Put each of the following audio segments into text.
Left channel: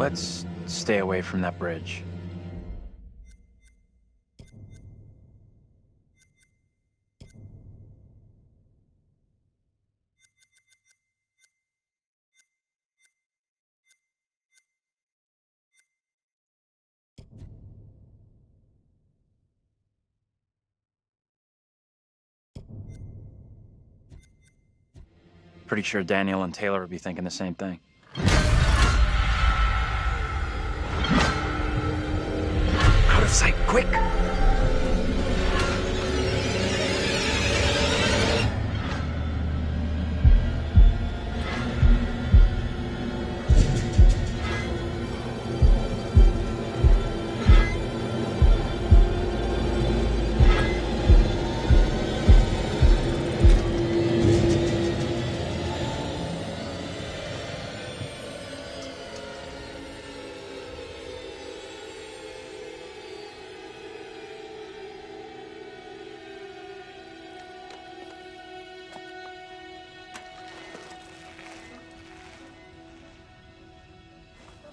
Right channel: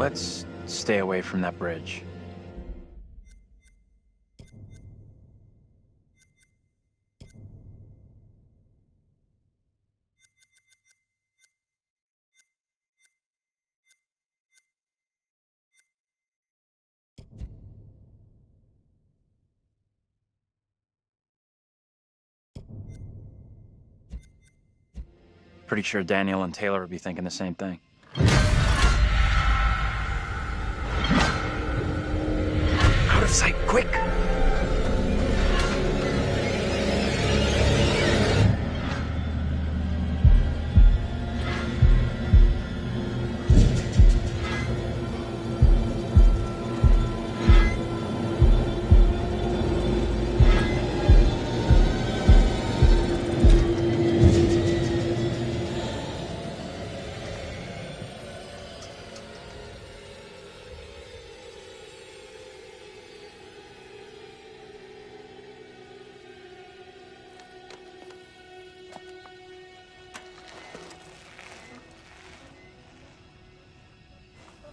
Let's stay away from that bridge. Pretty sure Daniel and Taylor would be thinking the same thing. Out of sight, quick!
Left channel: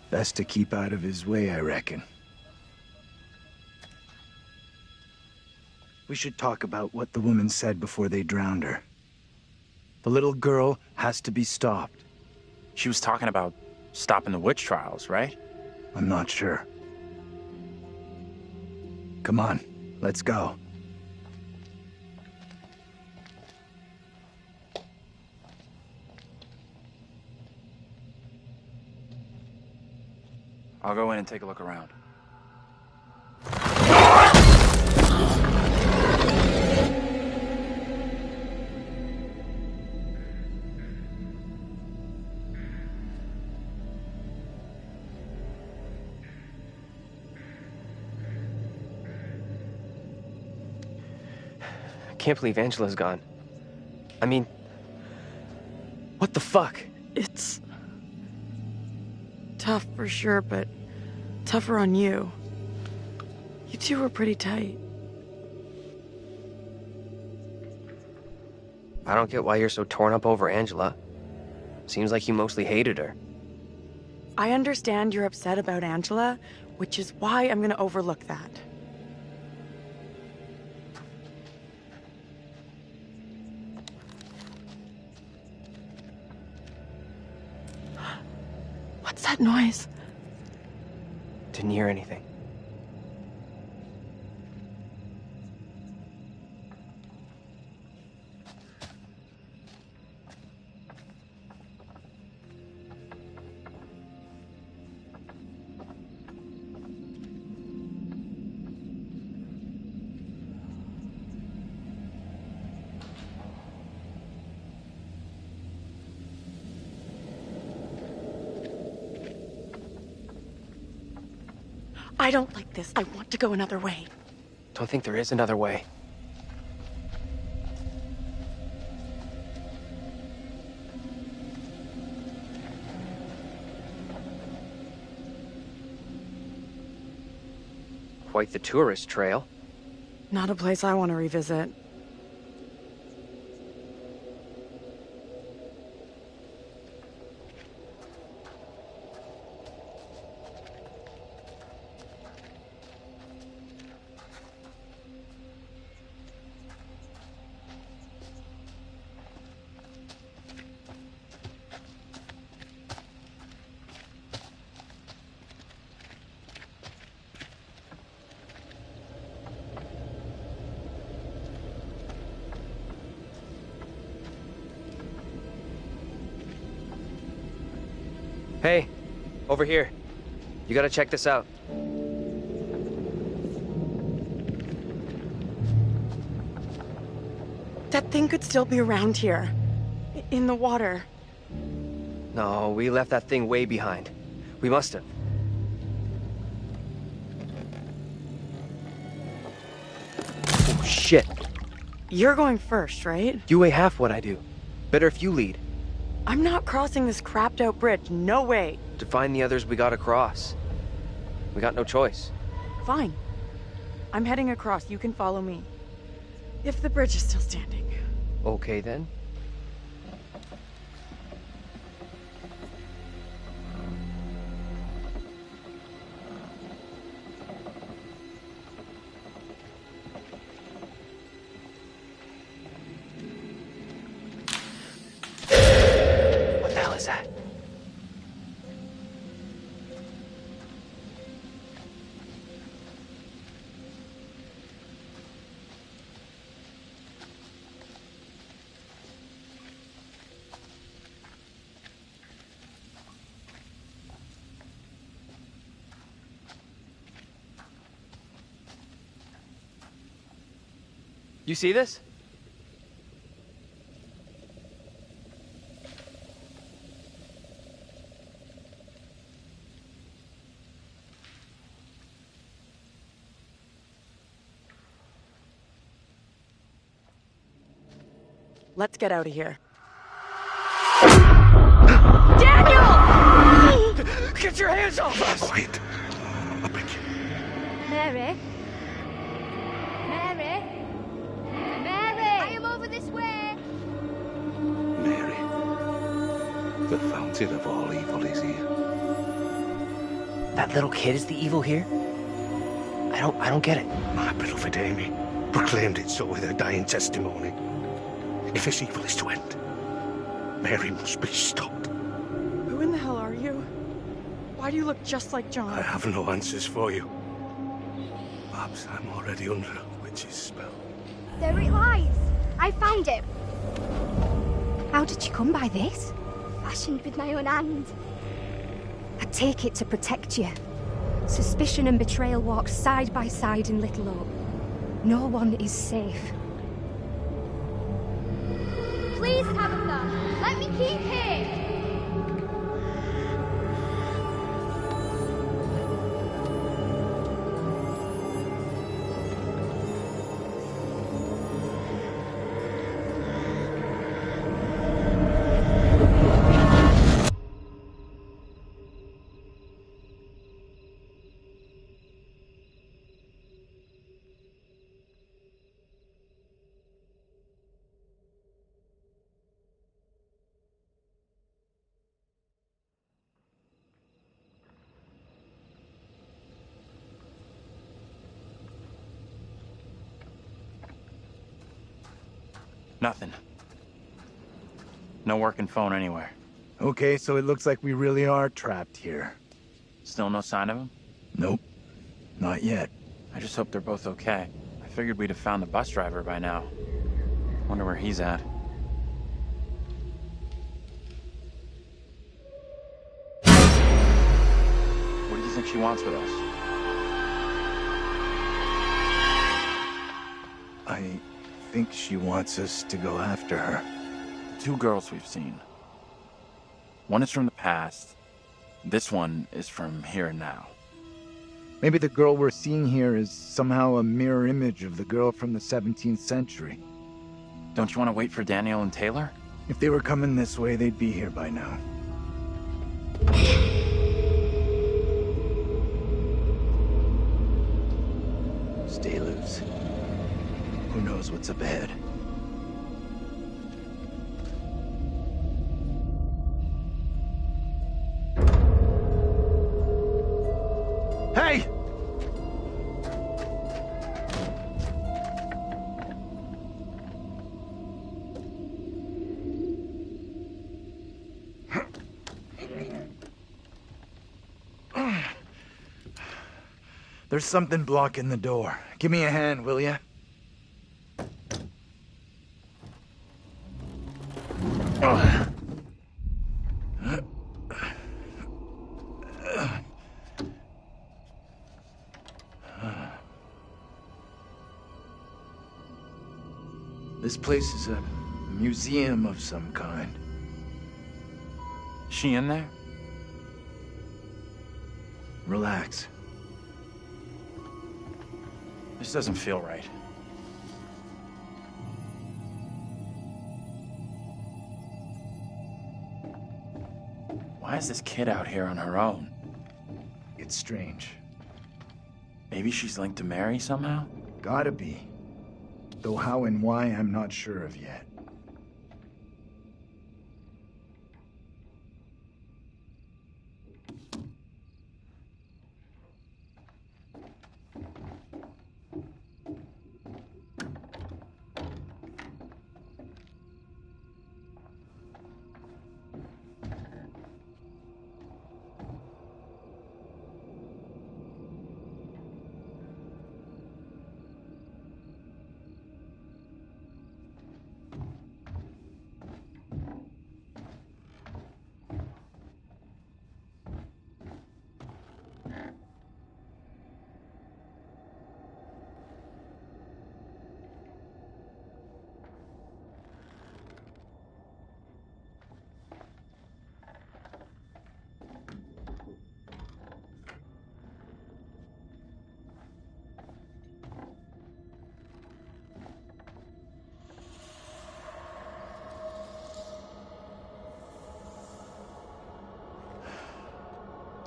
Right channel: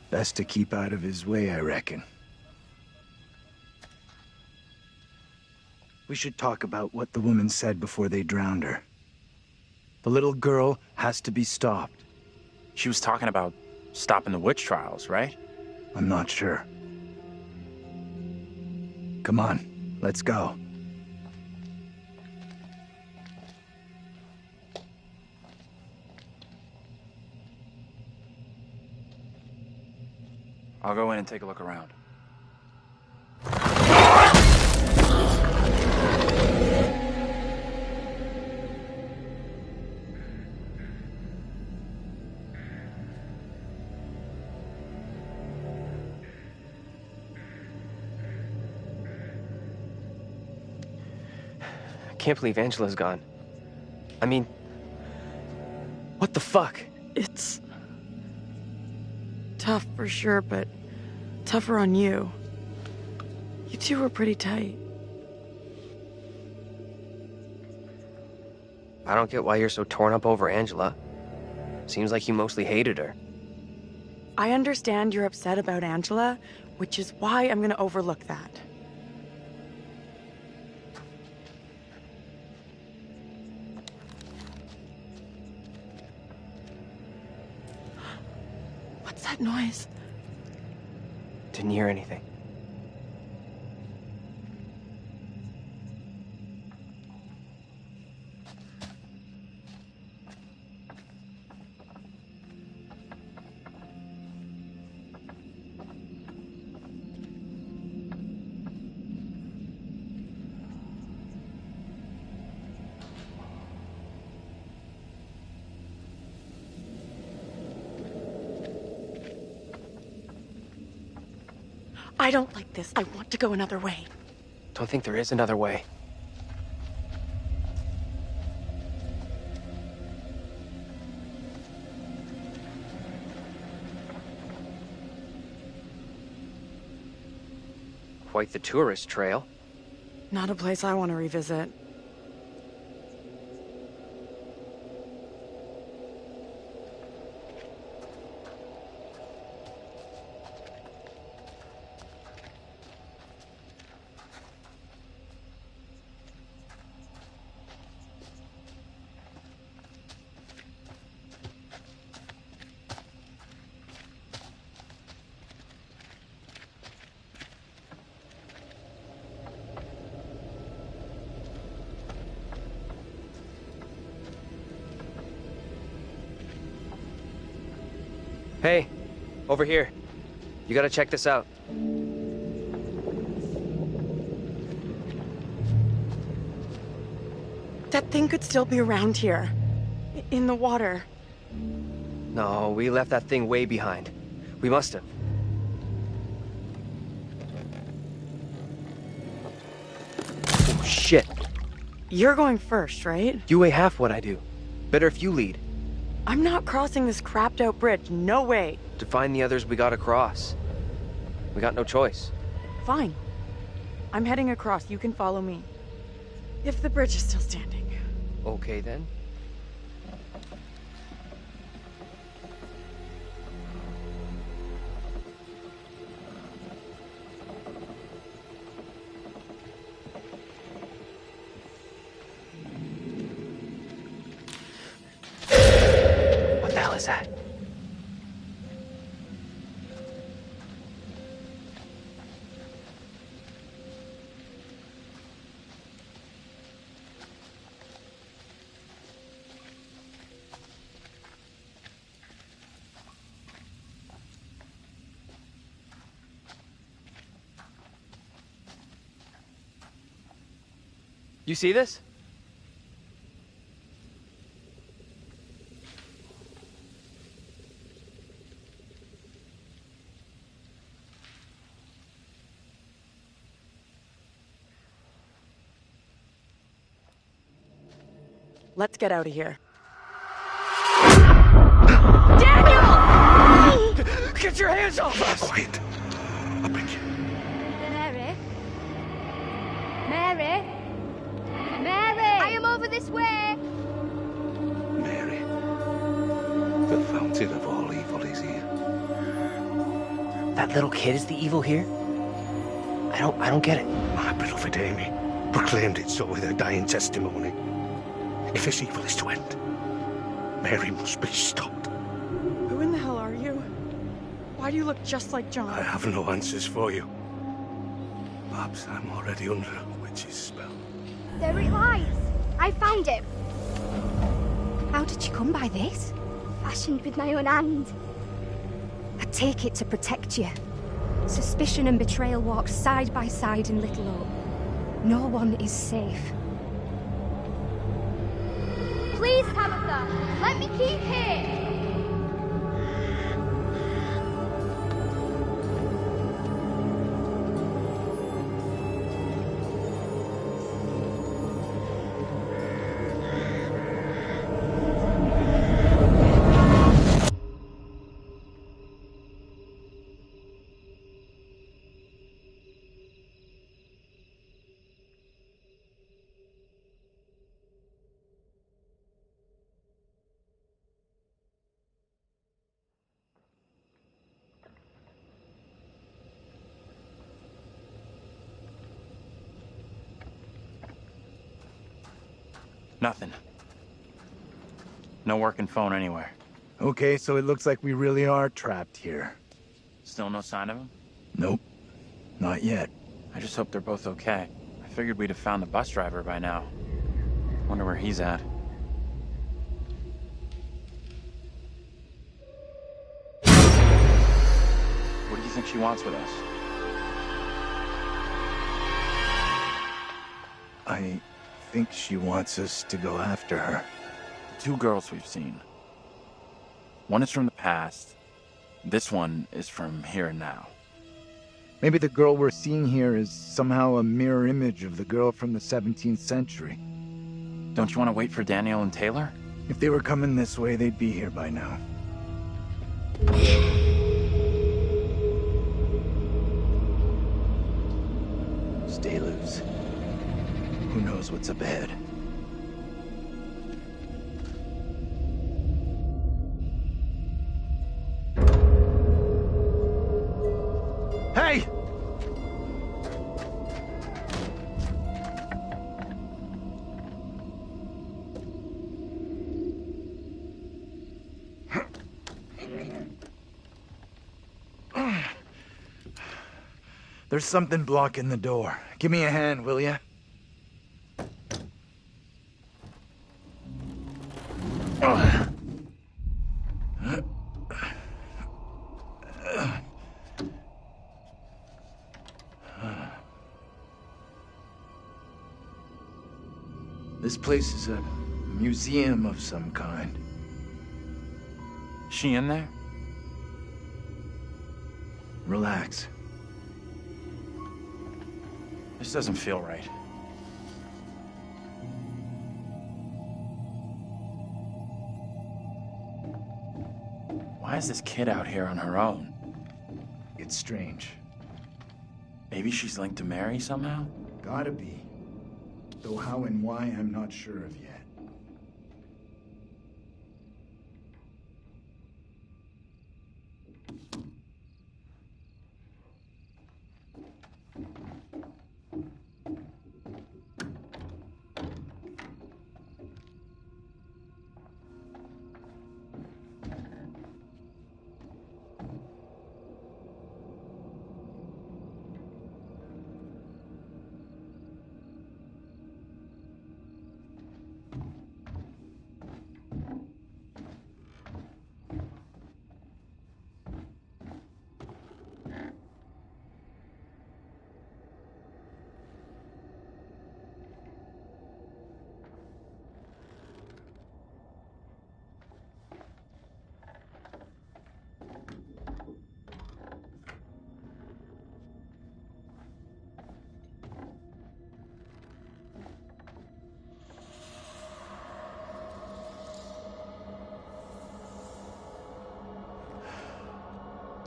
Best to keep out of his way, I reckon. We should talk about what the woman said before they drowned her. The little girl has to be stopped. She was talking about stopping the witch trials, right? I'm not sure. Come on, let's go. I'll go in and take a look around. I can't believe Angela's gone. I mean, what the fuck? It's tough for sure, but tougher on you. You two were pretty tight. I don't get why you're so torn up over Angela. Seems like you mostly hated her. I understand you're upset about Angela, which is why I'm gonna overlook that. What's that noise? Didn't hear anything. I don't like this. I want to go another way. Don't think there is another way. Quite the tourist trail. Not a place I want to revisit. Hey, over here. You gotta check this out. That thing could still be around here. In the water. No, we left that thing way behind. We must have. Oh, shit. You're going first, right? You weigh half what I do. Better if you lead. I'm not crossing this crapped out bridge. No way. To find the others, we gotta cross. We got no choice. Fine. I'm heading across. You can follow me. If the bridge is still standing. Okay, then. is that? You see this? Let's get out of here. Daniel! Get your hands off us! Quiet. I'll bring you. Mary? Mary? Mary! I am over this way! Mary, the fountain of all evil is here. That little kid is the evil here? I don't get it. My beloved Amy proclaimed it so with her dying testimony. If this evil is to end, Mary must be stopped. Who in the hell are you? Why do you look just like John? I have no answers for you. Perhaps I'm already under a witch's spell. There it lies. I found it. How did you come by this? Fashioned with my own hand. I take it to protect you. Suspicion and betrayal walk side by side in Little Hope. No one is safe. Please, Tabitha, let me keep here. Nothing. No working phone anywhere. Okay, so it looks like we really are trapped here. Still no sign of him? Nope. Not yet. I just hope they're both okay. I figured we'd have found the bus driver by now. Wonder where he's at. What do you think she wants with us? I think she wants us to go after her. The two girls we've seen. One is from the past. This one is from here and now. Maybe the girl we're seeing here is somehow a mirror image of the girl from the 17th century. Don't you want to wait for Daniel and Taylor? If they were coming this way, they'd be here by now. Stay loose. Who knows what's up ahead? Hey! There's something blocking the door. Give me a hand, will ya? This place is a museum of some kind. She in there? Relax. This doesn't feel right. Why is this kid out here on her own? It's strange. Maybe she's linked to Mary somehow? Gotta be. Though how and why, I'm not sure of yet.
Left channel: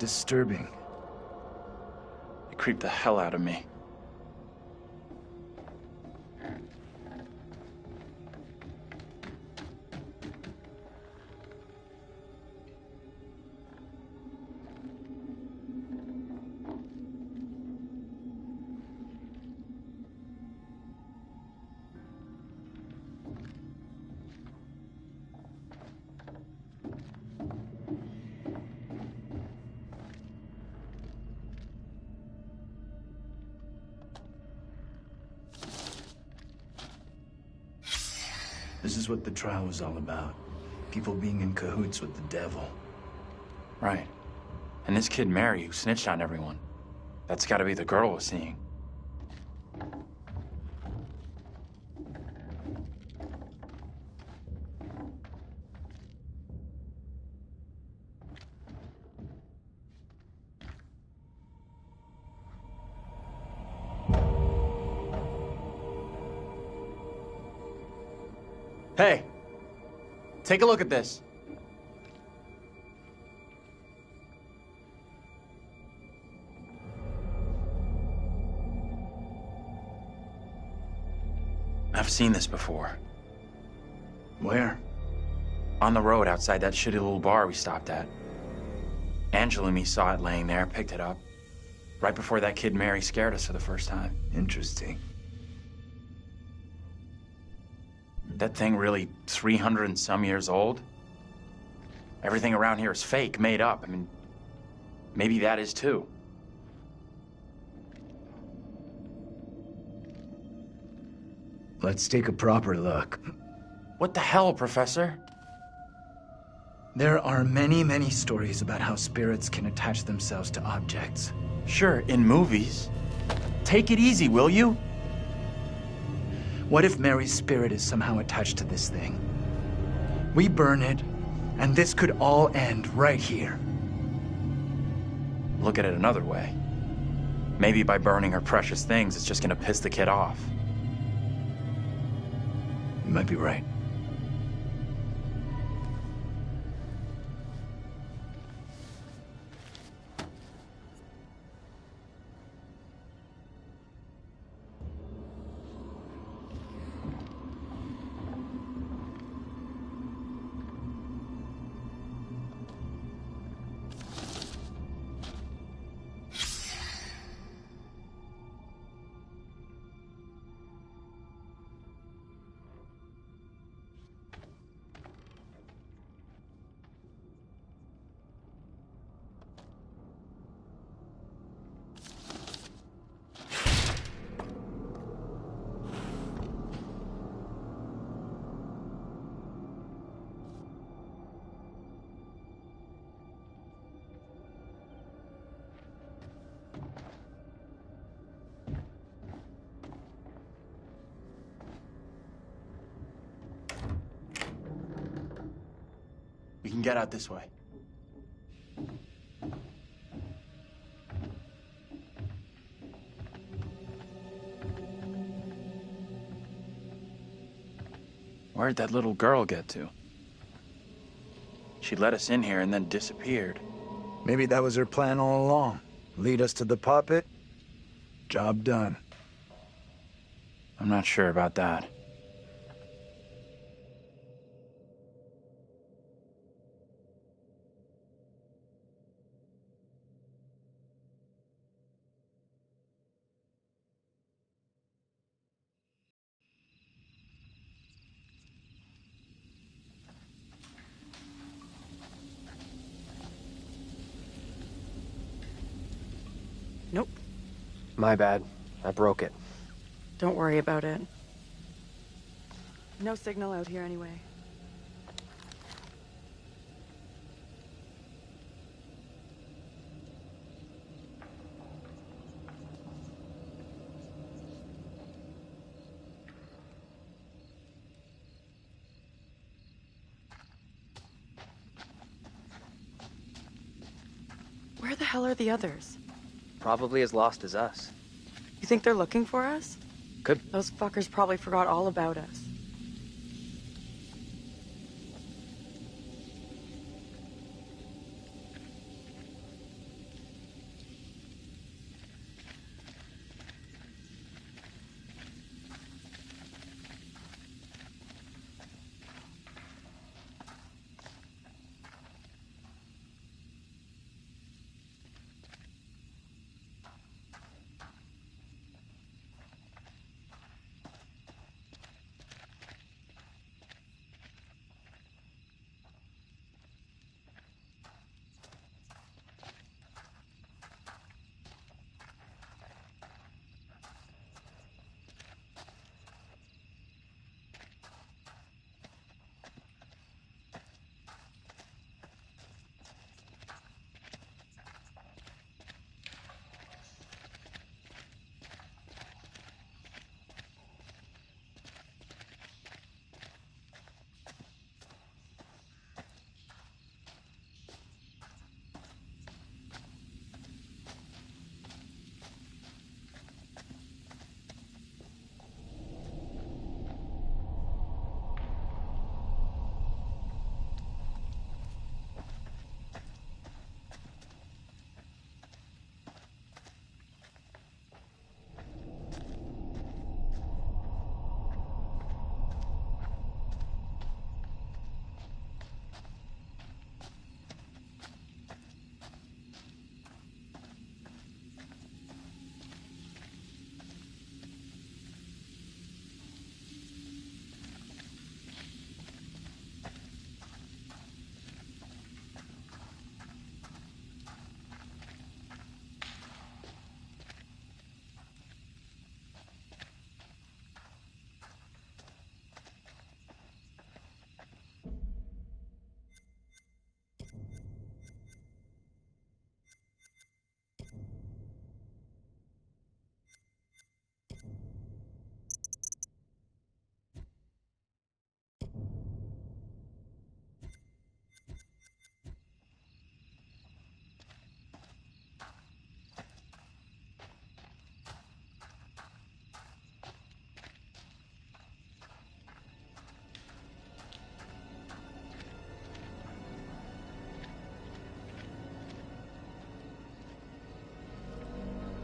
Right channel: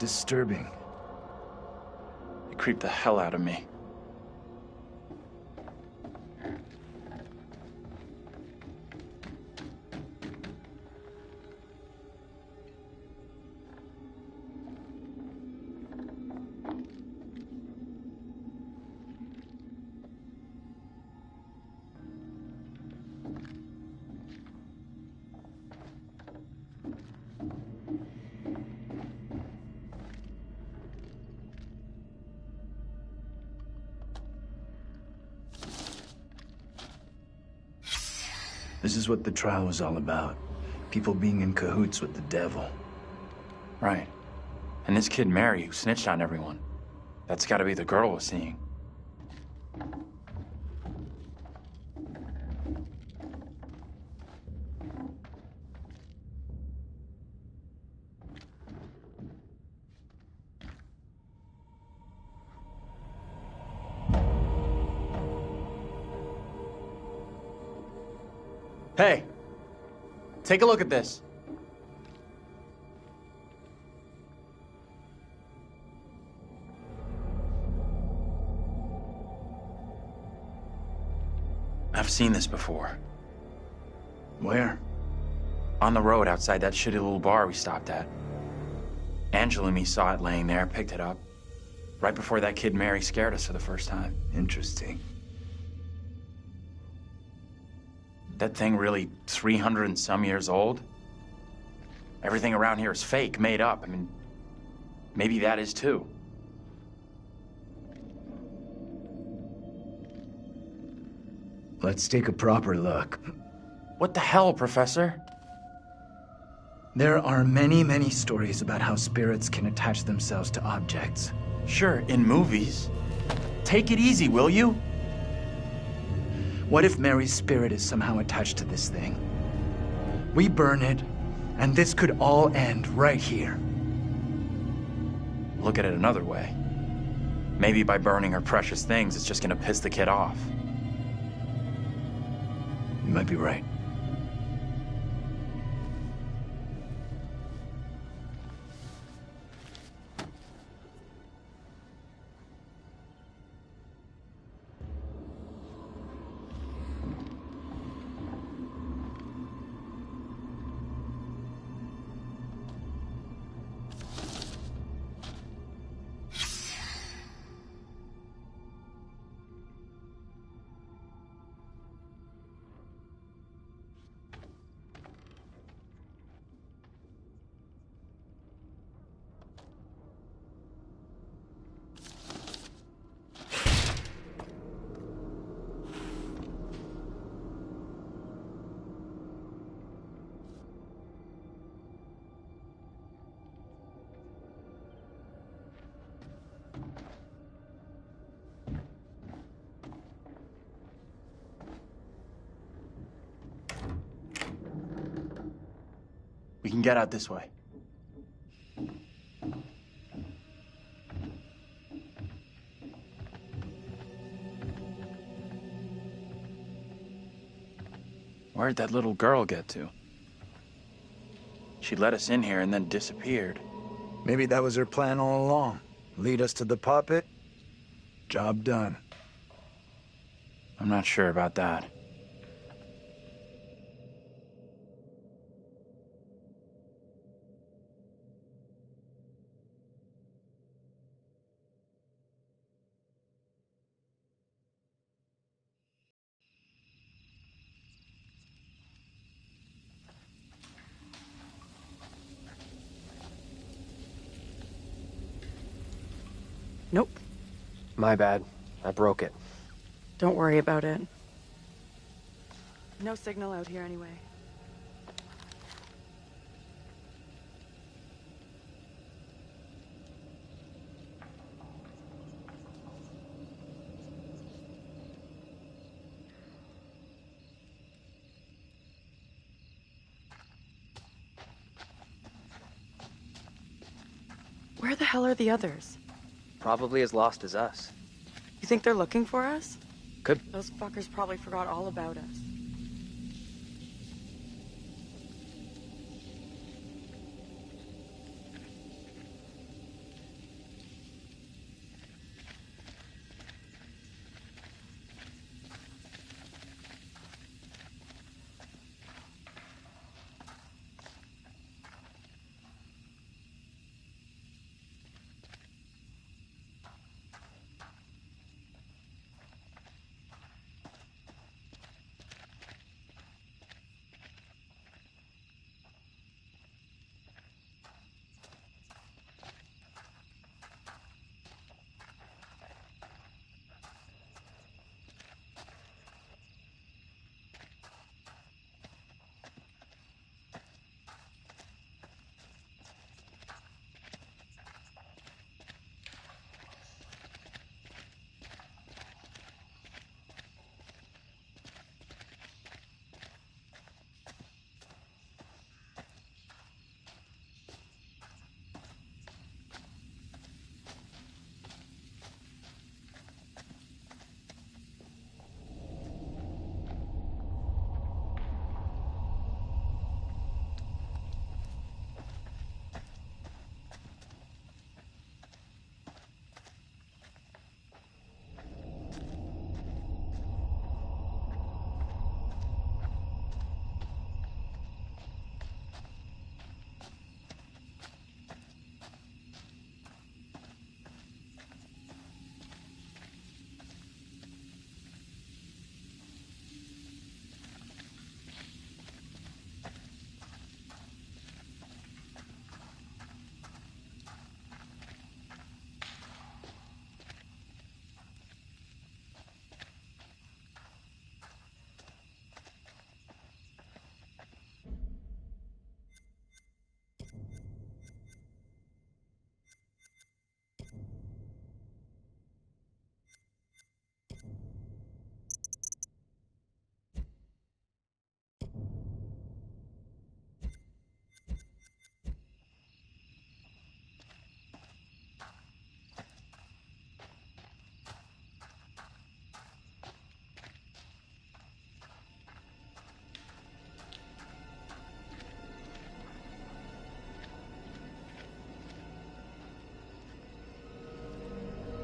disturbing. It creeped the hell out of me. This is what the trial was all about. People being in cahoots with the devil. Right. And this kid Mary who snitched on everyone. That's gotta be the girl we're seeing. Hey, take a look at this. I've seen this before. Where? On the road outside that shitty little bar we stopped at. Angela and me saw it laying there, picked it up. Right before that kid Mary scared us for the first time. Interesting. That thing really 300 and some years old? Everything around here is fake, made up. I mean, maybe that is too. Let's take a proper look. What the hell, Professor? There are many, many stories about how spirits can attach themselves to objects. Sure, in movies. Take it easy, will you? What if Mary's spirit is somehow attached to this thing? We burn it, and this could all end right here. Look at it another way. Maybe by burning her precious things, it's just gonna piss the kid off. You might be right. We can get out this way. Where'd that little girl get to? She let us in here and then disappeared. Maybe that was her plan all along. Lead us to the puppet. Job done. I'm not sure about that. Nope. My bad. I broke it. Don't worry about it. No signal out here anyway. Where the hell are the others? Probably as lost as us. You think they're looking for us? Could. Those fuckers probably forgot all about us.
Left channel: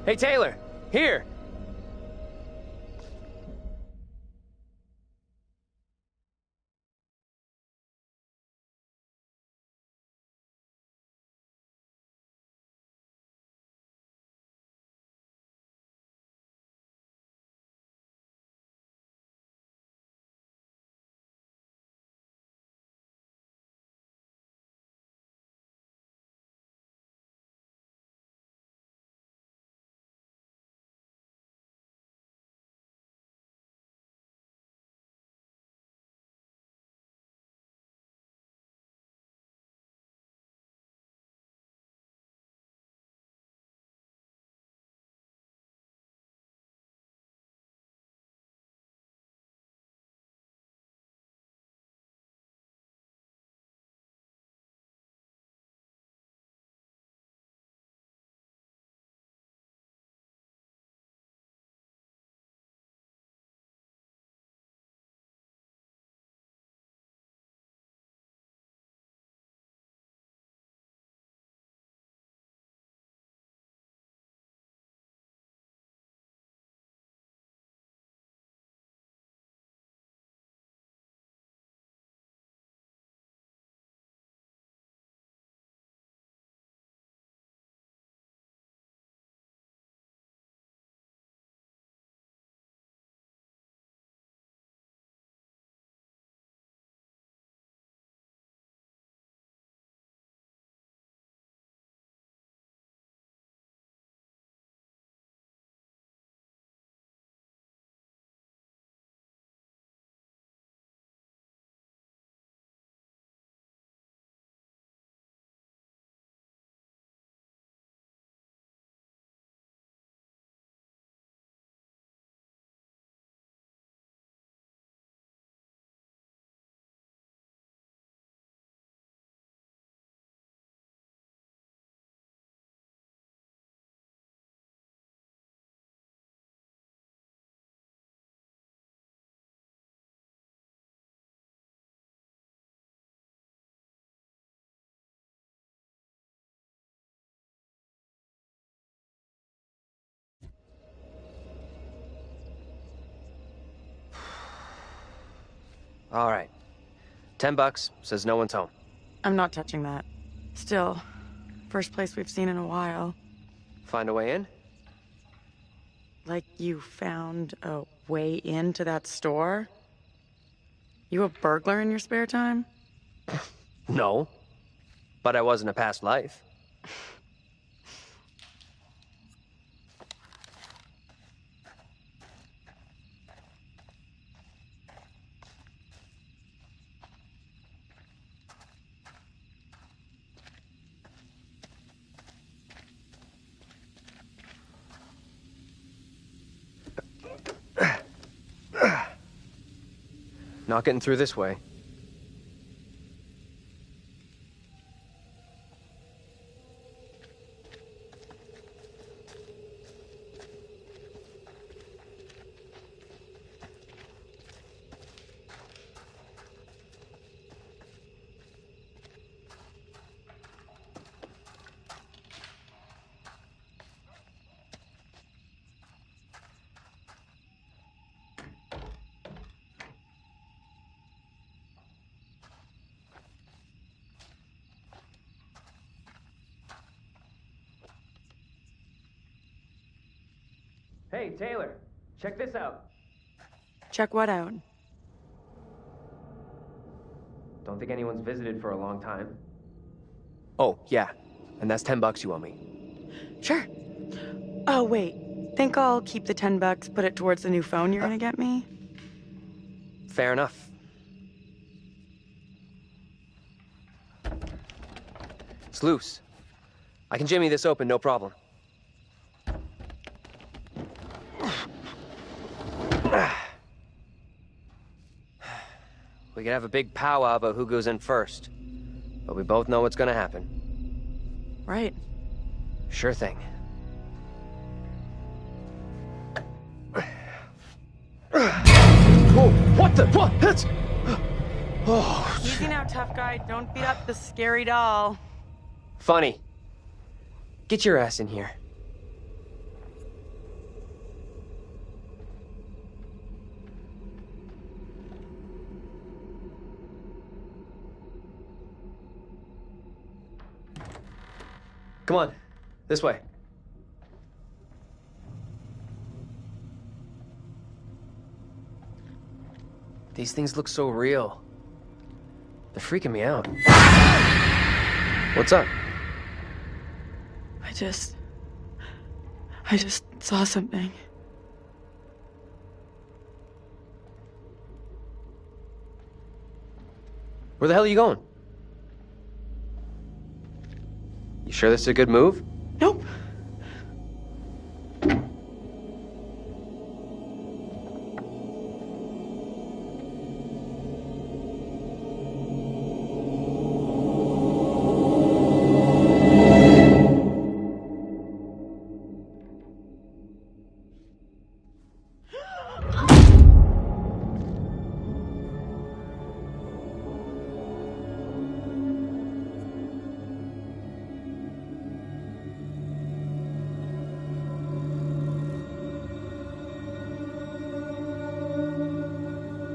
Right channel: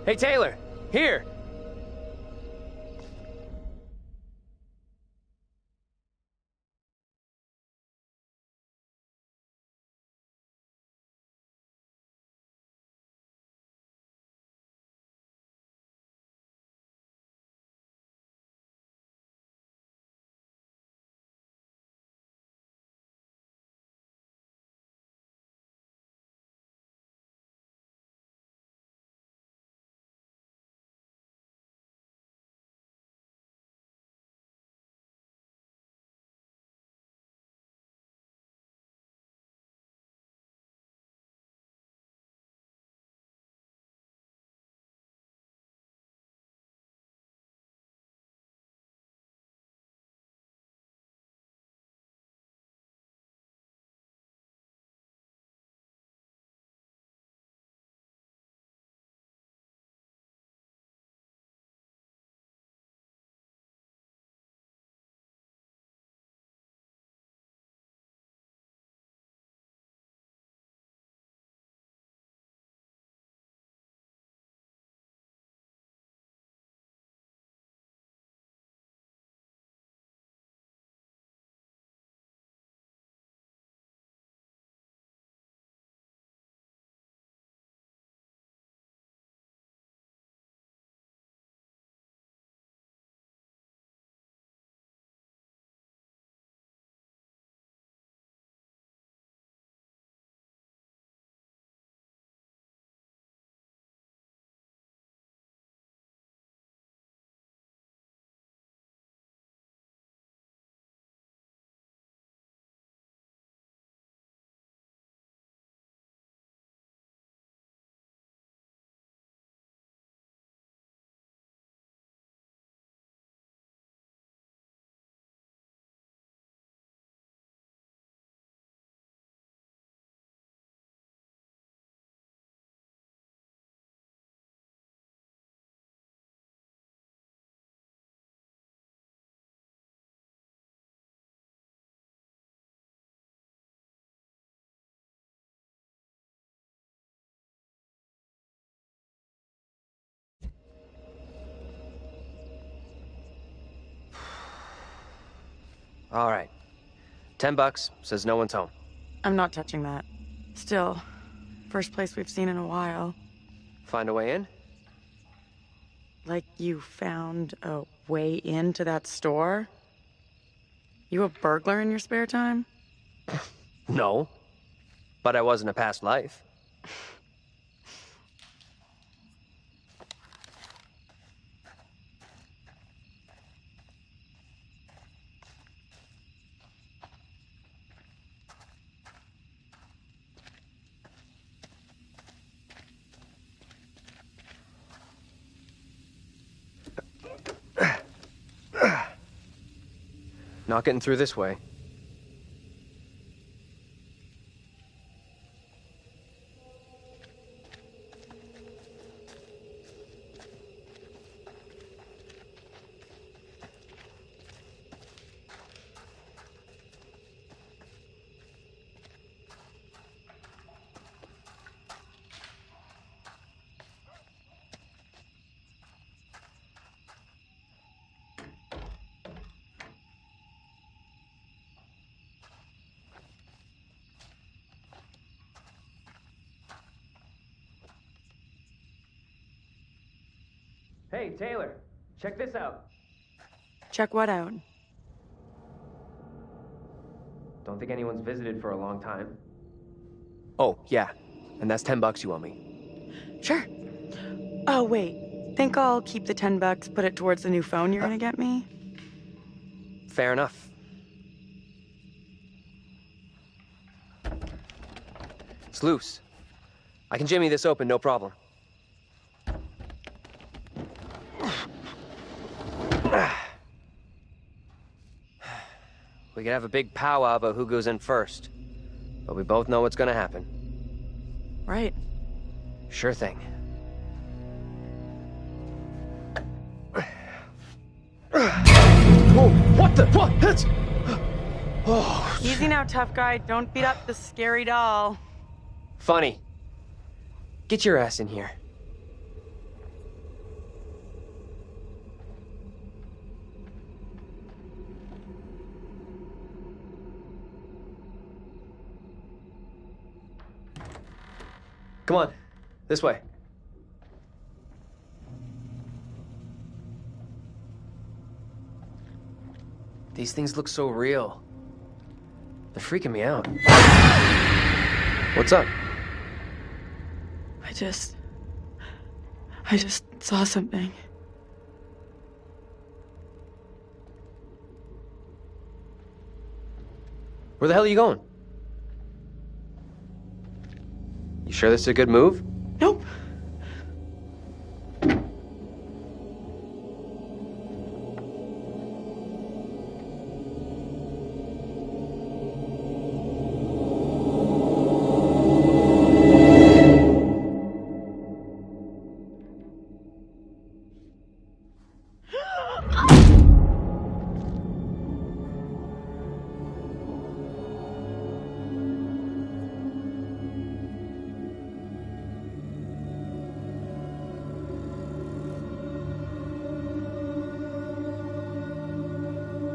Hey, Taylor! Here! All right. $10, says no one's home. I'm not touching that. Still, first place we've seen in a while. Find a way in? Like you found a way into that store? You a burglar in your spare time? No. But I was in a past life. Not getting through this way. Hey, Taylor, check this out. Check what out? Don't think anyone's visited for a long time. Oh, yeah. And that's $10 you owe me. Sure. Oh, wait. Think I'll keep the $10, put it towards the new phone you're gonna get me? Fair enough. It's loose. I can jimmy this open, no problem. We could have a big powwow about who goes in first. But we both know what's gonna happen. Right. Sure thing. Oh, what the? What? That's... Oh. Easy now, tough guy. Don't beat up the scary doll. Funny. Get your ass in here. Come on, this way. These things look so real. They're freaking me out. What's up? I just saw something. Where the hell are you going? You sure this is a good move? Nope.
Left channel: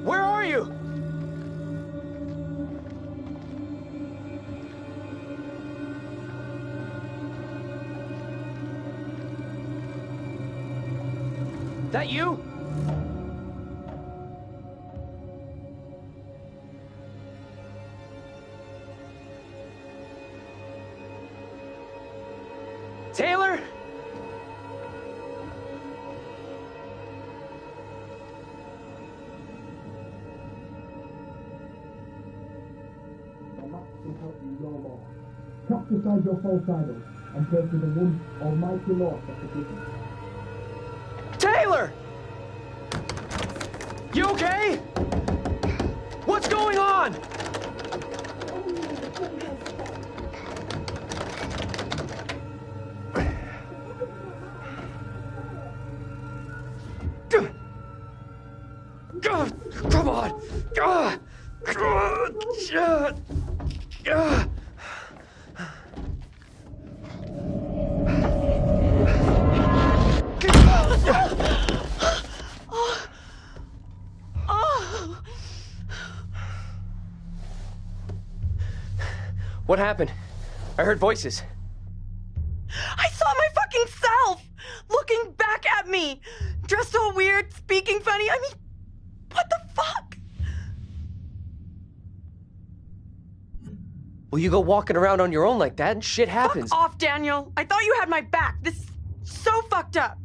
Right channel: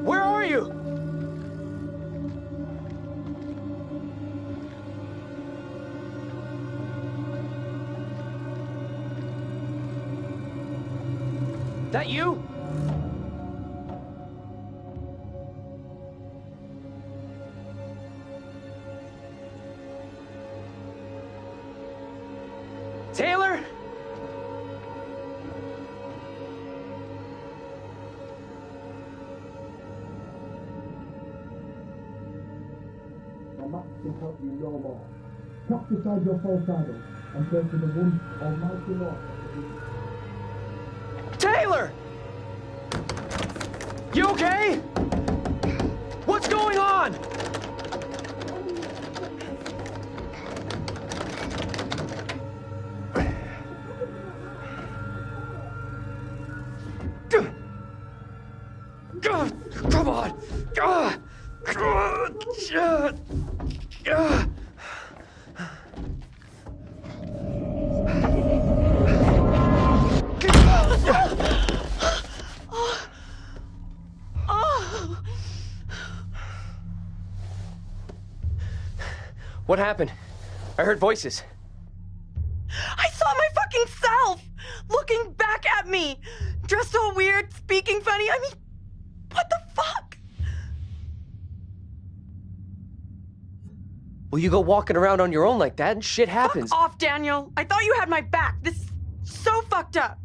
Where are you? That you? Taylor? Will help you no more. Cast aside your false idols and pray to the one almighty Lord of the business. Taylor! You okay? What's going on? Come on! What happened? I heard voices. I saw my fucking self looking back at me, dressed all weird, speaking funny. I mean, what the fuck? Well, you go walking around on your own like that and shit happens. Fuck off, Daniel. I thought you had my back. This is so fucked up.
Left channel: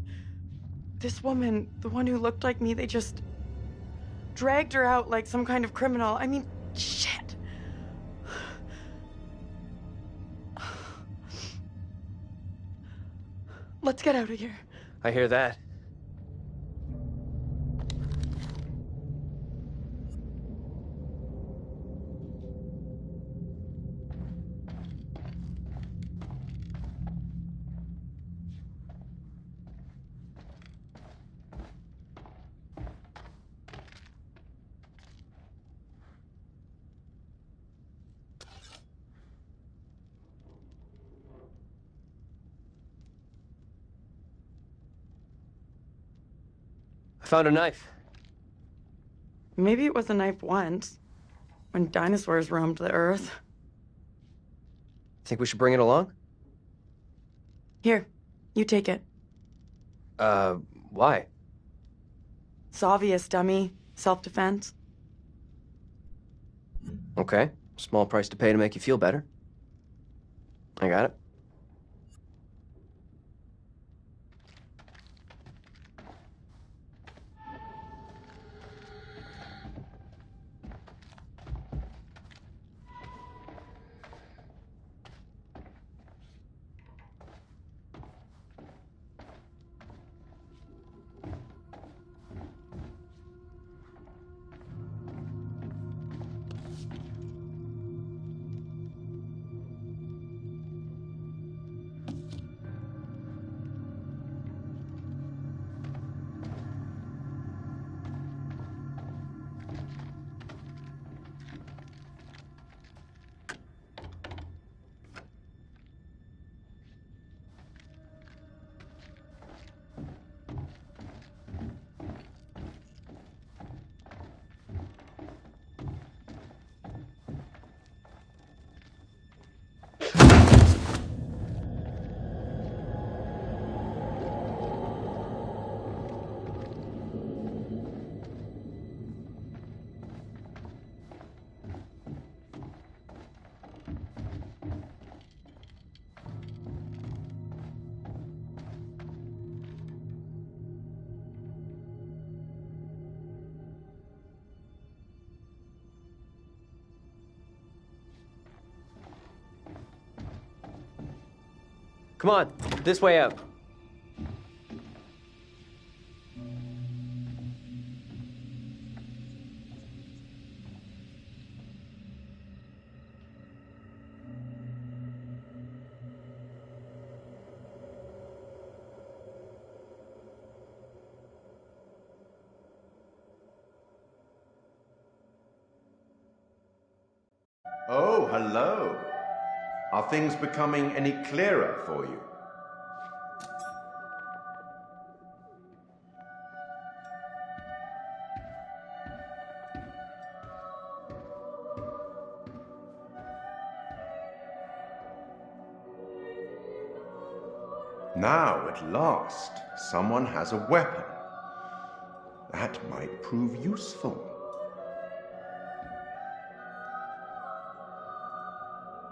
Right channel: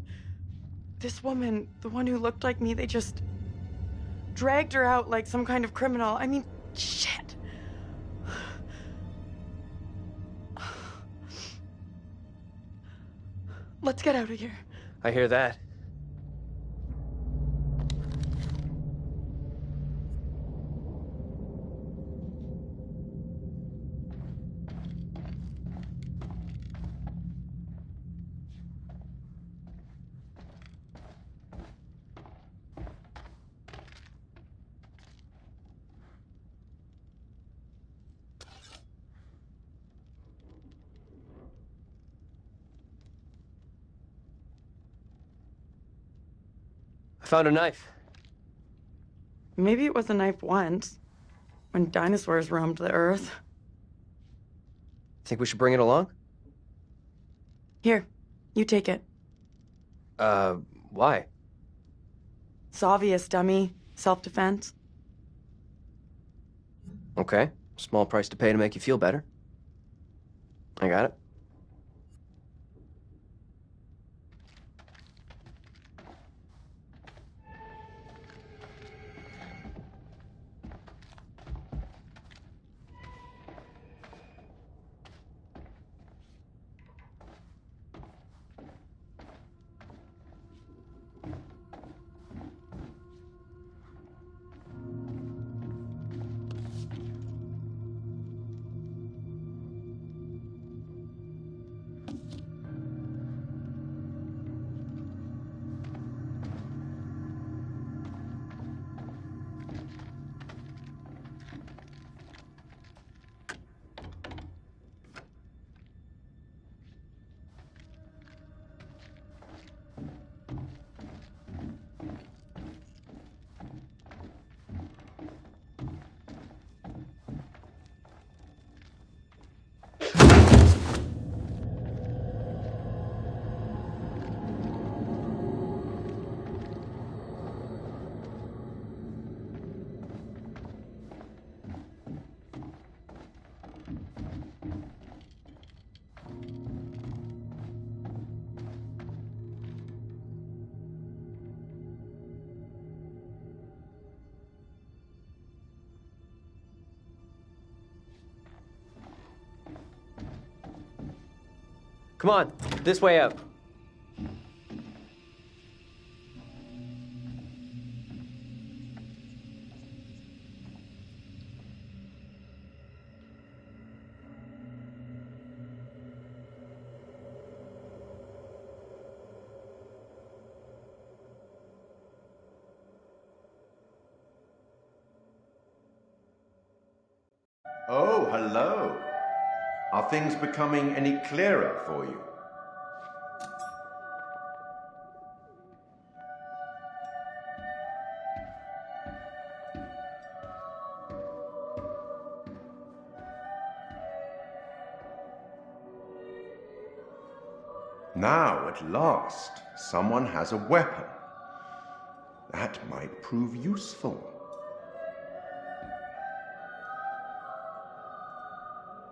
This woman, the one who looked like me, they just dragged her out like some kind of criminal. I mean, shit. Let's get out of here. I hear that. I found a knife. Maybe it was a knife once, when dinosaurs roamed the earth. Think we should bring it along? Here, you take it. Why? It's obvious, dummy. Self-defense. Okay. Small price to pay to make you feel better. I got it. Come on, this way out. Oh, hello. Are things becoming any clearer for you? Now, at last, someone has a weapon. That might prove useful.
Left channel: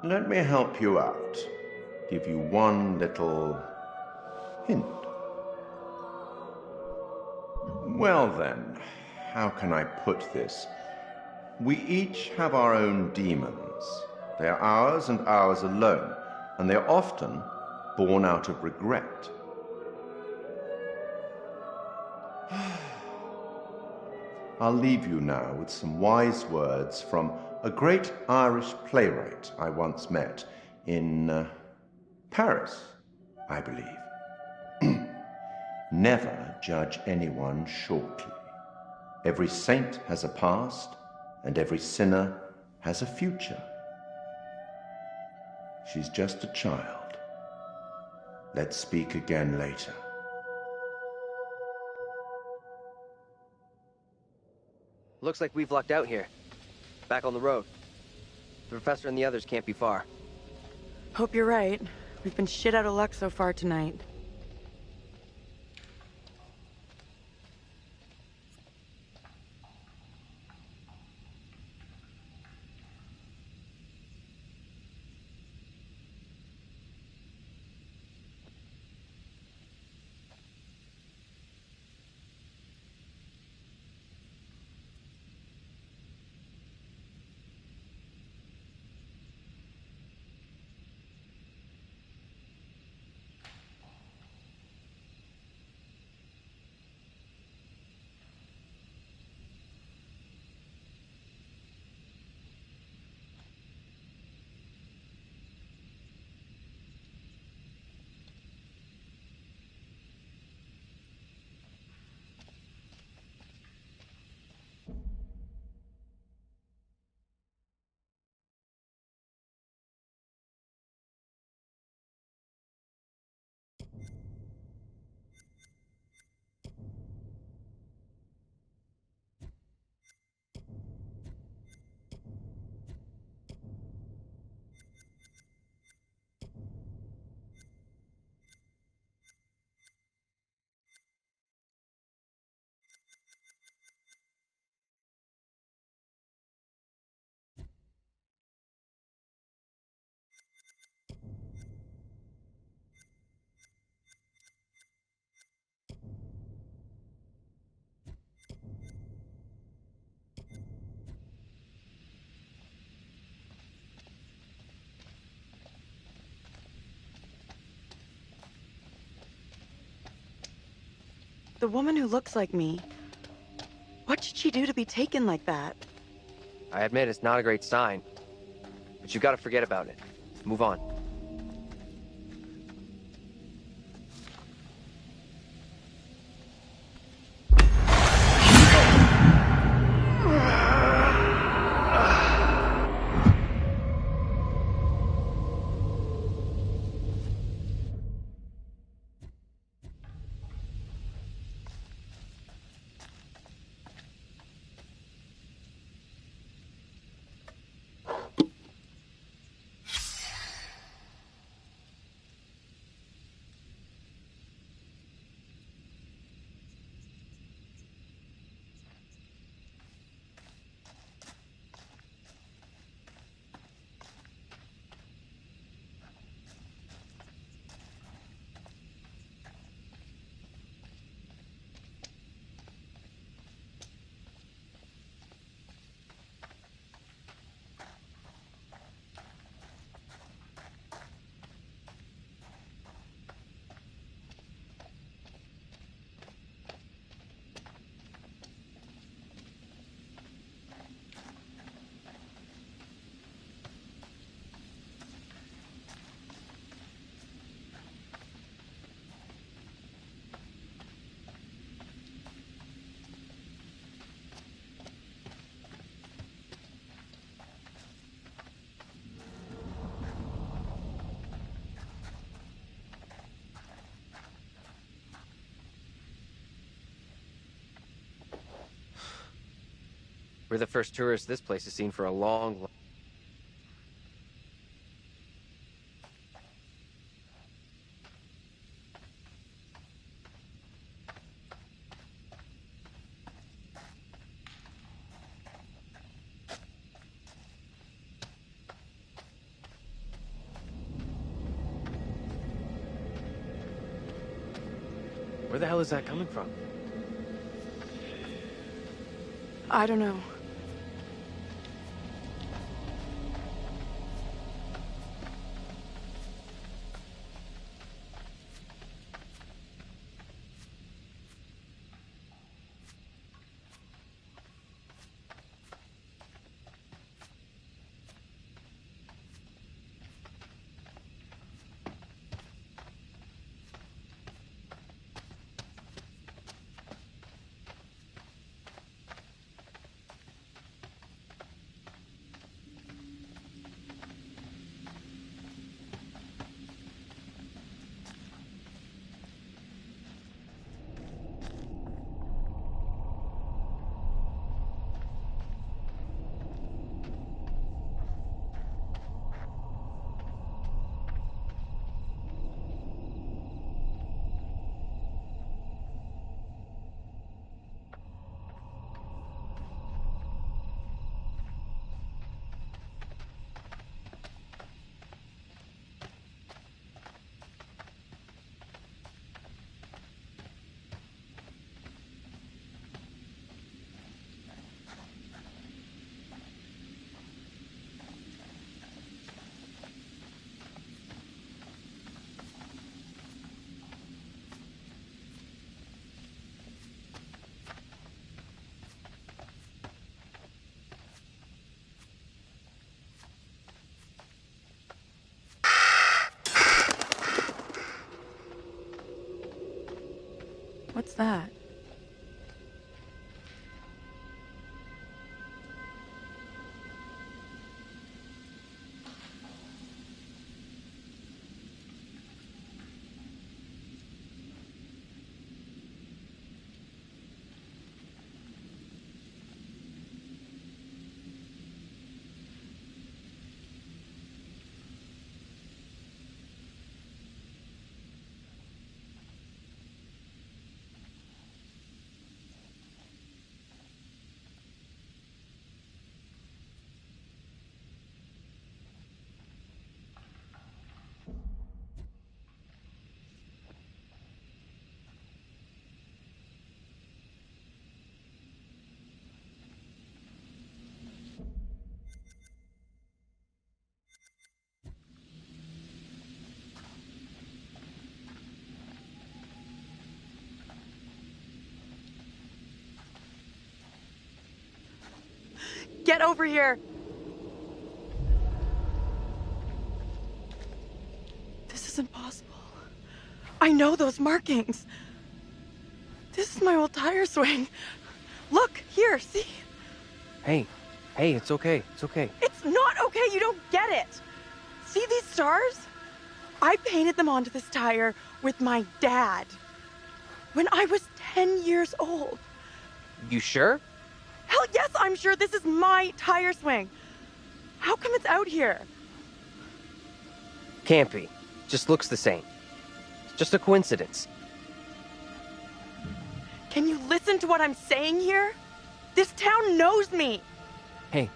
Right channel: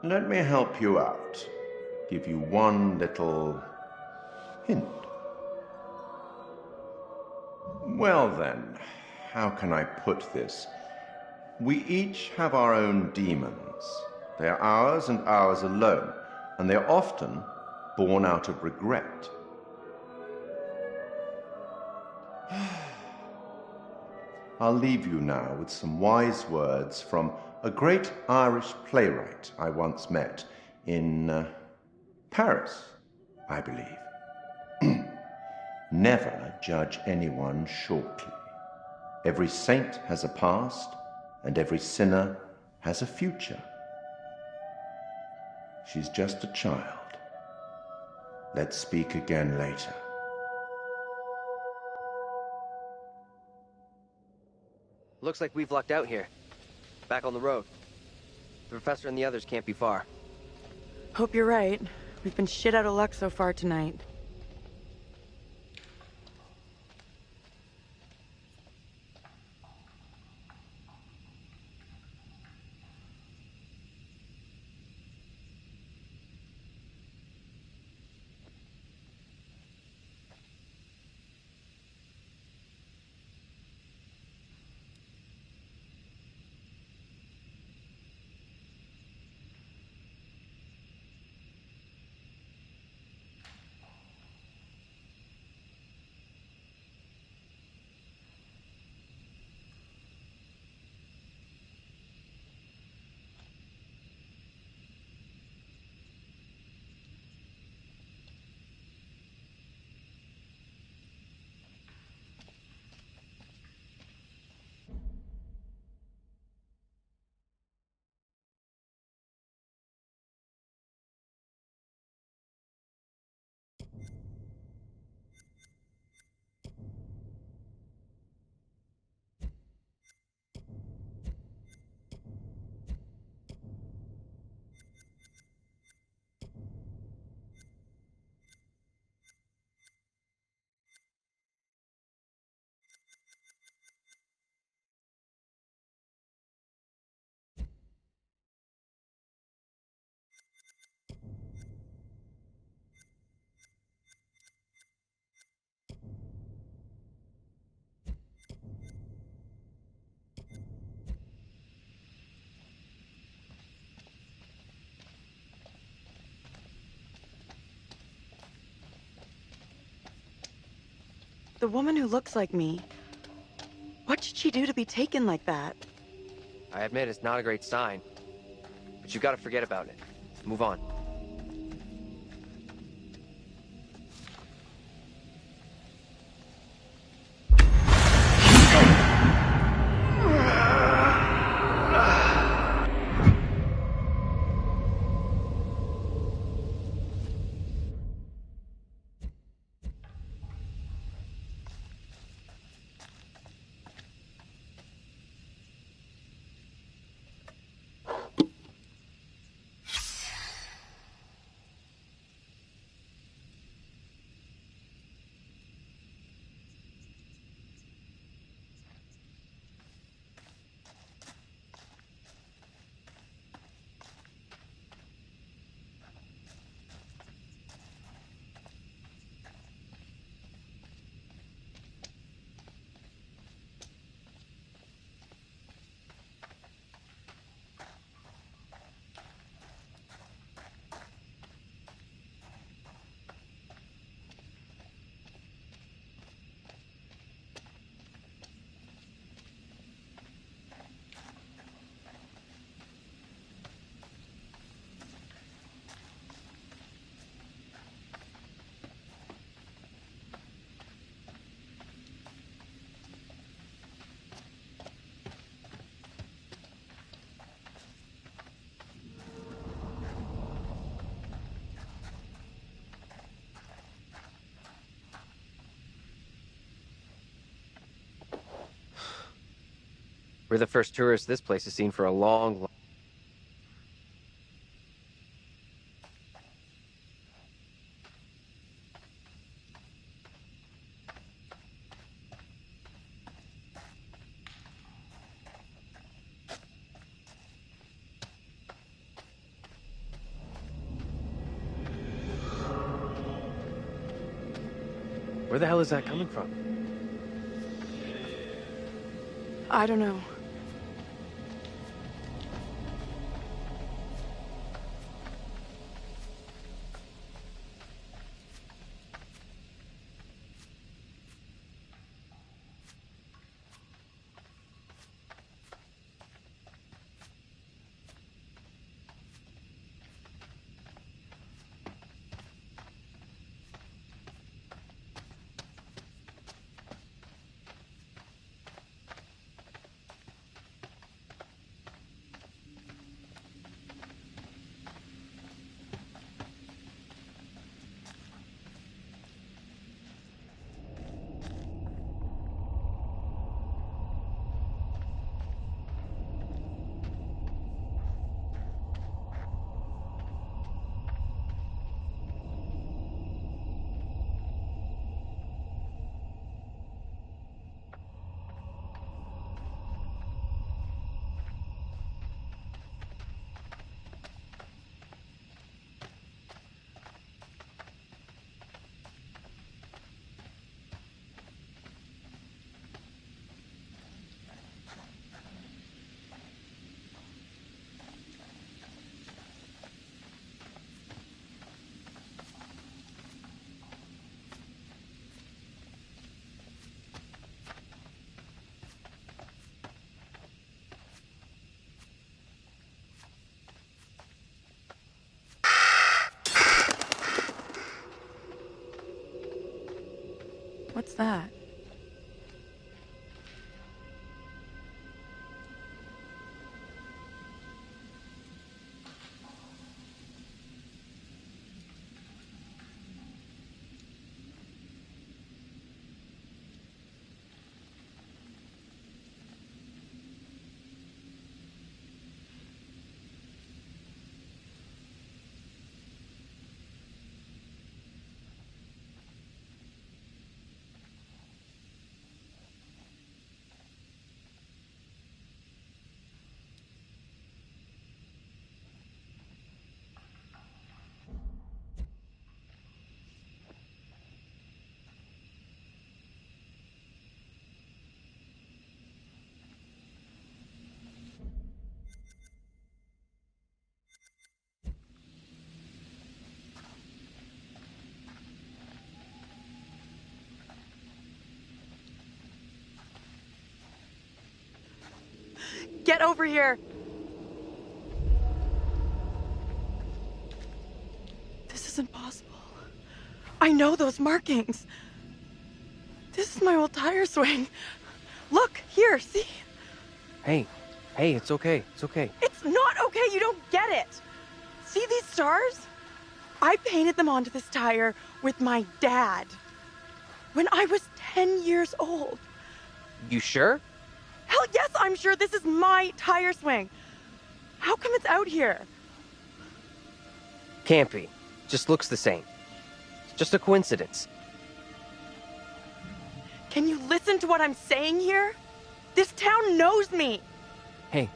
Let me help you out. Give you one little hint. Well then, how can I put this? We each have our own demons. They are ours and ours alone, and they are often born out of regret. I'll leave you now with some wise words from a great Irish playwright I once met in Paris, I believe. Never judge anyone shortly. Every saint has a past, and every sinner has a future. She's just a child. Let's speak again later. Looks like we've lucked out here. Back on the road. The professor and the others can't be far. Hope you're right. We've been shit out of luck so far tonight. The woman who looks like me. What did she do to be taken like that? I admit it's not a great sign. But you gotta forget about it. Move on. We're the first tourists this place has seen for a long... Where the hell is that coming from? I don't know. What's that? Get over here! This isn't possible. I know those markings. This is my old tire swing. Look, here, see? Hey, it's okay, it's okay. It's not okay, you don't get it. See these stars? I painted them onto this tire with my dad when I was 10 years old. You sure? Hell yes, I'm sure this is my tire swing. How come it's out here? Can't be. Just looks the same. It's just a coincidence. Can you listen to what I'm saying here? This town knows me. Hey,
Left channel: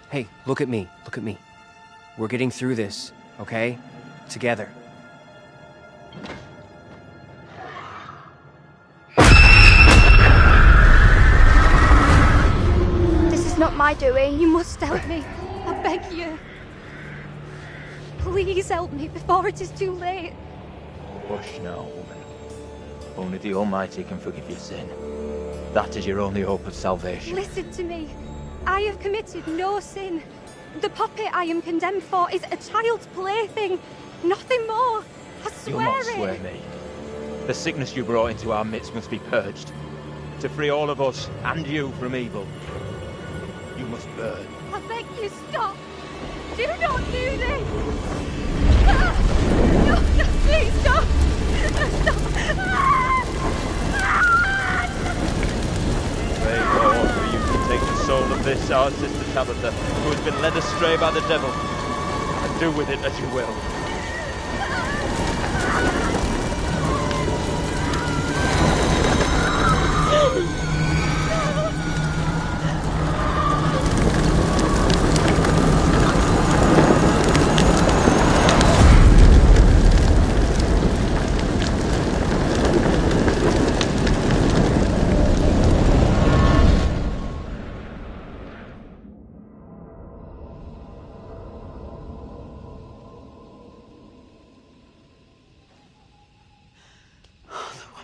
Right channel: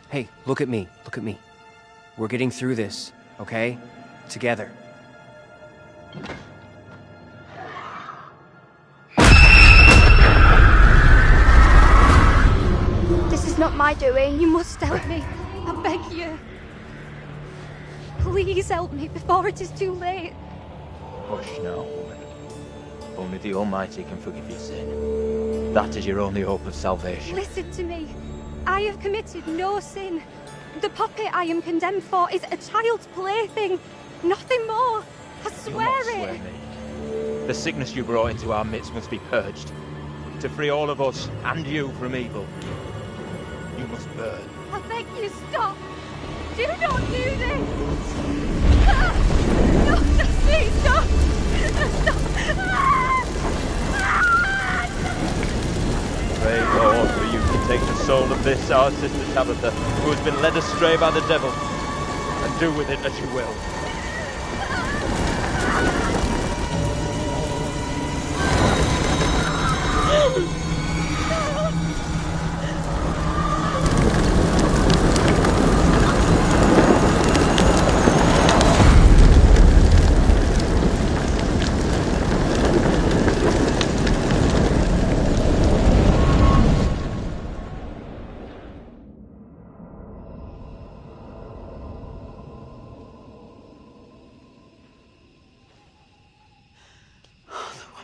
look at me, look at me. We're getting through this, okay? Together. This is not my doing. You must help me. I beg you. Please help me before it is too late. Hush now, woman. Only the Almighty can forgive your sin. That is your only hope of salvation. Listen to me. I have committed no sin. The puppet I am condemned for is a child's plaything. Nothing more. I swear You'll not swear me. The sickness you brought into our midst must be purged. To free all of us, and you, from evil, you must burn. I beg you, stop. Do not do this. No, please, stop. Stop. Pray Lord for you to take the soul of this, our sister Tabitha, who has been led astray by the devil, and do with it as you will.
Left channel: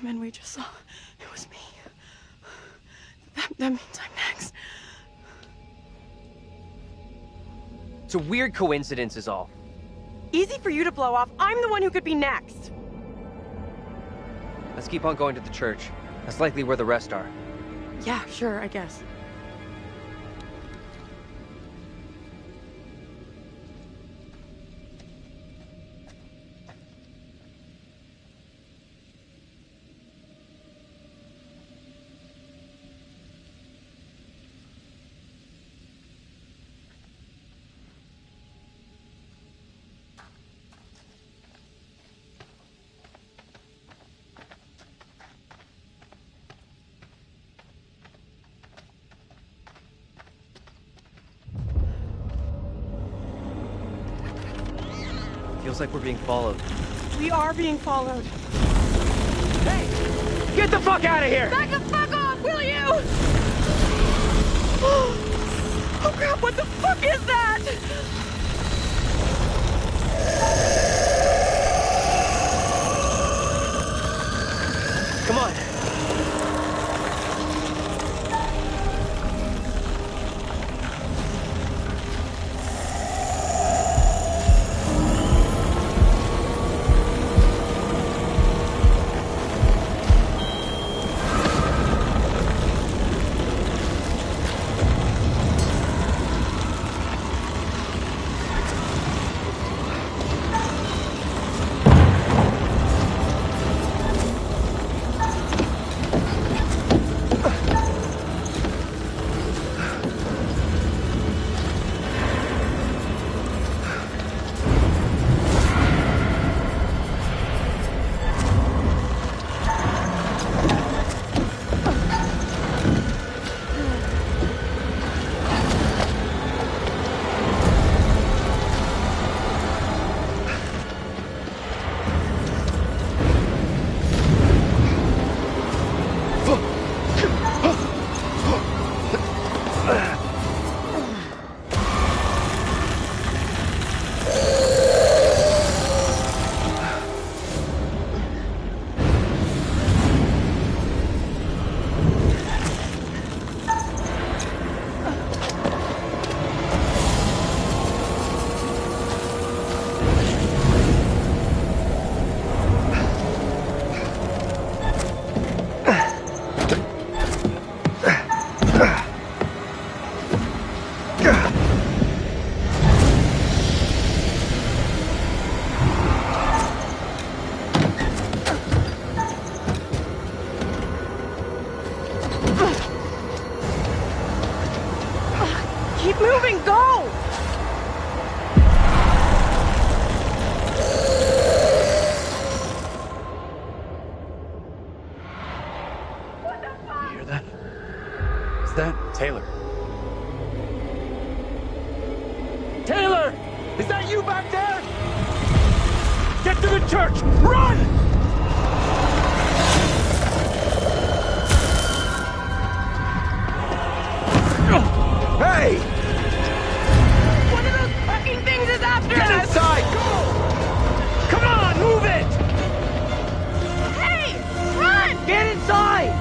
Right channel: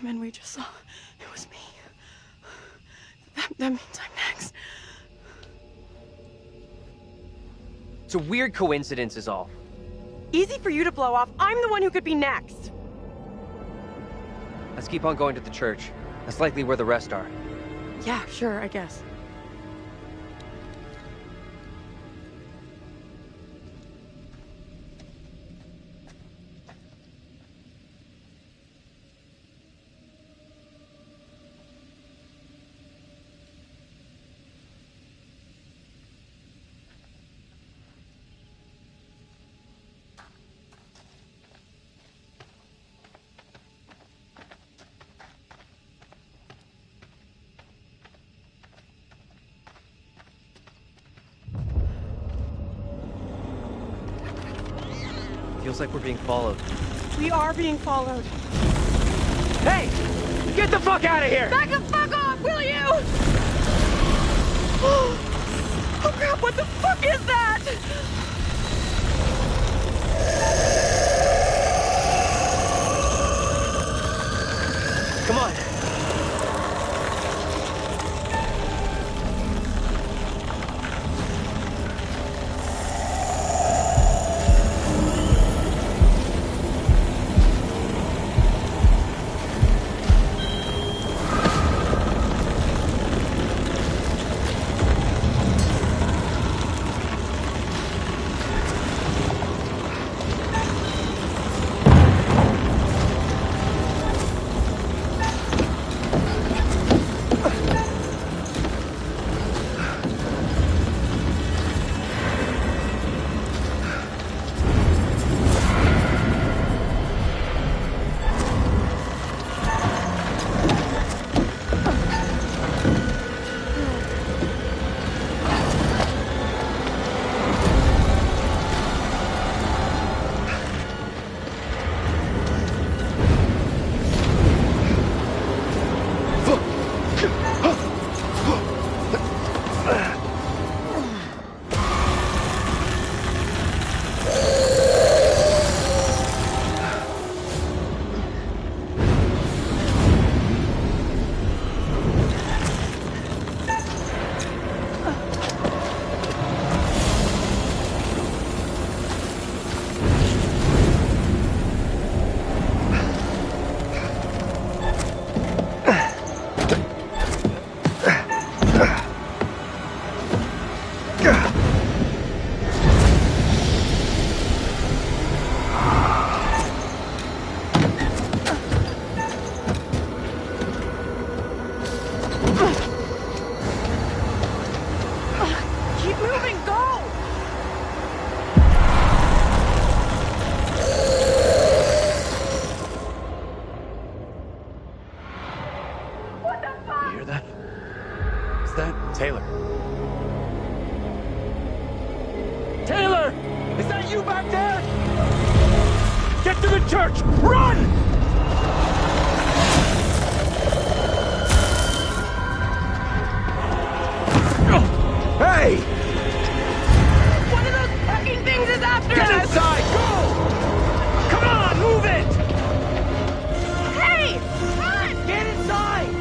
woman we just saw, it was me. That means I'm next. It's a weird coincidence is all. Easy for you to blow off. I'm the one who could be next. Let's keep on going to the church. That's likely where the rest are. Yeah, sure, I guess. Feels like we're being followed. We are being followed. Hey! Get the fuck out of here! Back the fuck off, will you? Oh crap, what the fuck is that? Come on. Keep moving, go! What the fuck? You hear that? Is that Taylor? Taylor! Is that you back there? Get to the church! Run! Hey! One of those fucking things is after Get us! inside! Go! Come on, move it! Hey! Run! Get inside!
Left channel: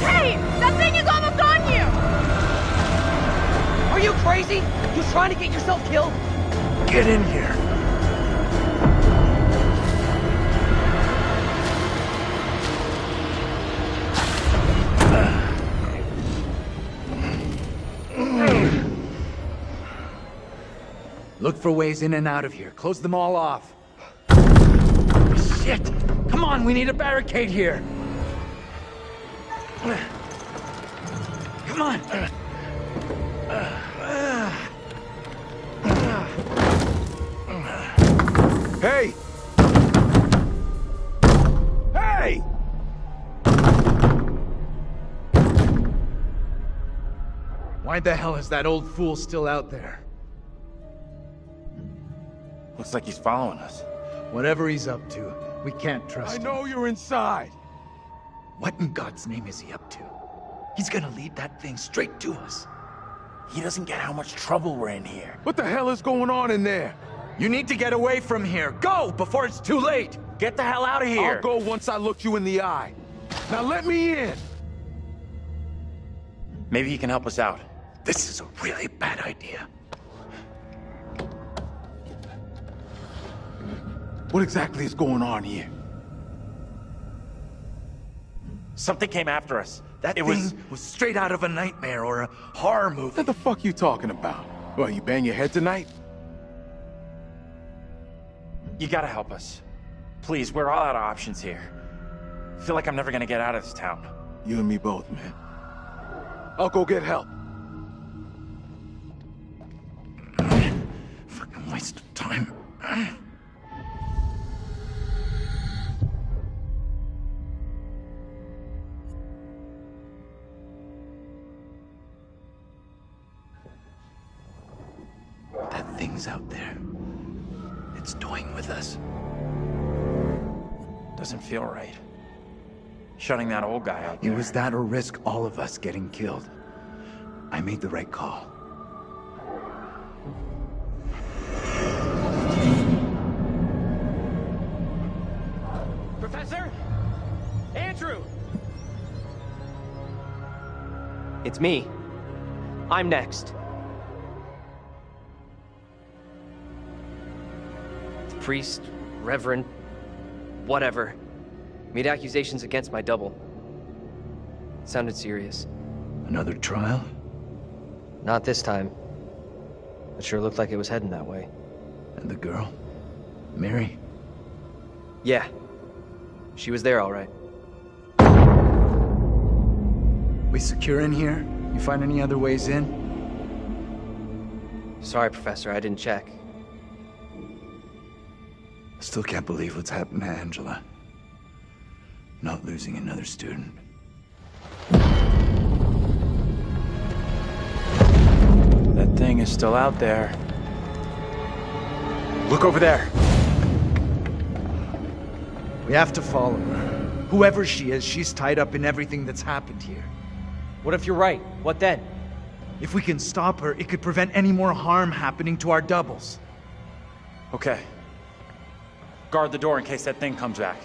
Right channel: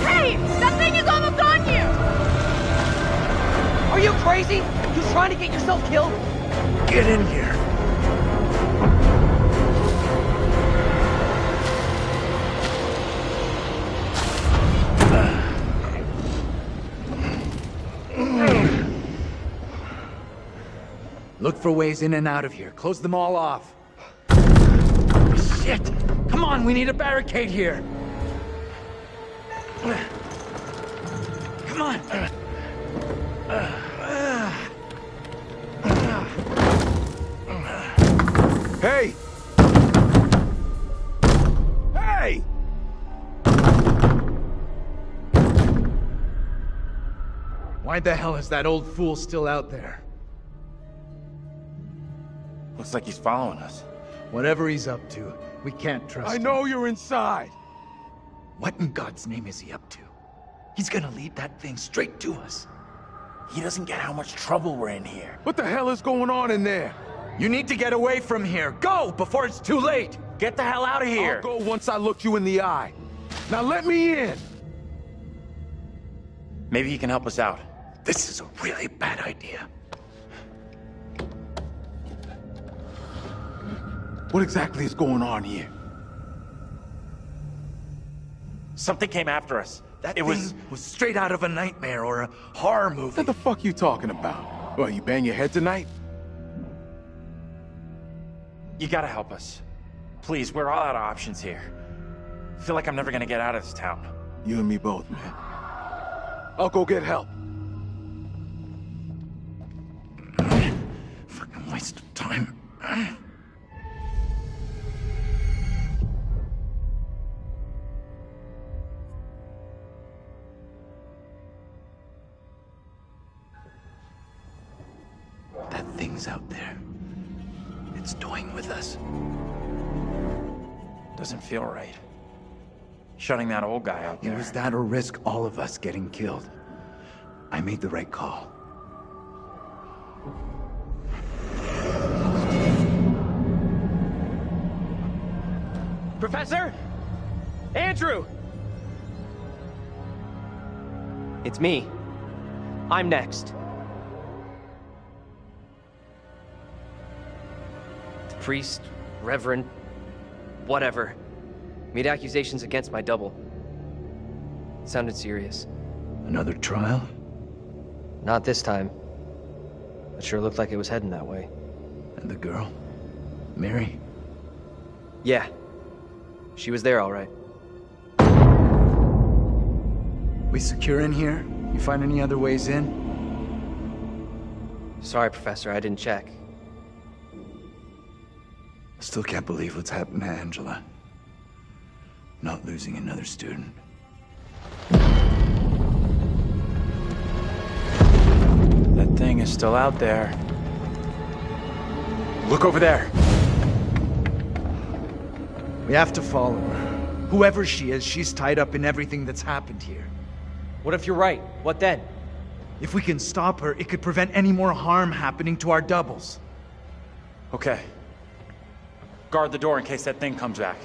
Hey! That thing is almost on you! Are you crazy? You trying to get yourself killed? Get in here. Look for ways in and out of here. Close them all off. Shit! Come on, we need a barricade here. Come on! Hey! Hey! Why the hell is that old fool still out there? Looks like he's following us. Whatever he's up to, we can't trust him. I know you're inside. What in God's name is he up to? He's gonna lead that thing straight to us. He doesn't get how much trouble we're in here. What the hell is going on in there? You need to get away from here. Go before it's too late. Get the hell out of here! I'll go once I look you in the eye. Now let me in! Maybe he can help us out. This is a really bad idea. What exactly is going on here? Something came after us. That thing was straight out of a nightmare or a horror movie. What the fuck you talking about? Well, you bang your head tonight? You gotta help us. Please, we're all out of options here. I feel like I'm never gonna get out of this town. You and me both, man. I'll go get help. Fucking waste of time. That thing's out there. It's toying with us. Doesn't feel right. Shutting that old guy out there. It was that or risk all of us getting killed. I made the right call. Professor? Andrew! It's me. I'm next. The priest, reverend, whatever, made accusations against my double. It sounded serious. Another trial? Not this time. It sure looked like it was heading that way. And the girl? Mary? Yeah. She was there all right. We secure in here? You find any other ways in? Sorry, Professor, I didn't check. I still can't believe what's happened to Angela. Not losing another student. That thing is still out there. Look over there. We have to follow her. Whoever she is, she's tied up in everything that's happened here. What if you're right? What then? If we can stop her, it could prevent any more harm happening to our doubles. Okay. Guard the door in case that thing comes back.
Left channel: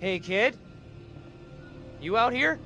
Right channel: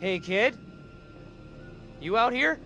Hey, kid? You out here?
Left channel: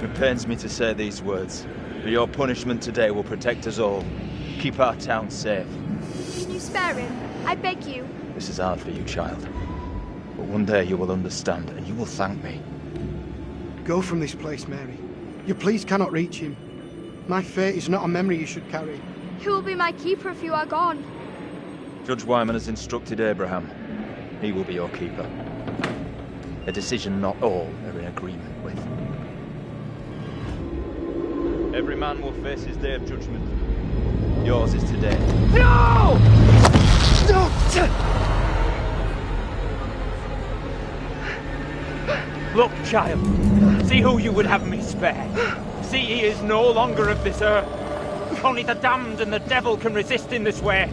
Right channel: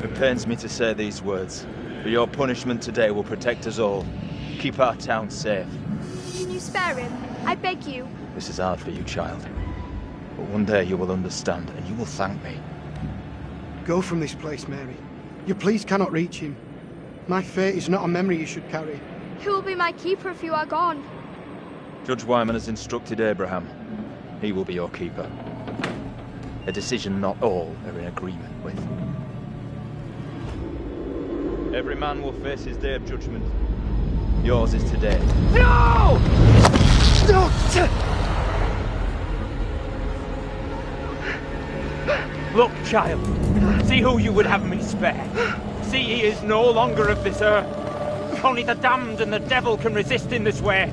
It pains me to say these words, but your punishment today will protect us all. Keep our town safe. Can you spare him? I beg you. This is hard for you, child. But one day you will understand, and you will thank me. Go from this place, Mary. Your pleas cannot reach him. My fate is not a memory you should carry. Who will be my keeper if you are gone? Judge Wyman has instructed Abraham. He will be your keeper. A decision not all are in agreement with. Every man will face his day of judgment. Yours is today. No! No! Look, child. See who you would have me spare. See he is no longer of this earth. Only the damned and the devil can resist in this way.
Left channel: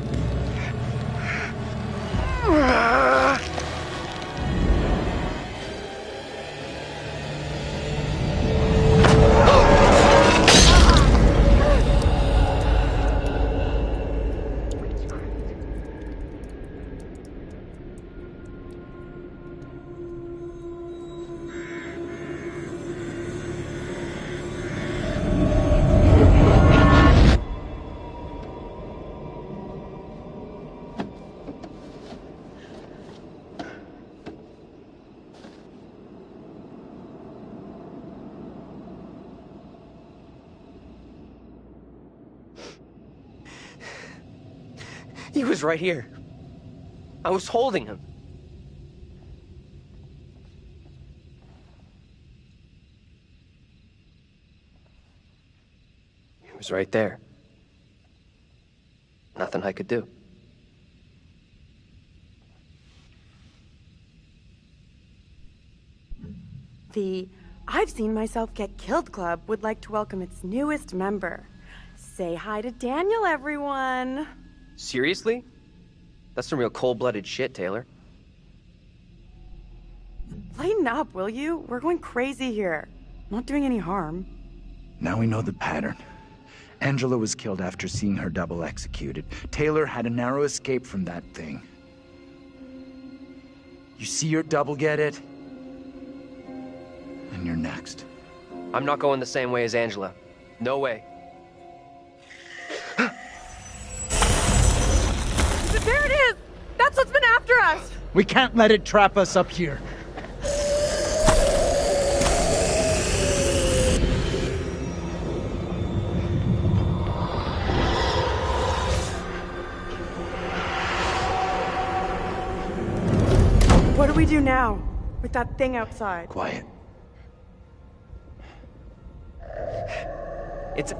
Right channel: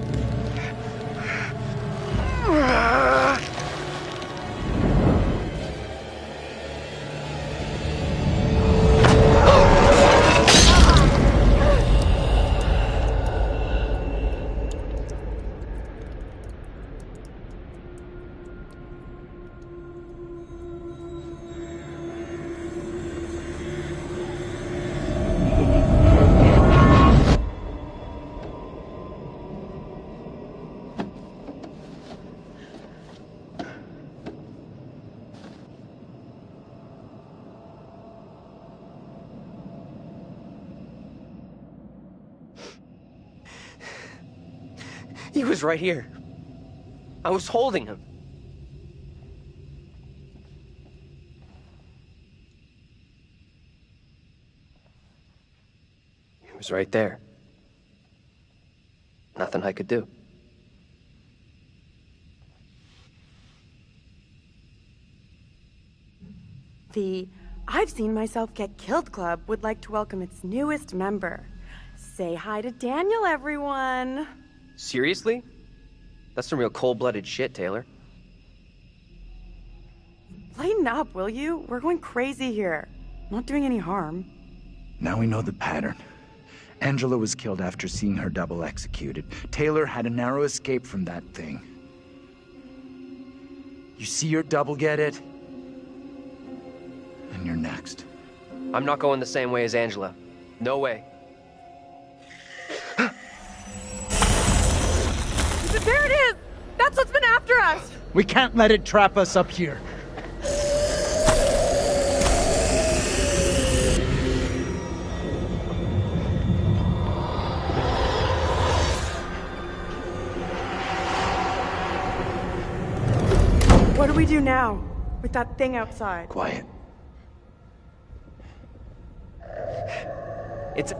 He was right here. I was holding him. He was right there. Nothing I could do. The I've Seen Myself Get Killed Club would like to welcome its newest member. Say hi to Daniel, everyone. Seriously? That's some real cold-blooded shit, Taylor. Lighten up, will you? We're going crazy here. Not doing any harm. Now we know the pattern. Angela was killed after seeing her double executed. Taylor had a narrow escape from that thing. You see your double get it? And you're next. I'm not going the same way as Angela. No way. There it is! That's what's been after us! We can't let it trap us up here. What do we do now? With that thing outside? Quiet. It's...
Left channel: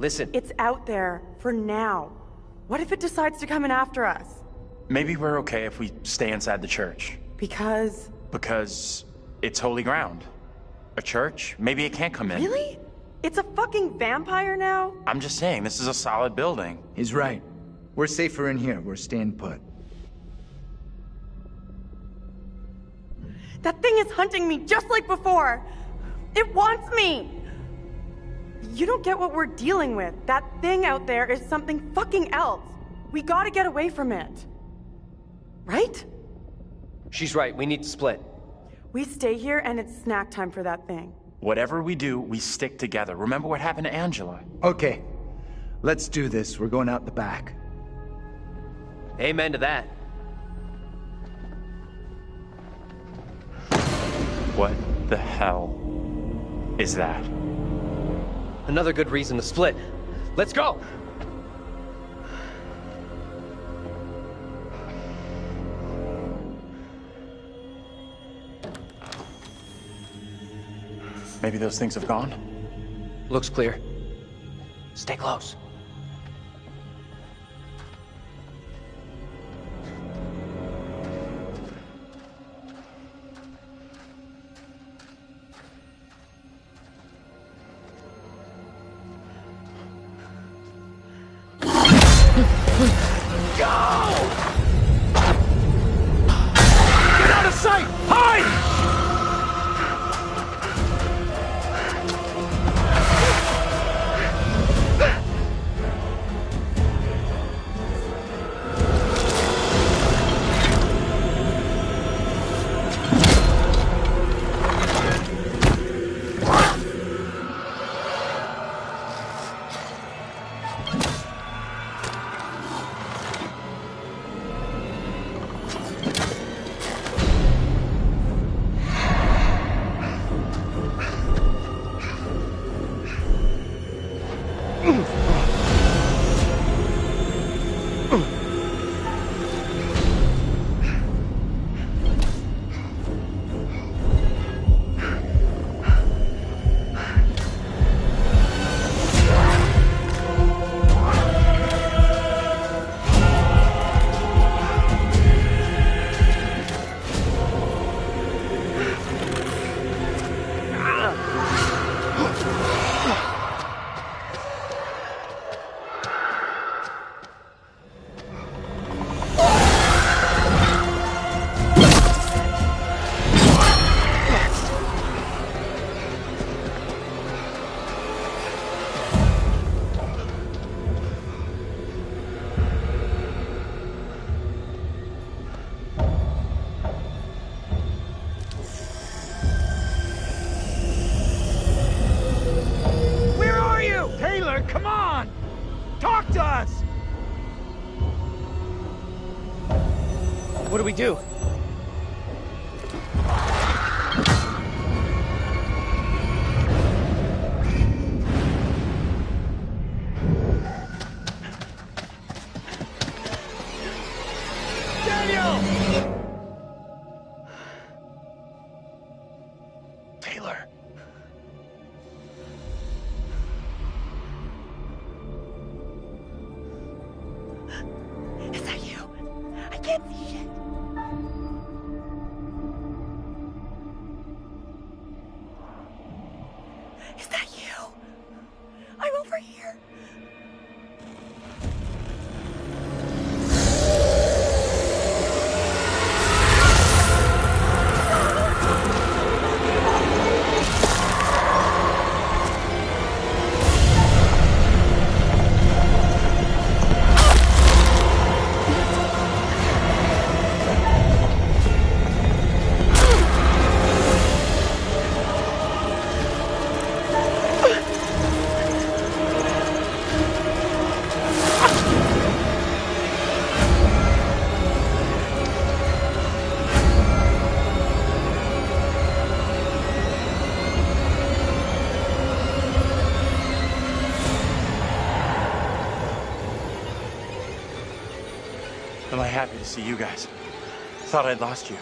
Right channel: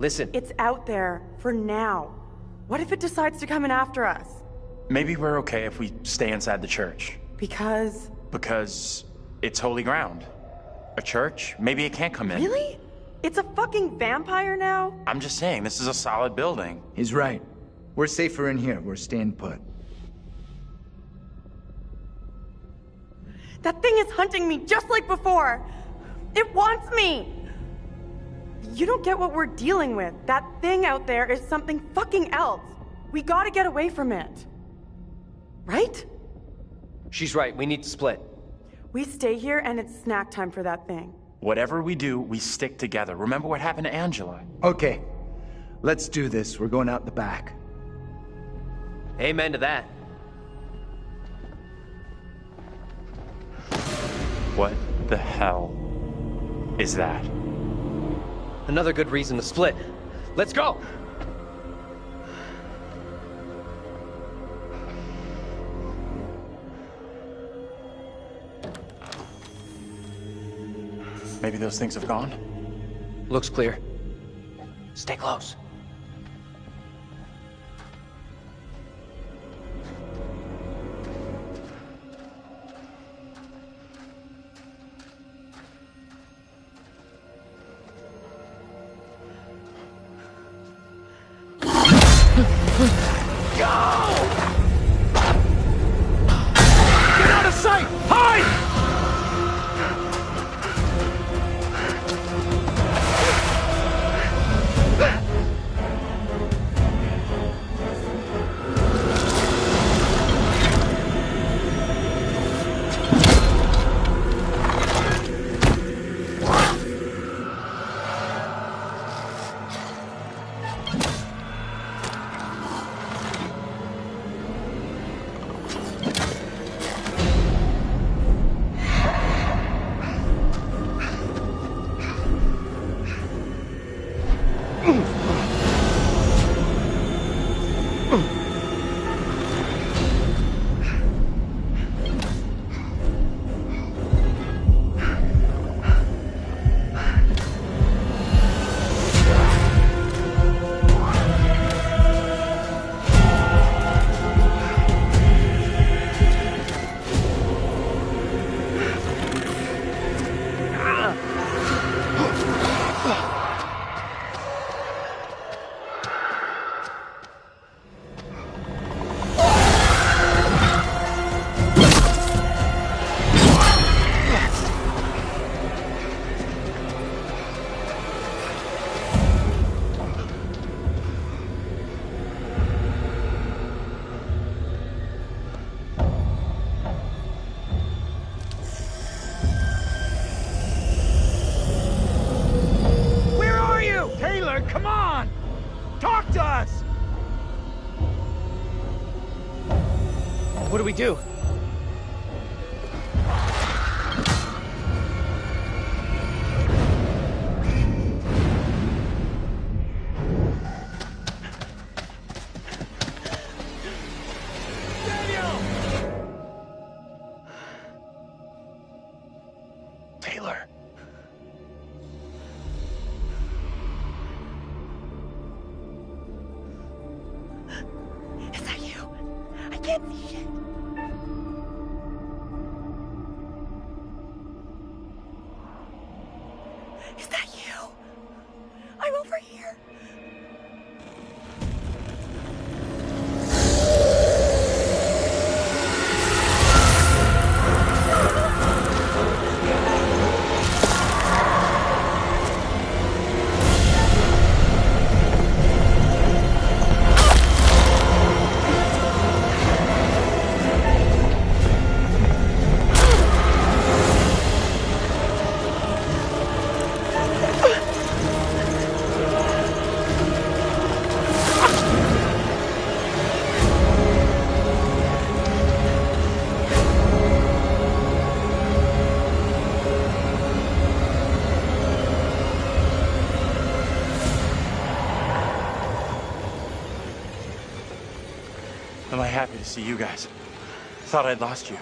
listen. It's out there for now. What if it decides to come in after us? Maybe we're okay if we stay inside the church. Because it's holy ground. A church? Maybe it can't come in. Really? It's a fucking vampire now? I'm just saying, this is a solid building. He's right. We're safer in here. We're staying put. That thing is hunting me just like before. It wants me. You don't get what we're dealing with. That thing out there is something fucking else. We gotta get away from it. Right? She's right. We need to split. We stay here and it's snack time for that thing. Whatever we do, we stick together. Remember what happened to Angela? Okay. Let's do this. We're going out the back. Amen to that. What the hell is that? Another good reason to split. Let's go! Maybe those things have gone? Looks clear. Stay close. Go! Get out of sight! Hide! Come on! Talk to us! What do we do? Taylor. Is that you? I can't see shit. Is that you? I'm over here. Am I happy to see you guys? Thought I'd lost you.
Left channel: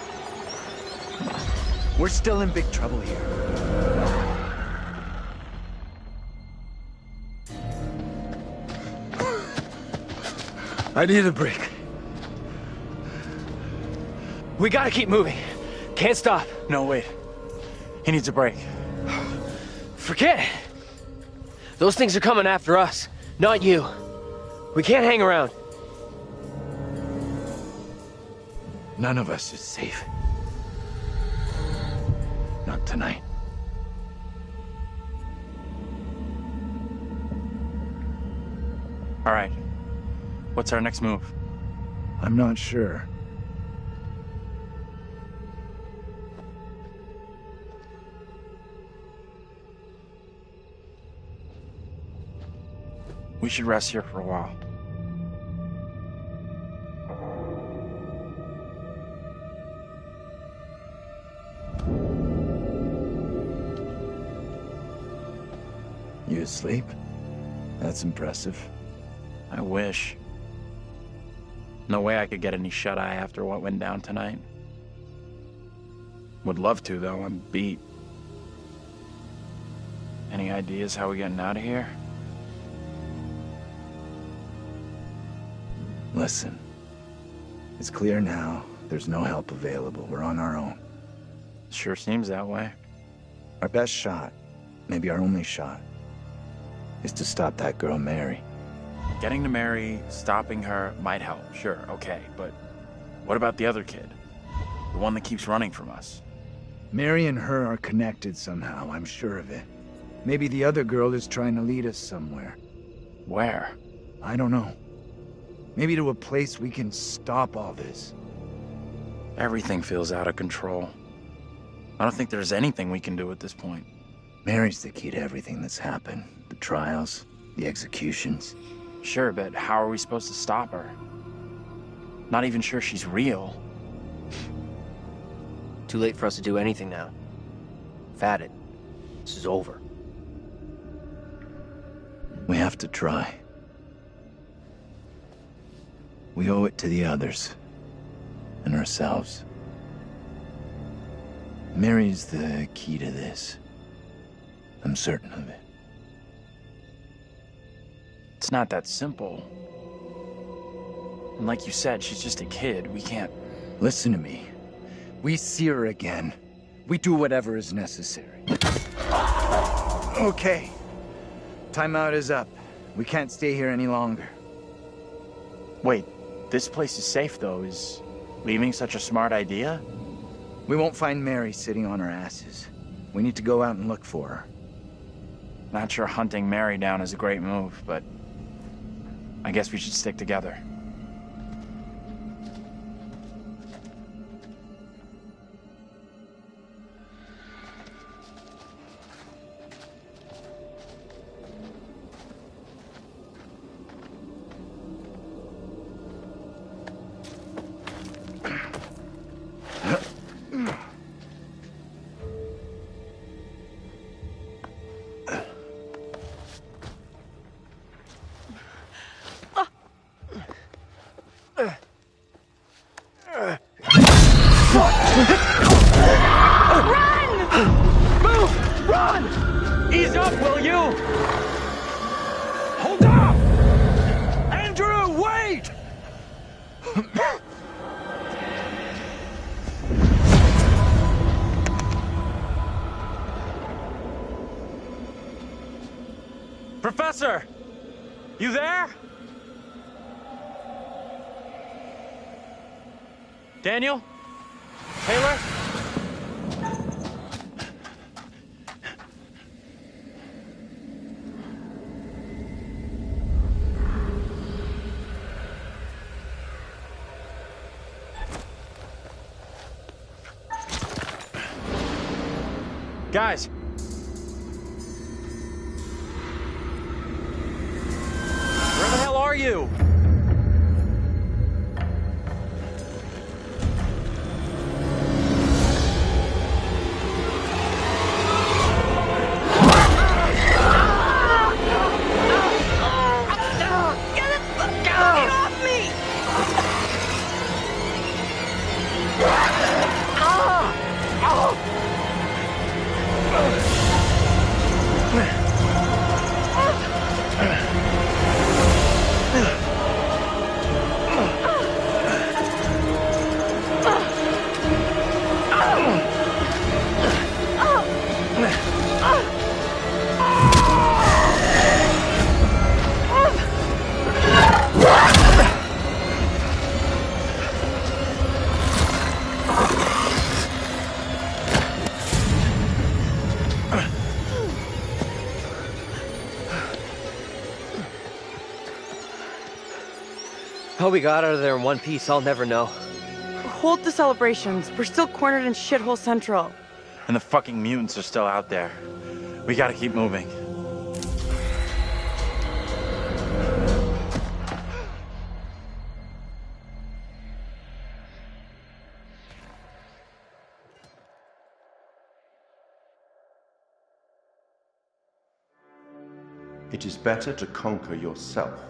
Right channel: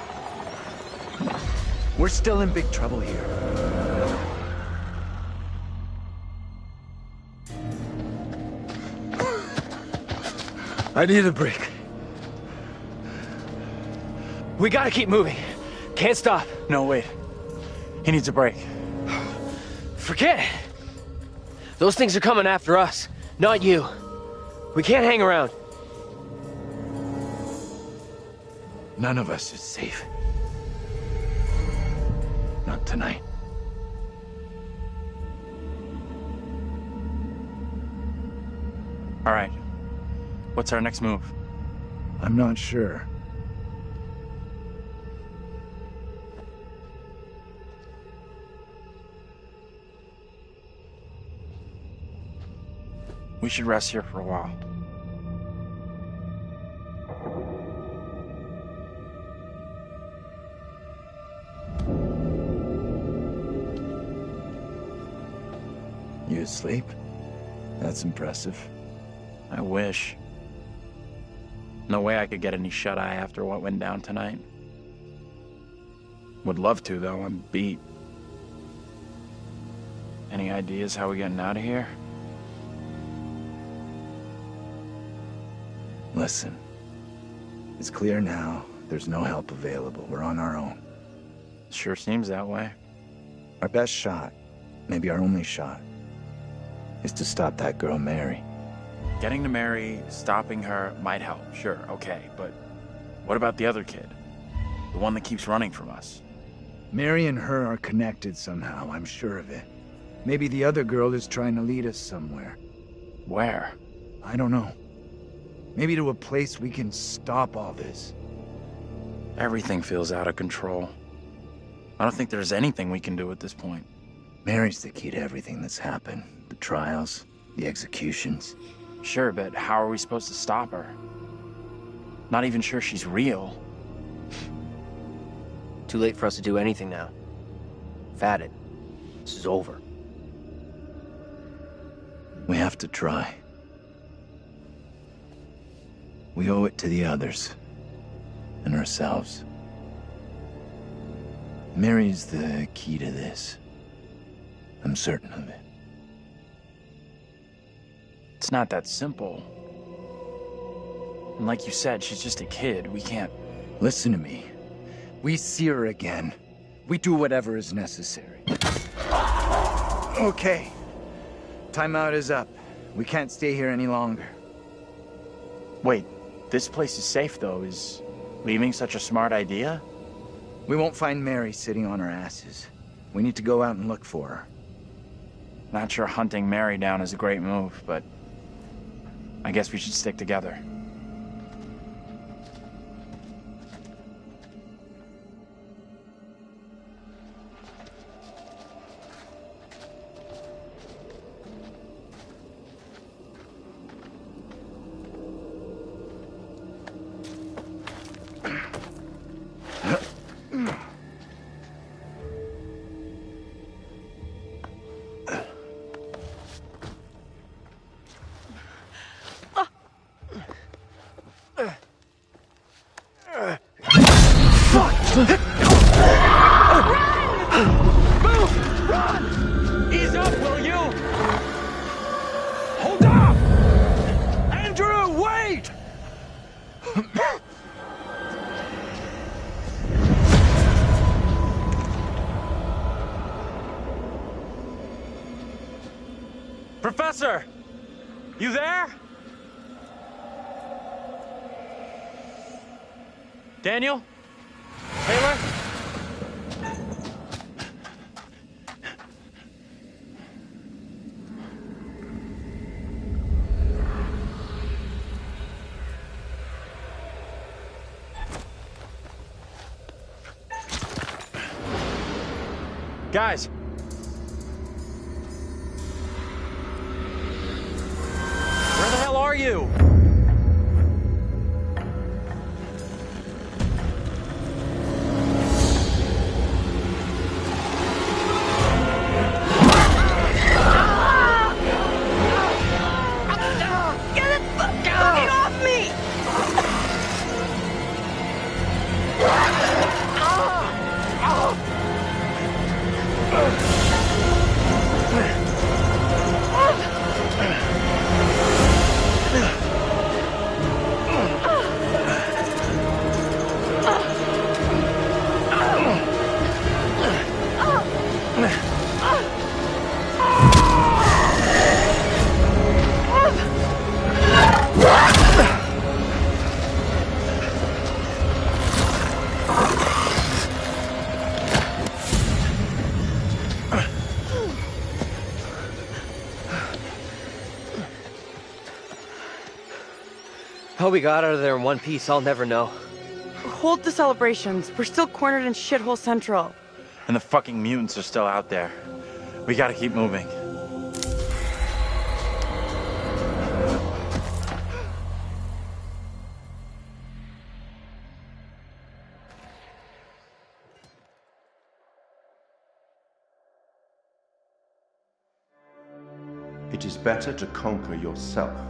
We're still in big trouble here. I need a break. We gotta keep moving. Can't stop. No, wait. He needs a break. Forget it. Those things are coming after us, not you. We can't hang around. None of us is safe. Not tonight. All right. What's our next move? I'm not sure. We should rest here for a while. You asleep? That's impressive. I wish. No way I could get any shut-eye after what went down tonight. Would love to, though. I'm beat. Any ideas how we're getting out of here? Listen. It's clear now. There's no help available. We're on our own. Sure seems that way. Our best shot, maybe our only shot, is to stop that girl, Mary. Getting to Mary, stopping her might help, sure, okay, but what about the other kid? The one that keeps running from us? Mary and her are connected somehow, I'm sure of it. Maybe the other girl is trying to lead us somewhere. Where? I don't know. Maybe to a place we can stop all this. Everything feels out of control. I don't think there's anything we can do at this point. Mary's the key to everything that's happened. The trials, the executions. Sure, but how are we supposed to stop her? Not even sure she's real. Too late for us to do anything now. We've had it. This is over. We have to try. We owe it to the others. And ourselves. Mary's the key to this. I'm certain of it. It's not that simple. And like you said, she's just a kid. We can't... Listen to me. We see her again. We do whatever is necessary. Okay. Timeout is up. We can't stay here any longer. Wait, this place is safe, though. Is leaving such a smart idea? We won't find Mary sitting on her asses. We need to go out and look for her. Not sure hunting Mary down is a great move, but I guess we should stick together. Professor! You there? Daniel? Taylor? Guys! Where the hell are you? Get it fucking off me! How we got out of there in one piece, I'll never know. Hold the celebrations. We're still cornered in Shithole Central. And the fucking mutants are still out there. We gotta keep moving. It is better to conquer yourself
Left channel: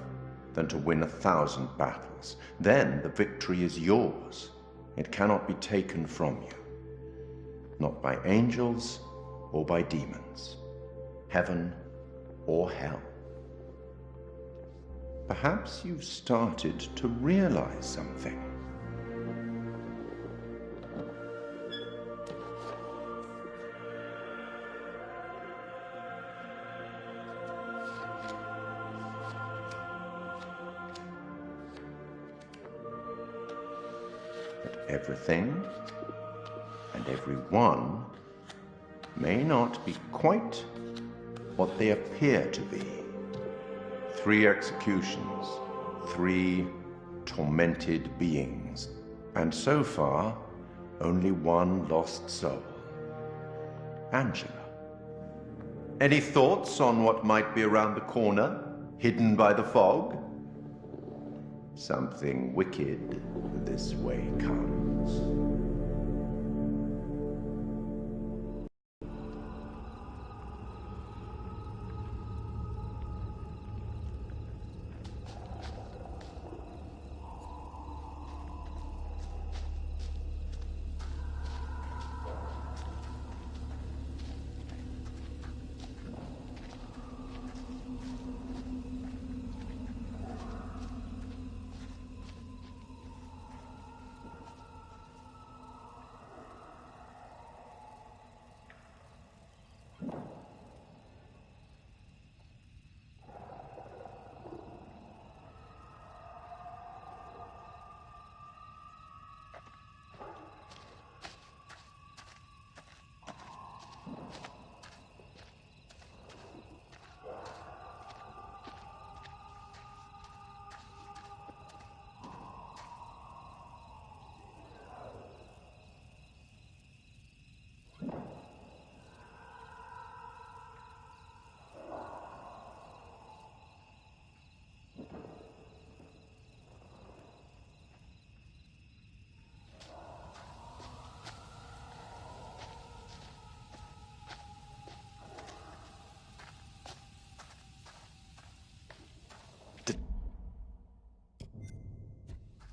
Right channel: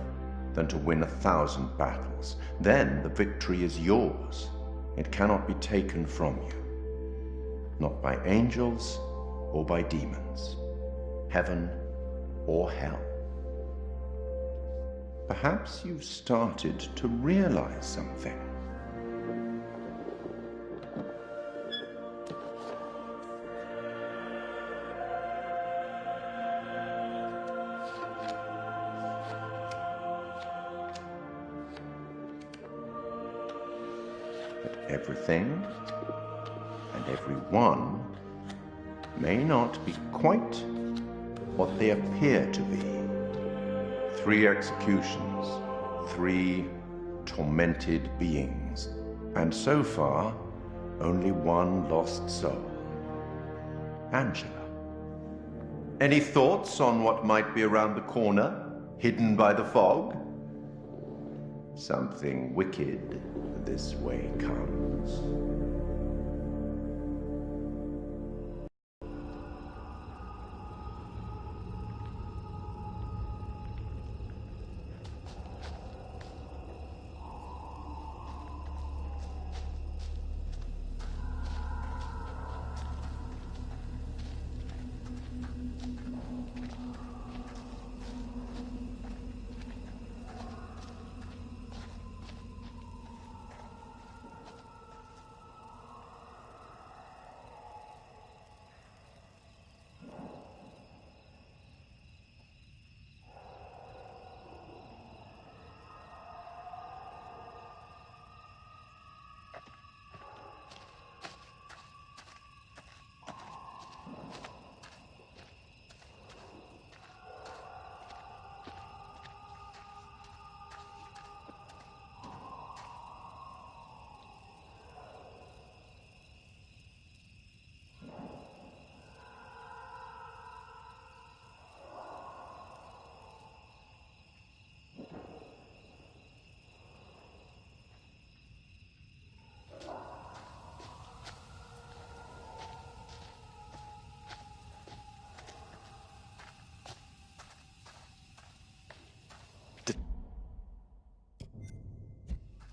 than to win 1,000 battles. Then the victory is yours. It cannot be taken from you. Not by angels or by demons. Heaven or hell. Perhaps you've started to realize something. Everything and everyone may not be quite what they appear to be. 3 executions, 3 tormented beings, and so far, only 1 lost soul. Angela. Any thoughts on what might be around the corner, hidden by the fog? Something wicked this way comes.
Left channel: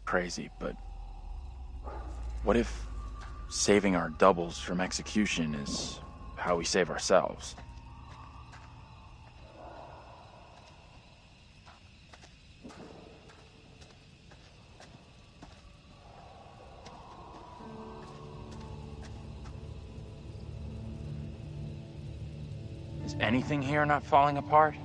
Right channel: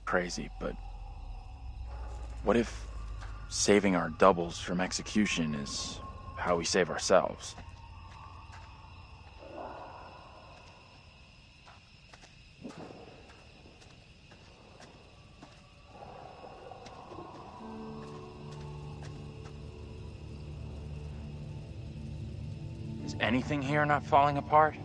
Crazy, but what if saving our doubles from execution is how we save ourselves? Is anything here not falling apart?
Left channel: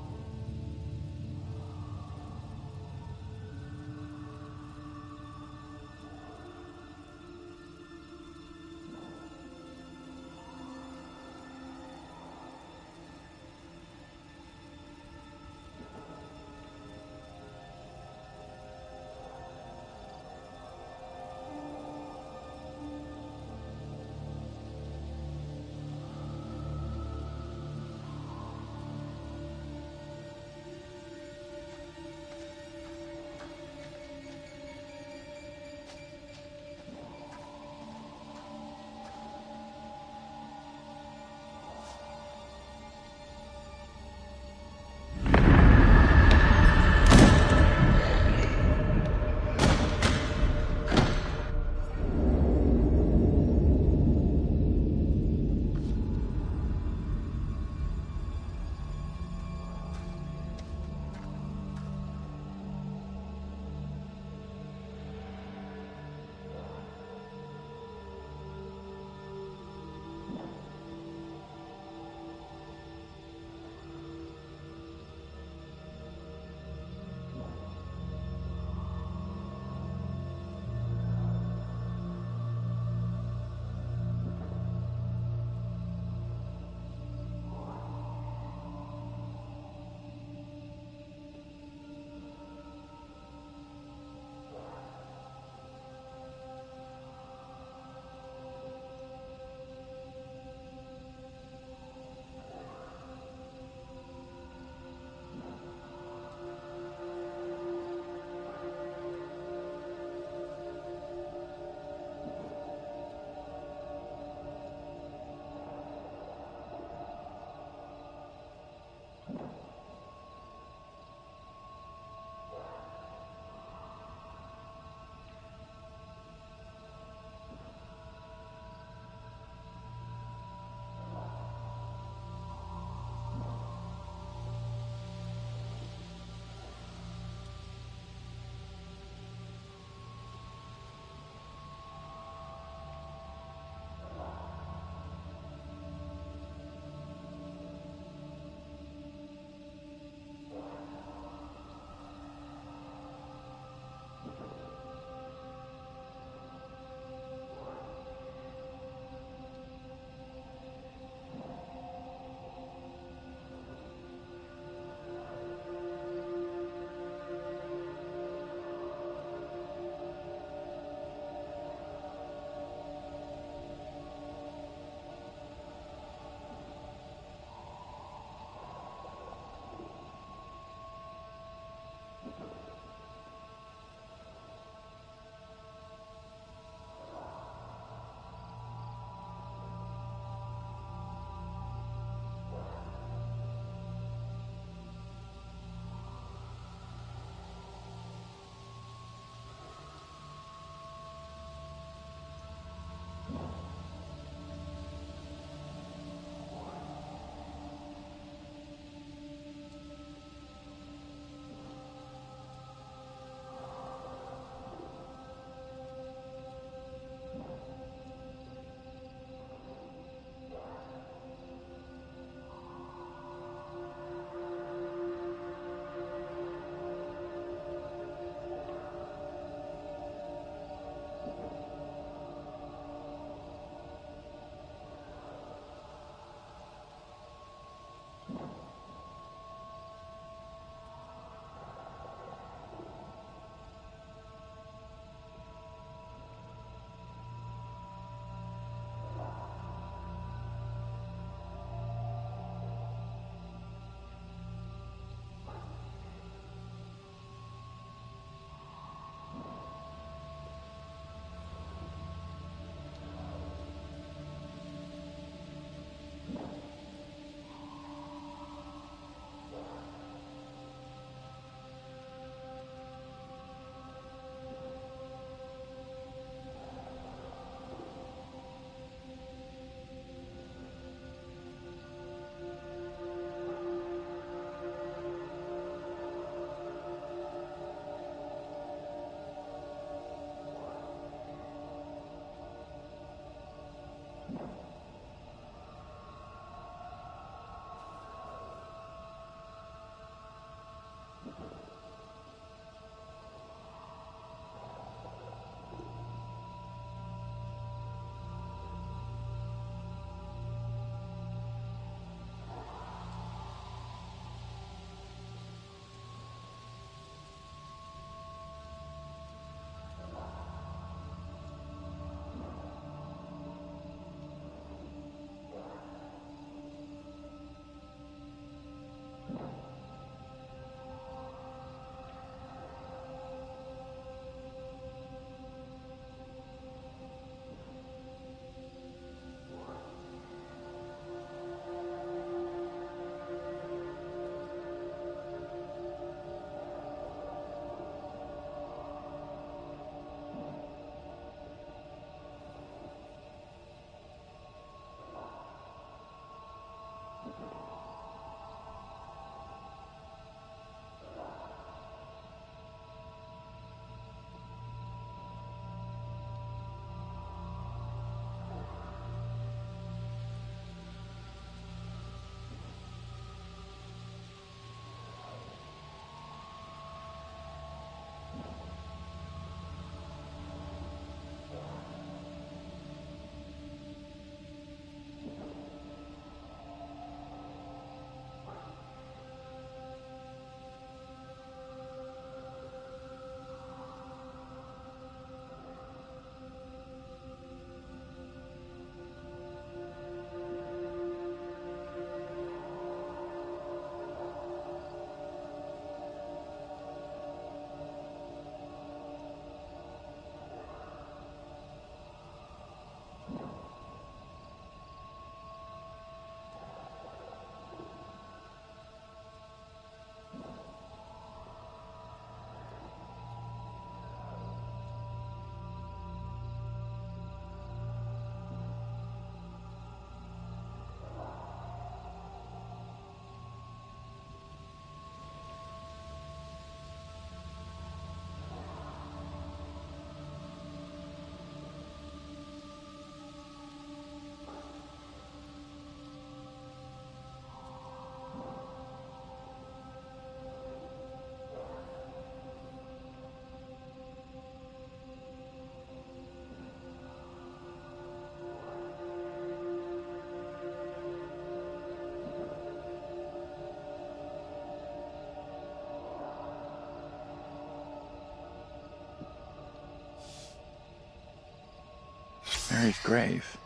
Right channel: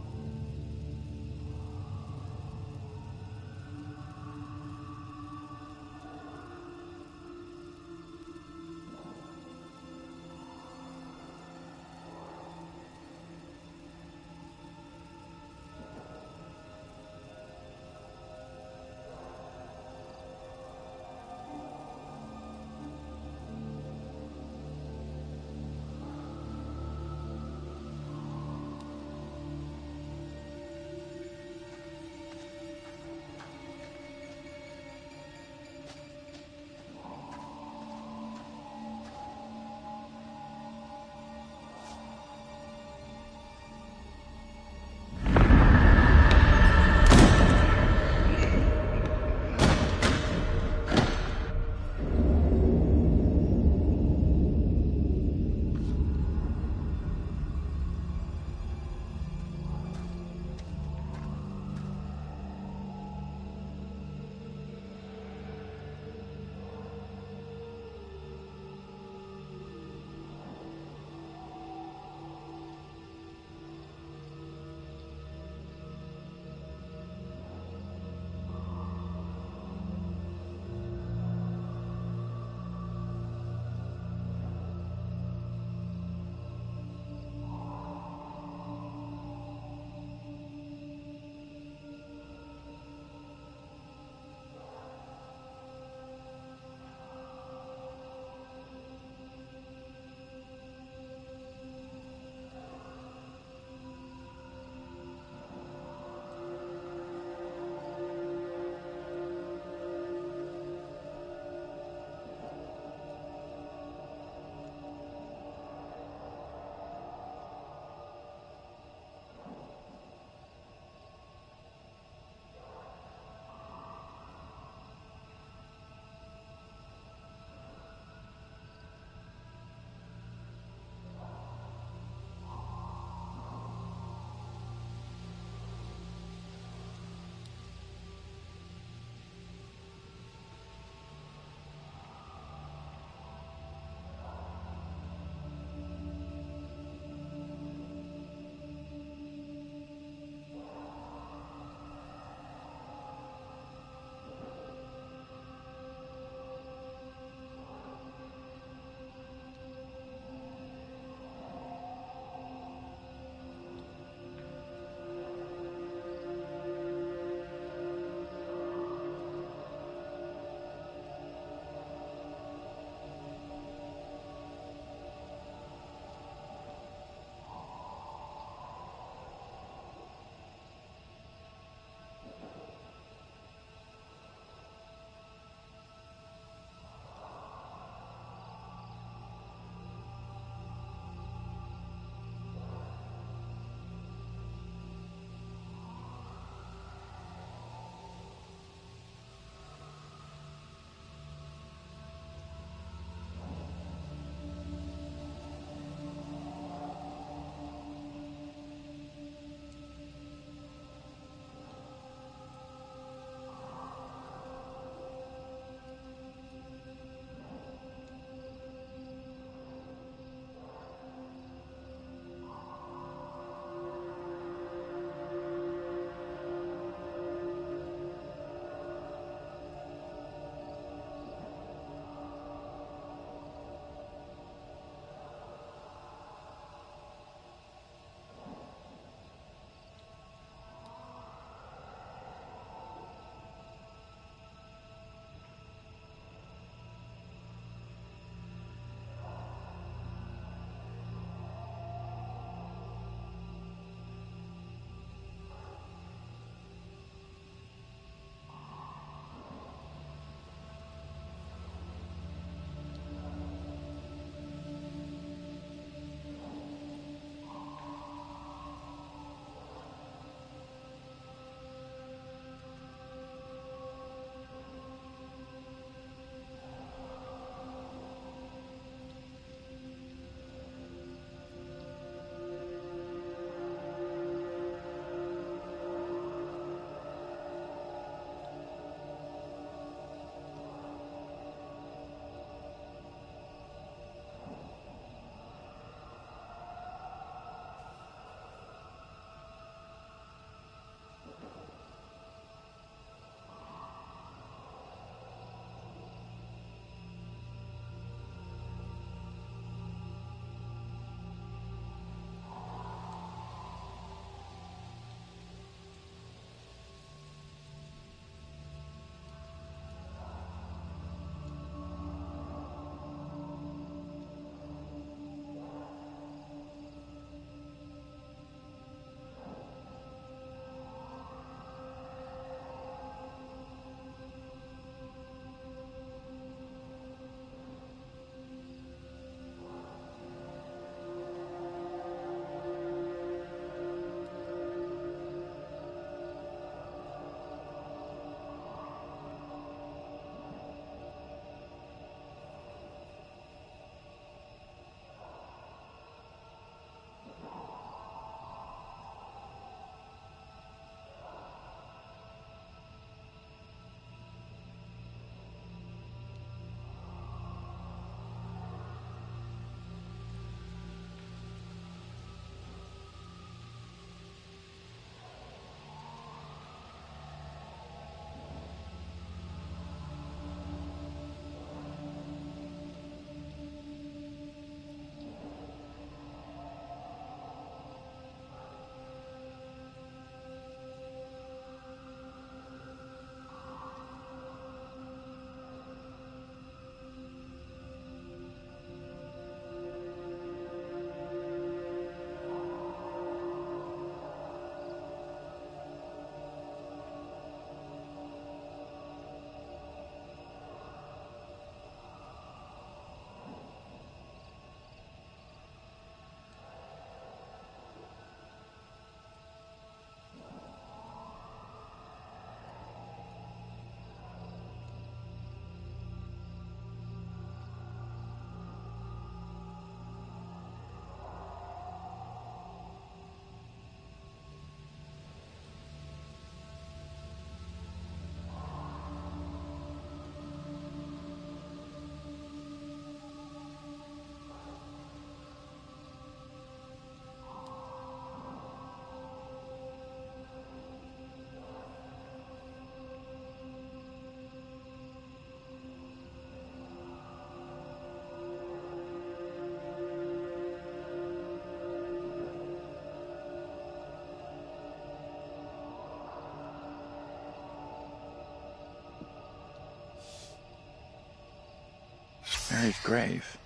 Mary's grave.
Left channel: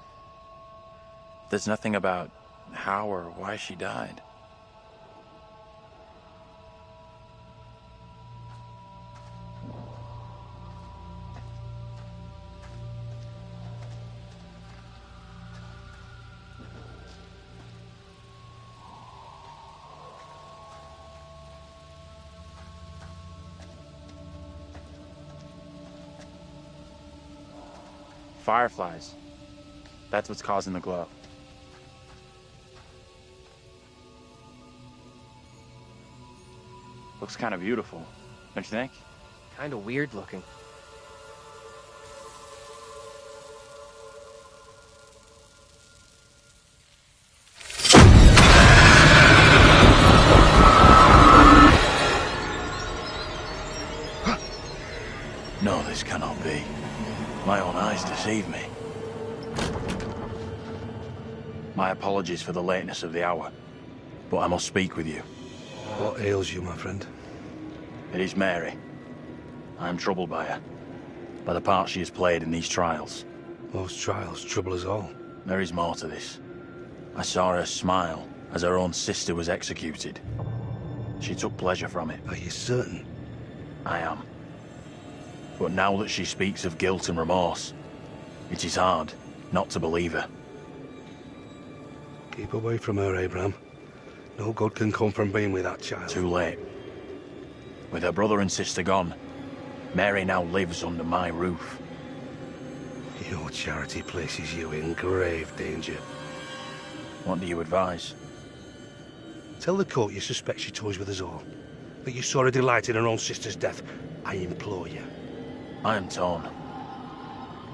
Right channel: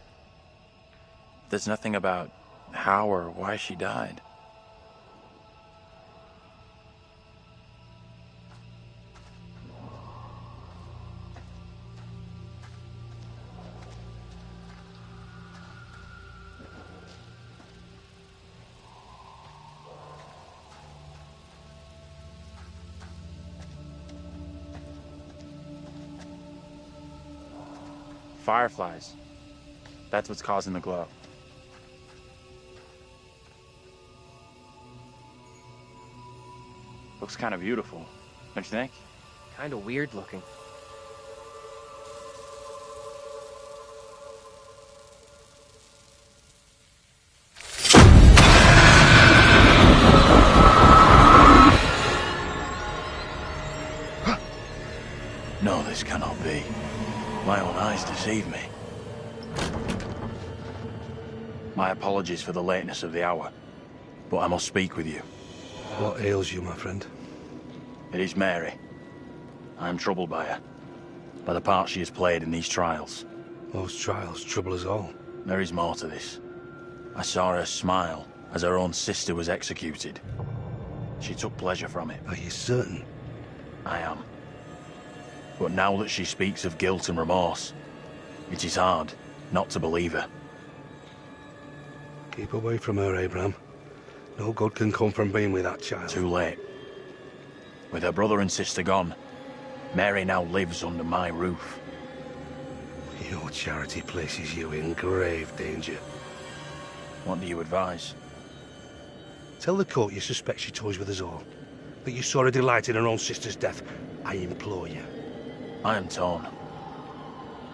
There's nothing about how or why she died. Fireflies. That's what's causing the glow. Looks kind of beautiful, don't you think? Kind of weird looking. No, this cannot be. My own eyes deceive me. My apologies for the lateness of the hour, but I must speak with you. What ails you, my friend? It is Mary. I am troubled by her, by the part she has played in these trials. Those trials trouble us all. There is more to this. I saw her smile as her own sister was executed. She took pleasure from it. Are you certain? I am. But now that she speaks of guilt and remorse, it is hard not to believe her. Keep away from her, Abraham. No good can come from being with that child. Too late. With her brother and sister gone, Mary now lives under my roof. Your charity places you in grave danger. What do you advise? Tell the court you suspect she toys with us all. That you saw her delight in her own sister's death. I implore you. I am torn.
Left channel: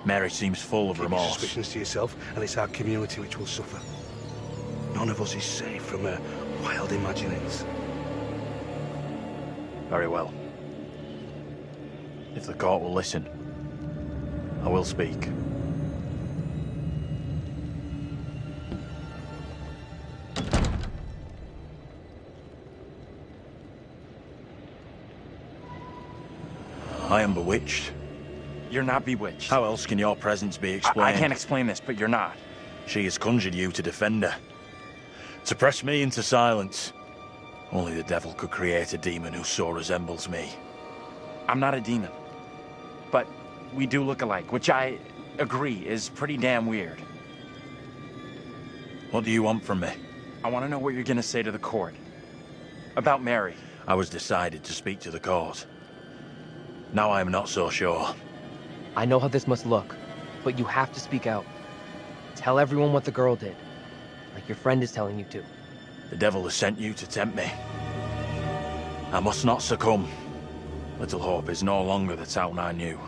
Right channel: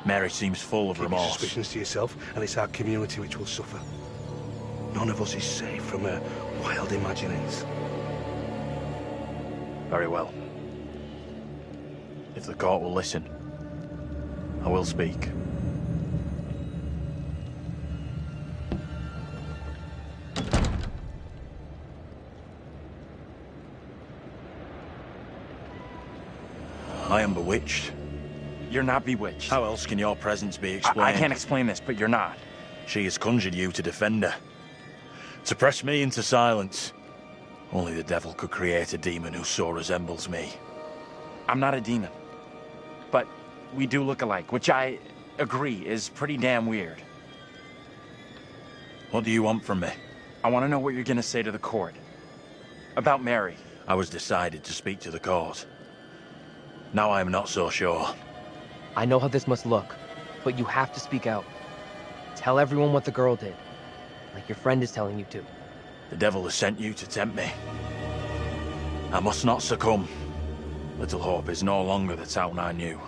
Mary seems full of Keep your remorse. suspicions to yourself, and it's our community which will suffer. None of us is safe from her wild imaginings. Very well. If the court will listen, I will speak. I am bewitched. You're not bewitched. How else can your presence be explained? I can't explain this, but you're not. She has conjured you to defend her. To press me into silence. Only the devil could create a demon who so resembles me. I'm not a demon. But we do look alike, which I agree is pretty damn weird. What do you want from me? I want to know what you're going to say to the court. About Mary. I was decided to speak to the court. Now I am not so sure. I know how this must look, but you have to speak out. Tell everyone what the girl did, like your friend is telling you to. The devil has sent you to tempt me. I must not succumb. Little Hope is no longer the town I knew.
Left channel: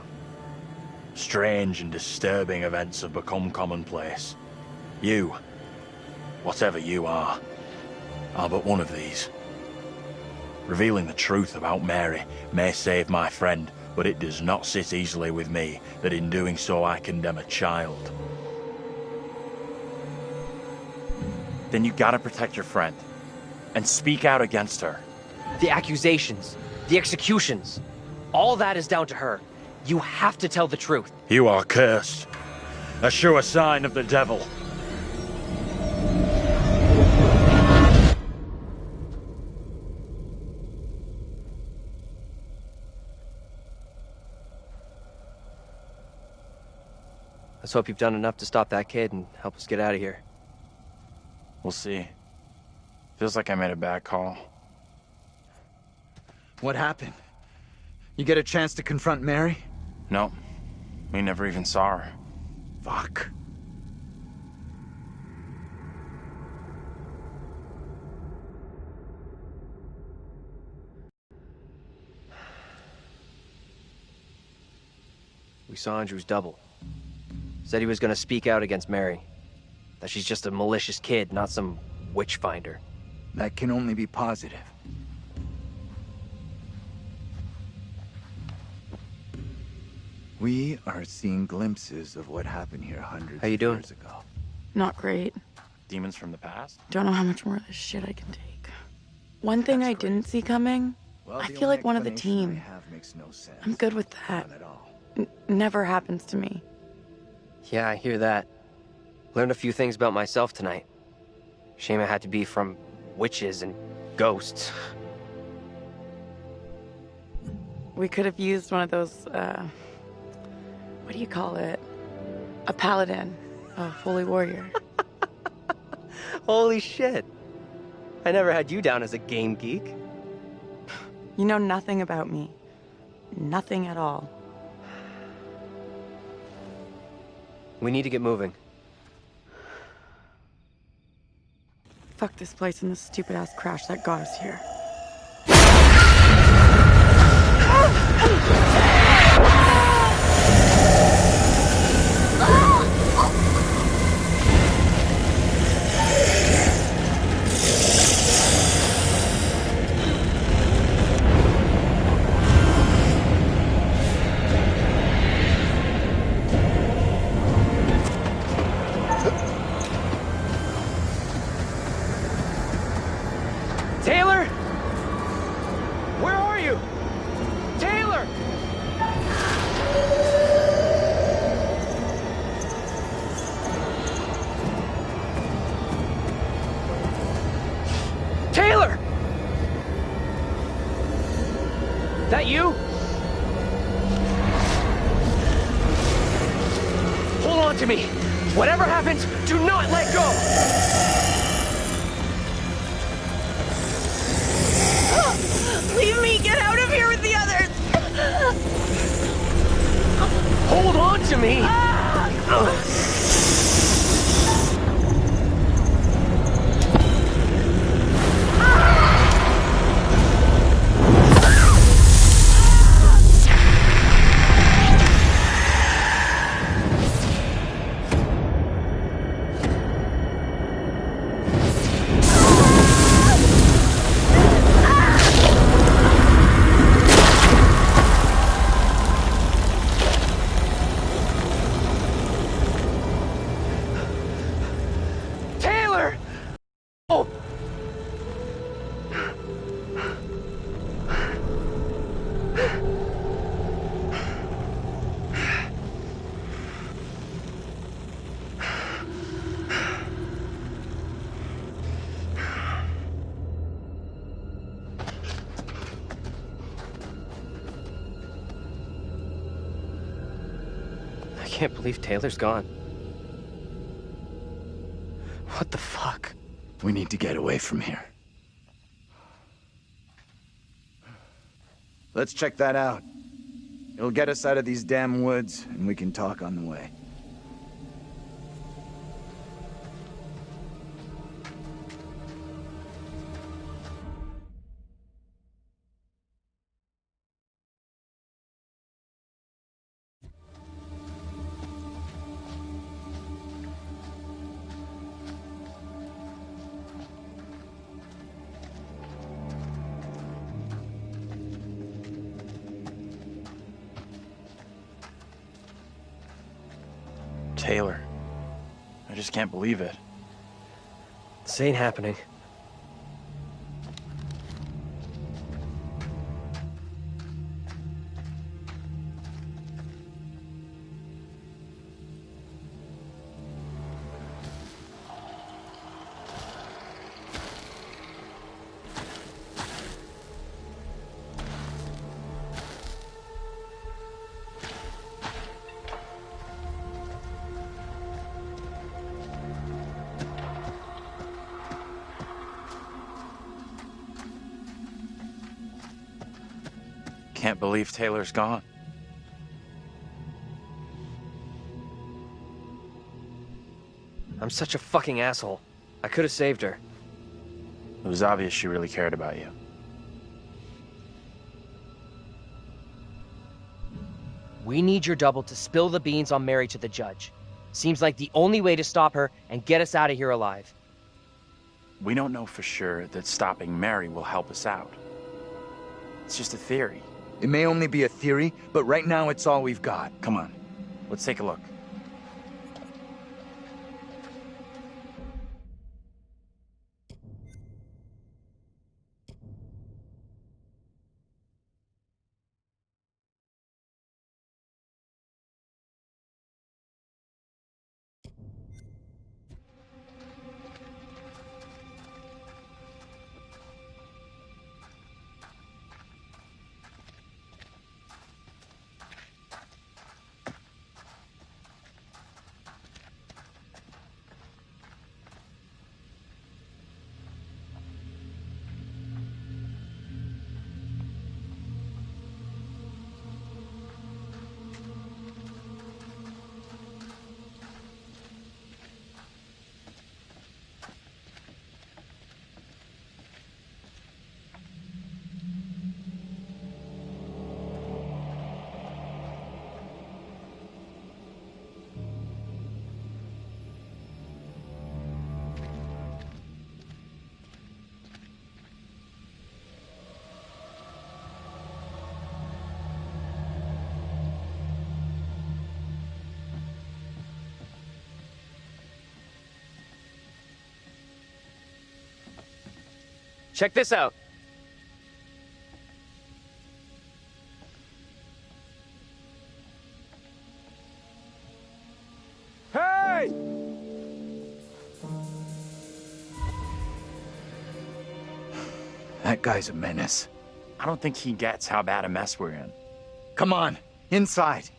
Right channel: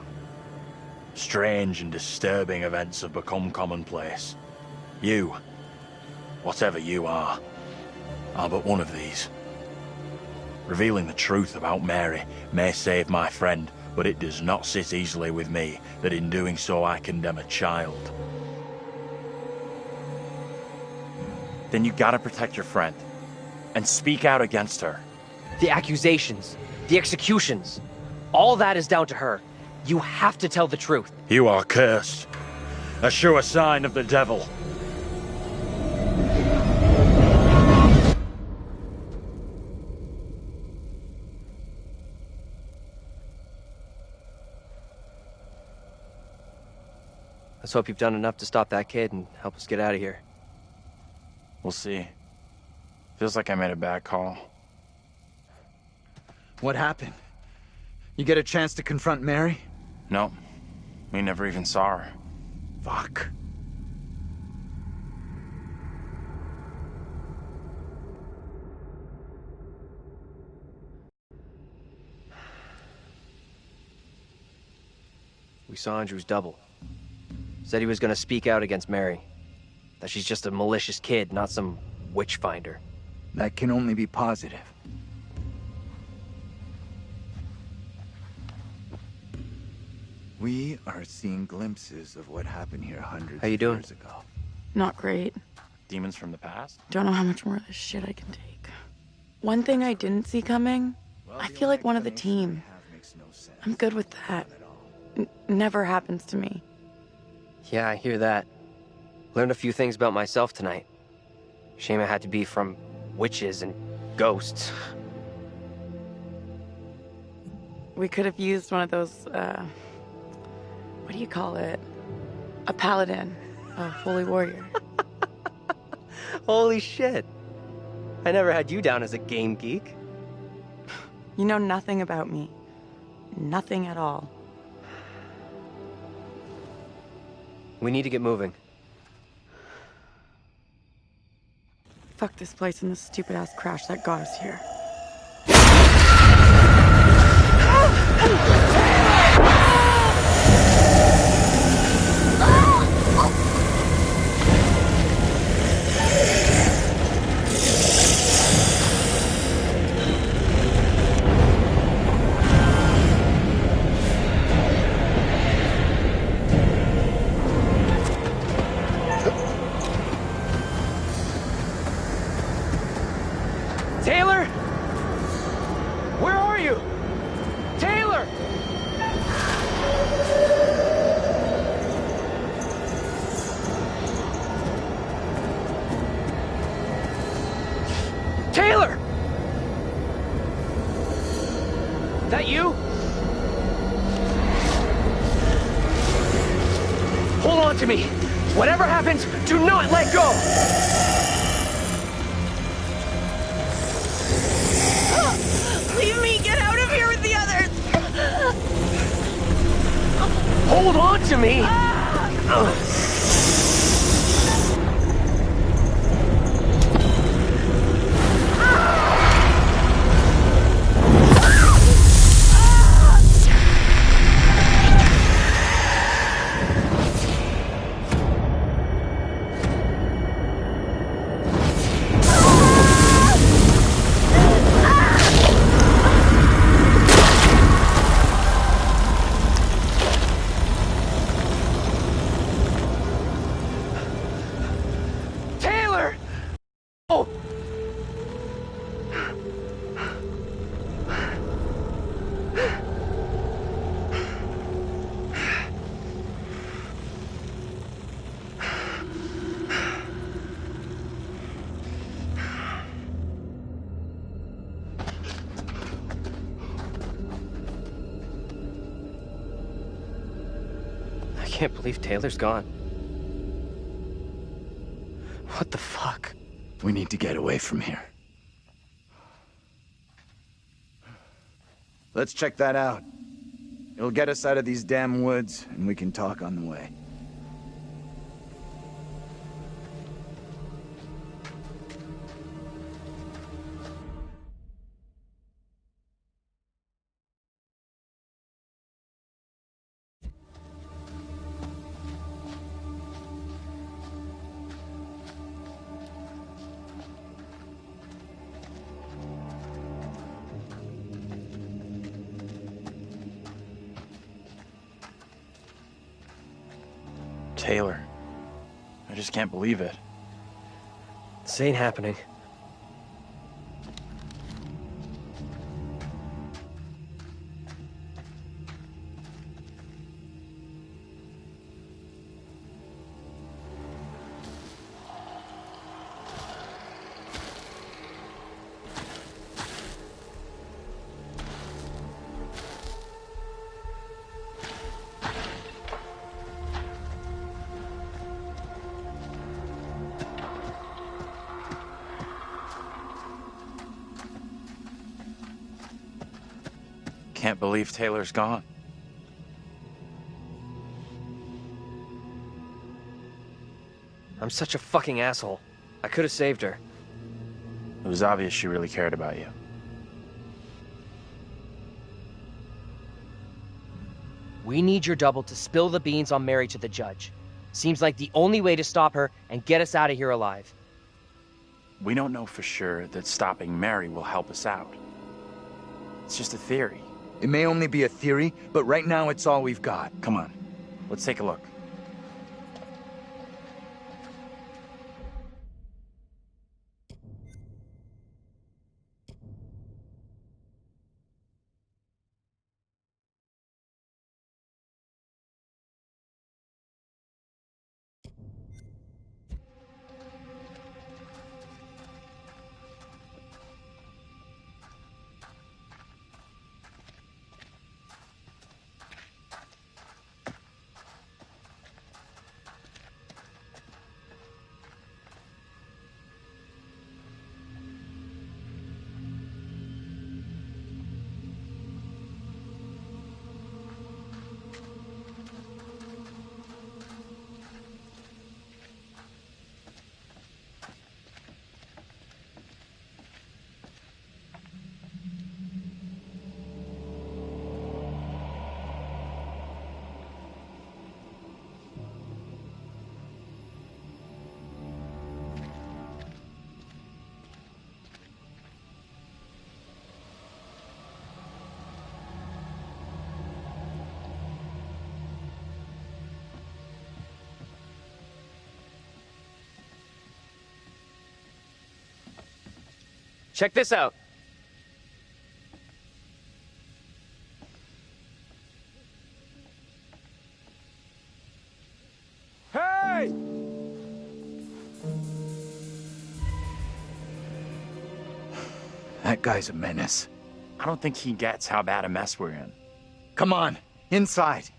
Strange and disturbing events have become commonplace. You, whatever you are but one of these. Revealing the truth about Mary may save my friend, but it does not sit easily with me that in doing so I condemn a child. Then you gotta protect your friend. And speak out against her. The accusations, the executions, all that is down to her. You have to tell the truth. You are cursed. A sure sign of the devil. Let's hope you've done enough to stop that kid and help us get out of here. We'll see. Feels like I made a bad call. What happened? You get a chance to confront Mary? No. We never even saw her. Fuck. We saw Andrew's double. Said he was gonna speak out against Mary. That she's just a malicious kid, not some witch finder. That can only be positive. We are seeing glimpses of what happened here hundreds of years ago. Not great. Demons from the past? Don't know how much more of this shit I can take. One thing I didn't see coming, I feel like one of the team. I'm good with that. Never happens to me. Yeah, I hear that. Learned a few things about myself tonight. Shame it had to be from witches and ghosts. We could have used one of those, what do you call it? A paladin. A holy warrior. Holy shit. I never had you down as a game geek. You know nothing about me. Nothing at all. We need to get moving. Fuck this place and the stupid-ass crash that got us here. Taylor? Where are you? Taylor! Taylor! That you? Hold on to me. Whatever happens, do not let go! Leave me! Get out of here with the others! Hold on to me! Taylor! Oh! I can't believe Taylor's gone. What the fuck? We need to get away from here. Let's check that out. It'll get us out of these damn woods, and we can talk on the way. Taylor. I just can't believe it. This ain't happening. Can't believe Taylor's gone. I'm such a fucking asshole. I could have saved her. It was obvious she really cared about you. We need your double to spill the beans on Mary to the judge. Seems like the only way to stop her and get us out of here alive. We don't know for sure that stopping Mary will help us out. It's just a theory. It may only be a theory, but right now it's all we've got. Come on, let's take a look. Check this out. Hey! That guy's a menace. I don't think he gets how bad a mess we're in. Come on, inside.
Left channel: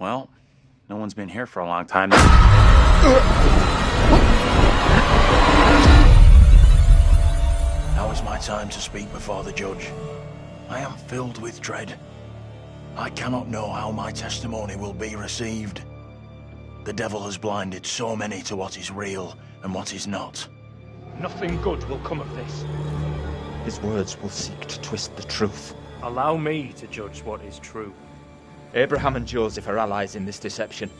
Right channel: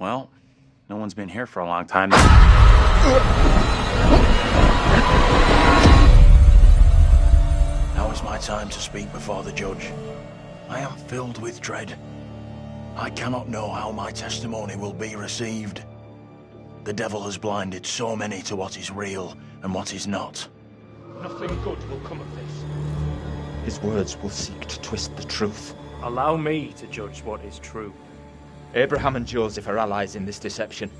Well, no one's been here for a long time. Now is my time to speak before the judge. I am filled with dread. I cannot know how my testimony will be received. The devil has blinded so many to what is real and what is not. Nothing good will come of this. His words will seek to twist the truth. Allow me to judge what is true. Abraham and Joseph are allies in this deception.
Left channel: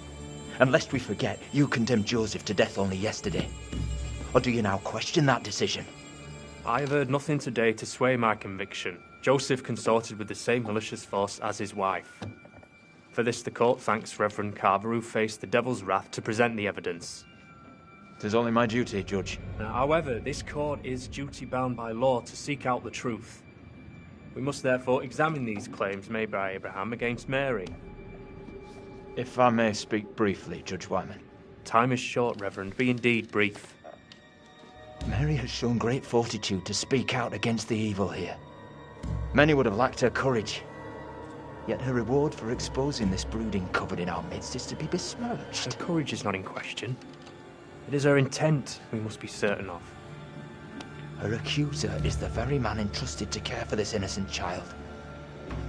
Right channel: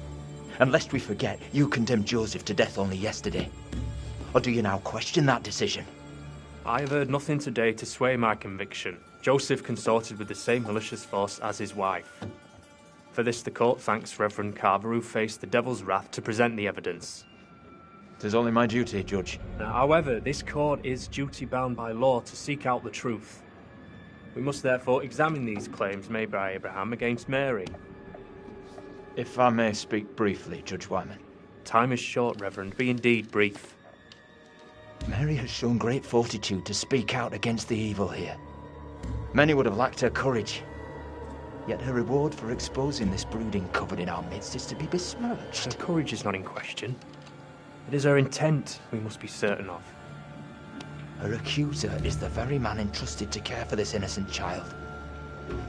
And lest we forget, you condemned Joseph to death only yesterday. Or do you now question that decision? I have heard nothing today to sway my conviction. Joseph consorted with the same malicious force as his wife. For this the court thanks Reverend Carver, who faced the devil's wrath to present the evidence. 'Tis only my duty, Judge. However, this court is duty-bound by law to seek out the truth. We must therefore examine these claims made by Abraham against Mary. If I may speak briefly, Judge Wyman. Time is short, Reverend. Be indeed brief. Mary has shown great fortitude to speak out against the evil here. Many would have lacked her courage. Yet her reward for exposing this brooding coven in our midst is to be besmirched. Her courage is not in question. It is her intent we must be certain of. Her accuser is the very man entrusted to care for this innocent child.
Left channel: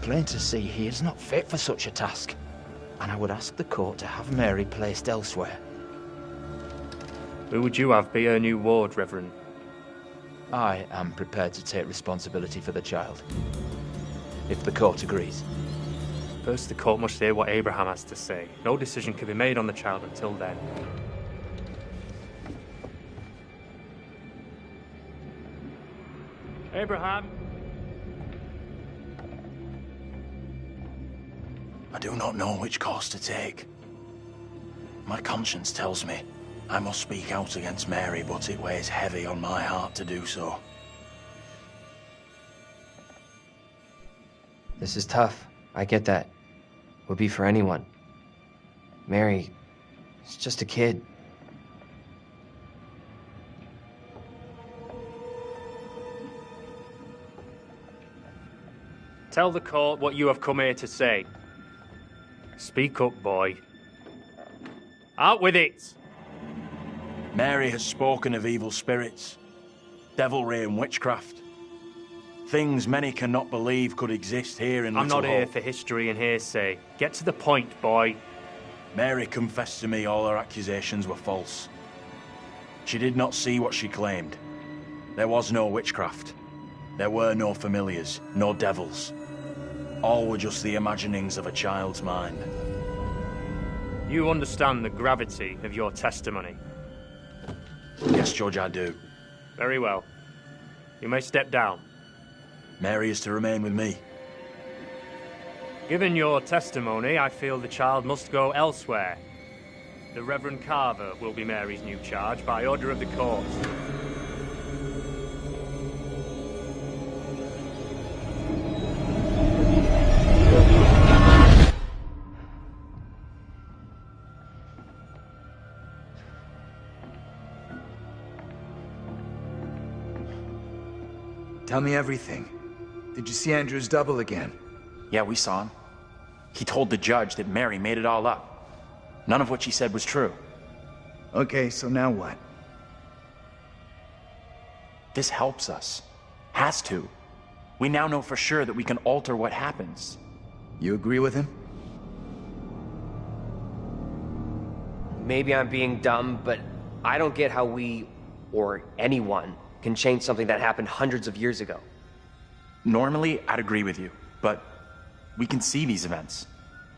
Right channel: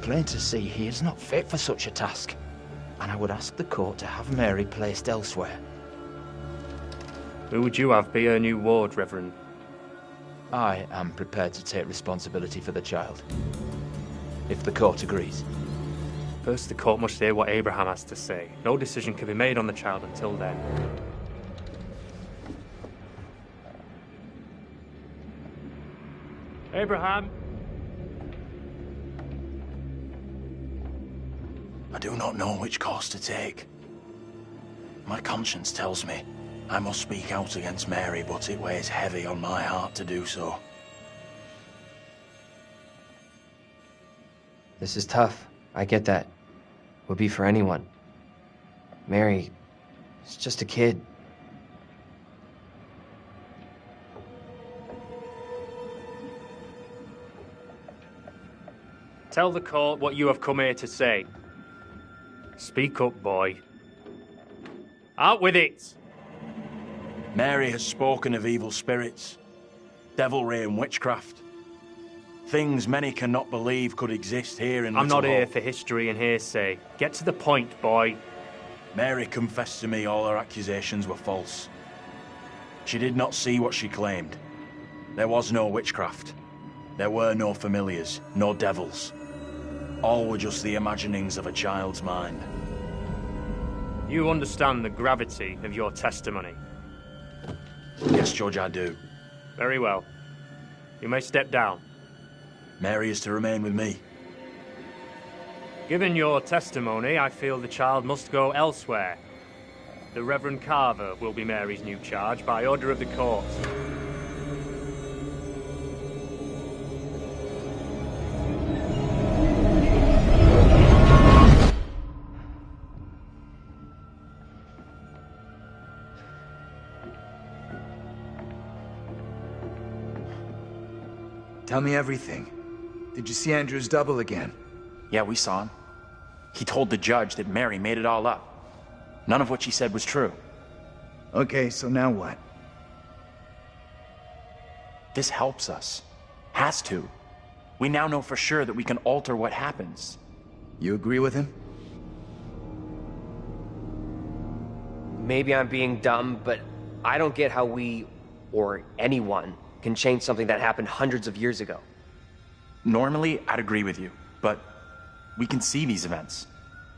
Plain to see, he is not fit for such a task. And I would ask the court to have Mary placed elsewhere. Who would you have be her new ward, Reverend? I am prepared to take responsibility for the child. If the court agrees. First, the court must hear what Abraham has to say. No decision can be made on the child until then. Abraham! I do not know which course to take. My conscience tells me I must speak out against Mary, but it weighs heavy on my heart to do so. This is tough. I get that. Would be for anyone. Mary is just a kid. Tell the court what you have come here to say. Speak up, boy. Out with it! Mary has spoken of evil spirits, devilry and witchcraft. Things many cannot believe could exist here in I'm Little not here Hope. for history and hearsay. Get to the point, boy. Mary confessed to me all her accusations were false. She did not see what she claimed. There was no witchcraft. There were no familiars, no devils. All were just the imaginings of a child's mind. You understand the gravity of your testimony. Yes, Judge, I do. Very well. You may step down. Mary is to remain with me. Given your testimony, I feel the child must go elsewhere. The Reverend Carver will be Mary's new charge by order of the court. Tell me everything. Did you see Andrew's double again? Yeah, we saw him. He told the judge that Mary made it all up. None of what she said was true. Okay, so now what? This helps us. Has to. We now know for sure that we can alter what happens. You agree with him? Maybe I'm being dumb, but I don't get how we, or anyone, can change something that happened hundreds of years ago. Normally, I'd agree with you, but we can see these events.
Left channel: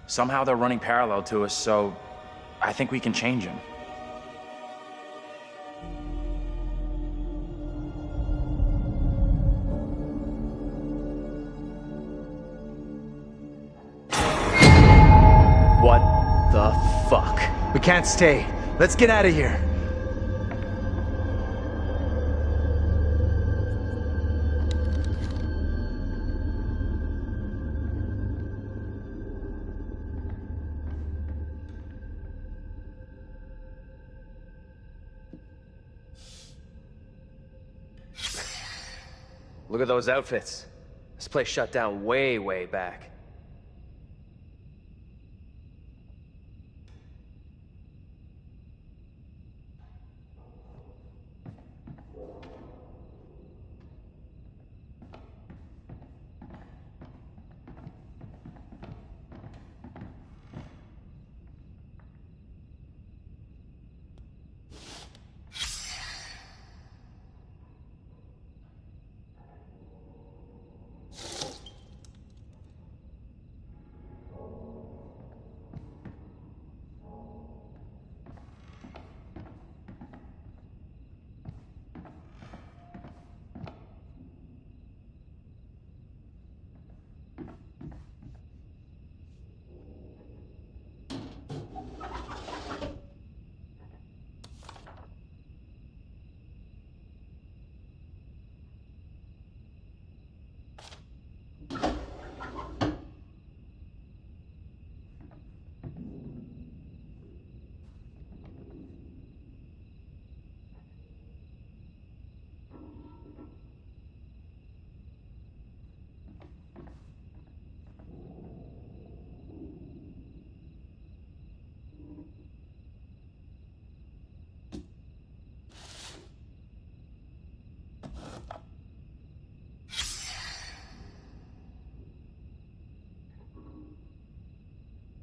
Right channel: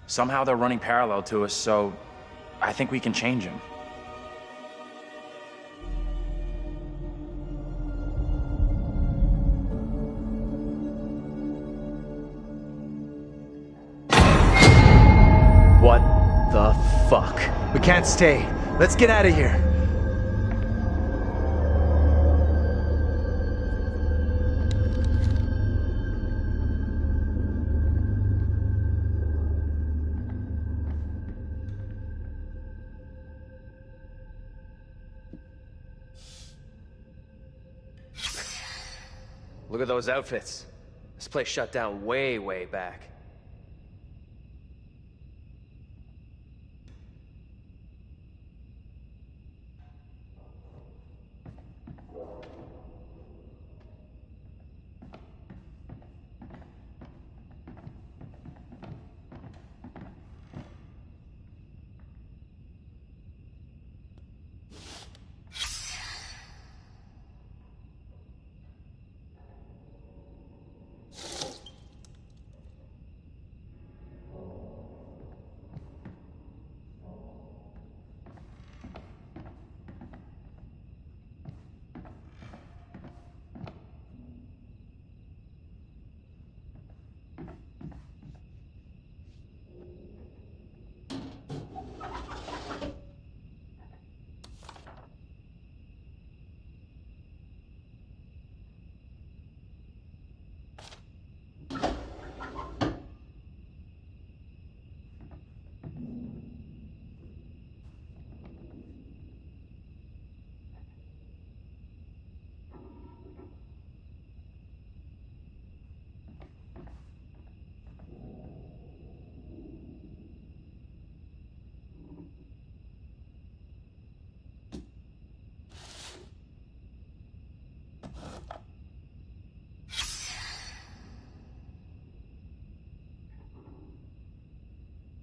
Somehow they're running parallel to us, so I think we can change them. The fuck? We can't stay. Let's get out of here. Look at those outfits. This place shut down way, way back.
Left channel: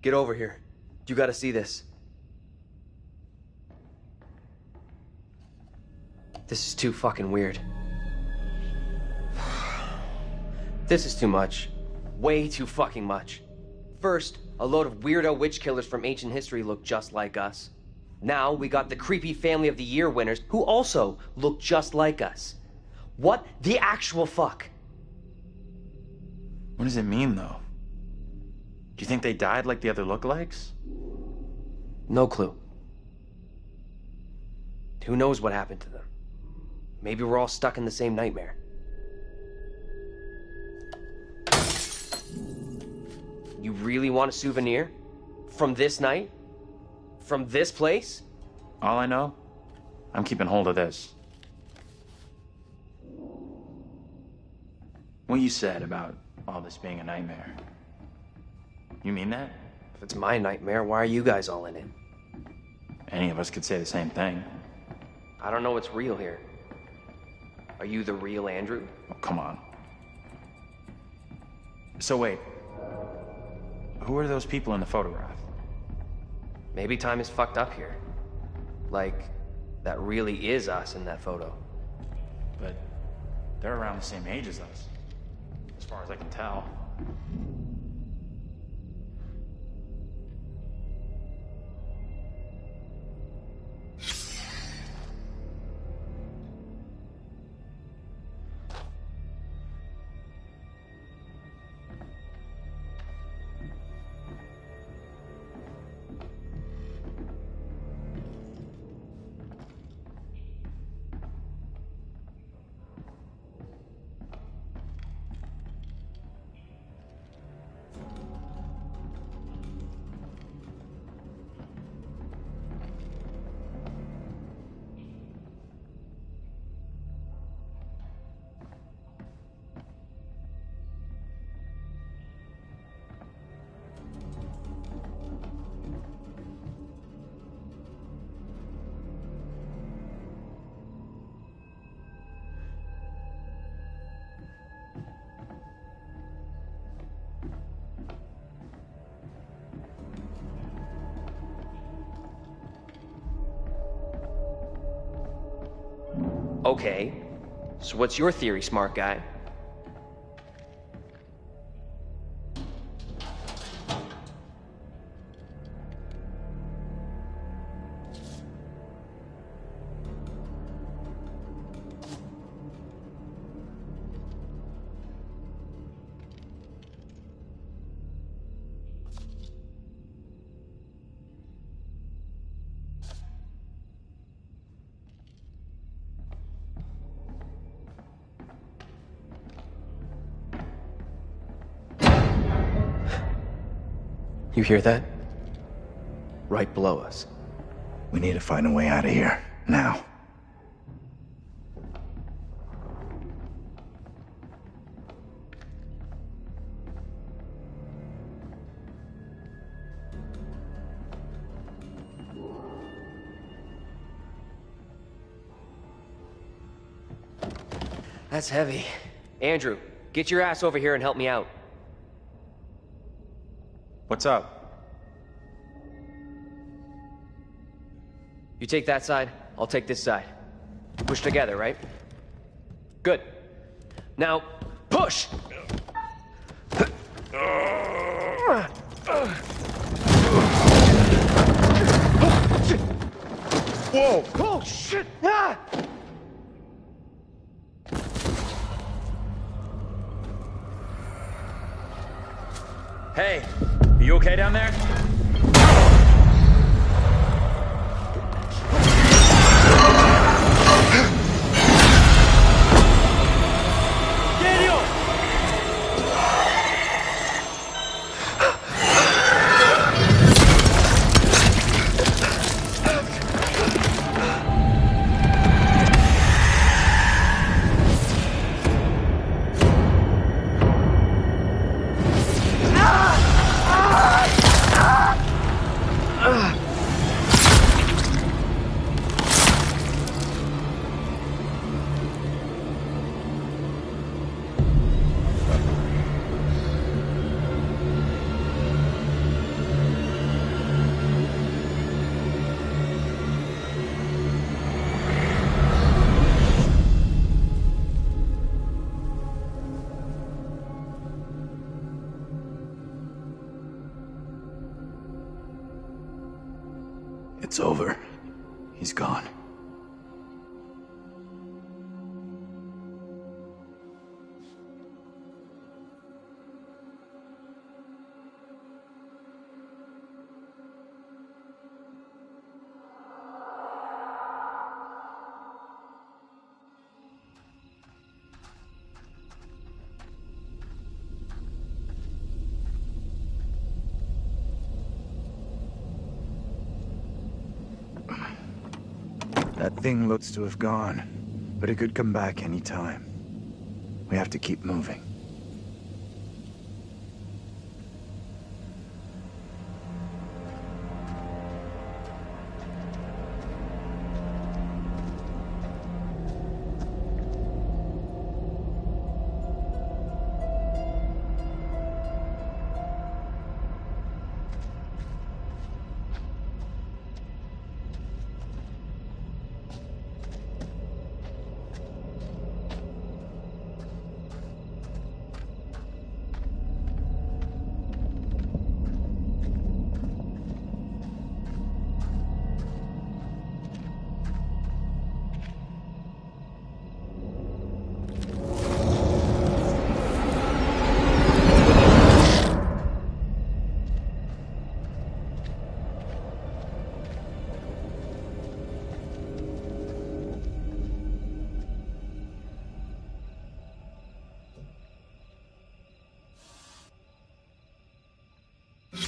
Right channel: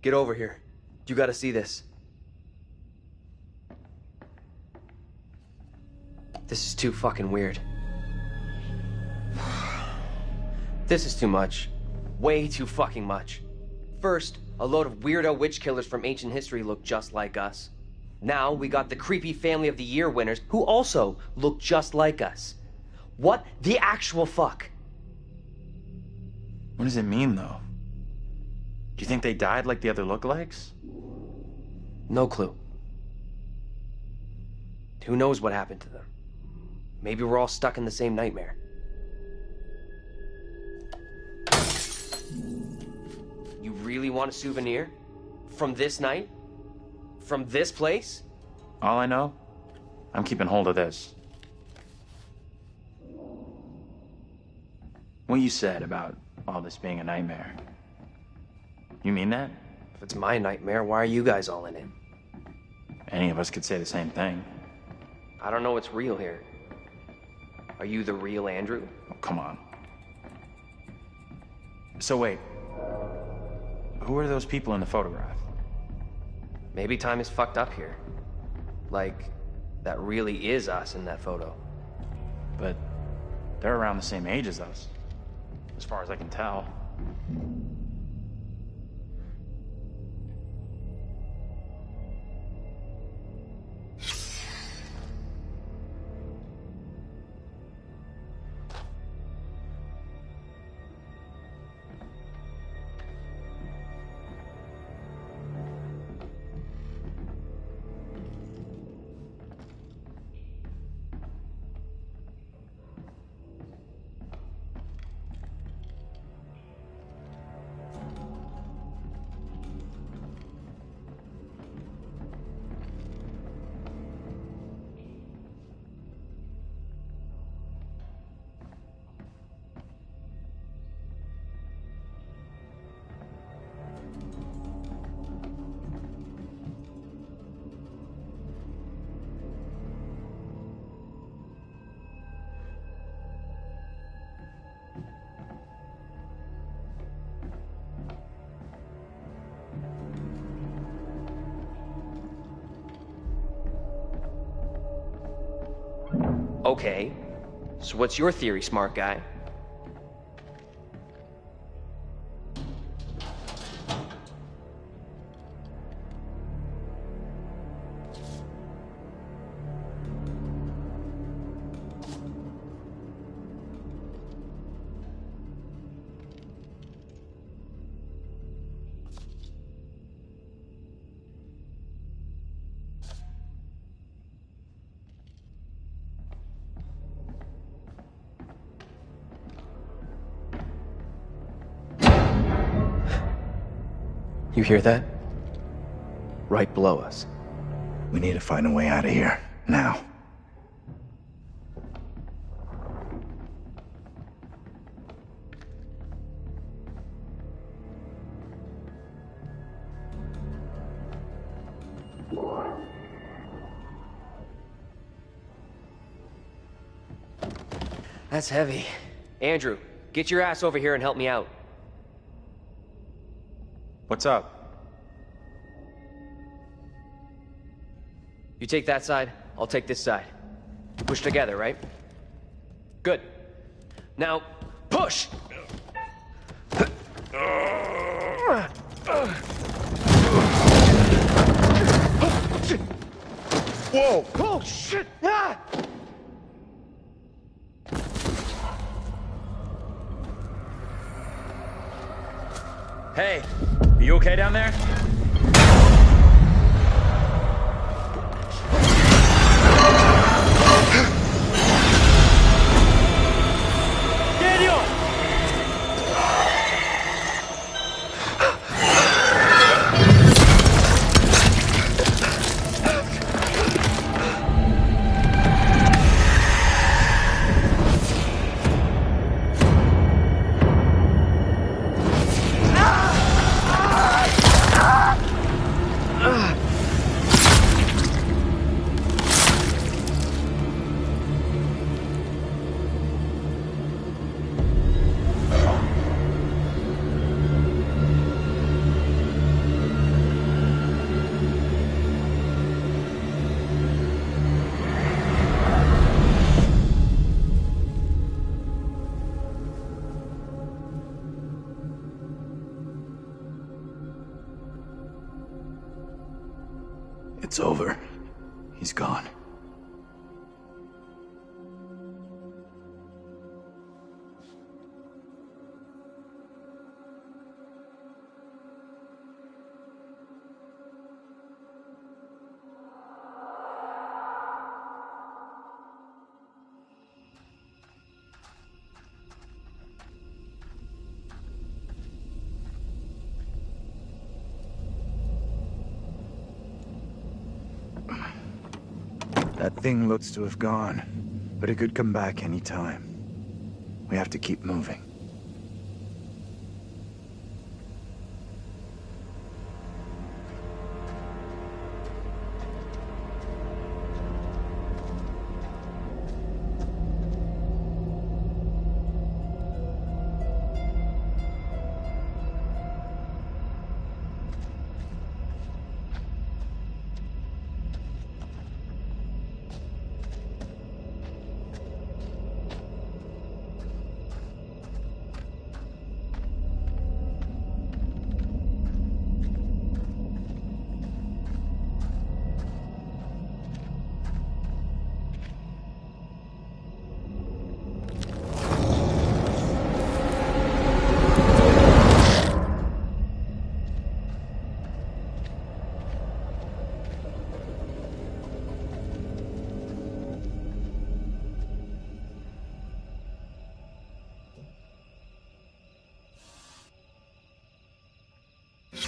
Get over here. You gotta see this. This is too fucking weird. This is too much. Way too fucking much. First, a load of weirdo witch killers from ancient history look just like us. Now, we got the creepy Family of the Year winners who also look just like us. What the actual fuck? What does it mean, though? Do you think they died like the other lookalikes? No clue. Who knows what happened to them? Maybe we're all stuck in the same nightmare. You really want a souvenir? From this night? From this place? All I know, I'm keeping hold of this. What you said about all this being a nightmare. You mean that? If it's my nightmare, why are you guys all in it? Any of us could say the same thing. I don't know what's real here. Are you the real Andrew? Oh, come on. So wait. Who are those people in the photograph? Maybe time is fucked up here. Like, that really is us in that photo. But they're around the same age as us, as far as I can tell. Okay, so what's your theory, smart guy? You hear that? Right below us. We need to find a way out of here, now. That's heavy. Andrew, get your ass over here and help me out. What's up? You take that side, I'll take this side. Push together, right? Good. Now, push! Whoa! Oh, shit! Ah! Hey, are you okay down there? It's over. He's gone. That thing looks to have gone, but it could come back any time. We have to keep moving.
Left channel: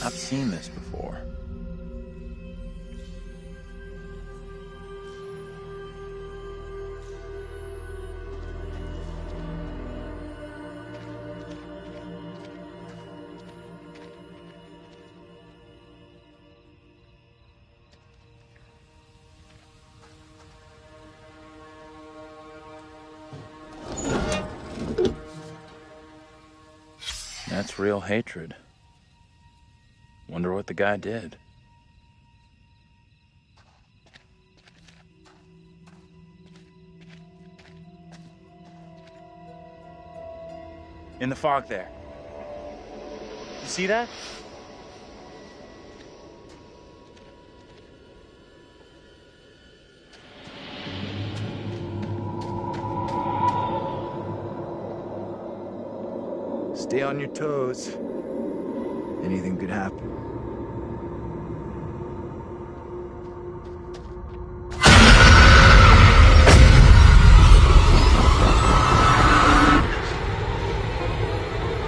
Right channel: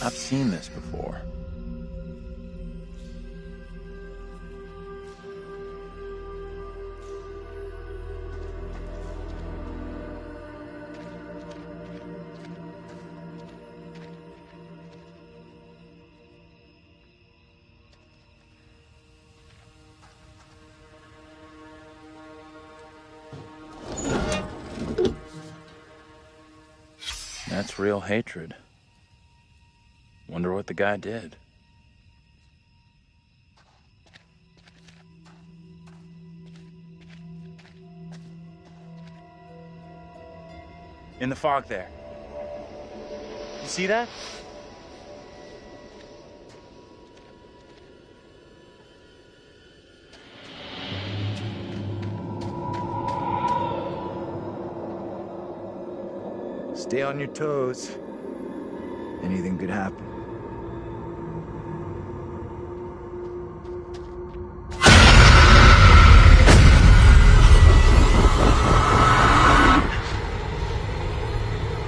I've seen this before. That's real hatred. Wonder what the guy did. In the fog there. You see that? Stay on your toes. Anything could happen.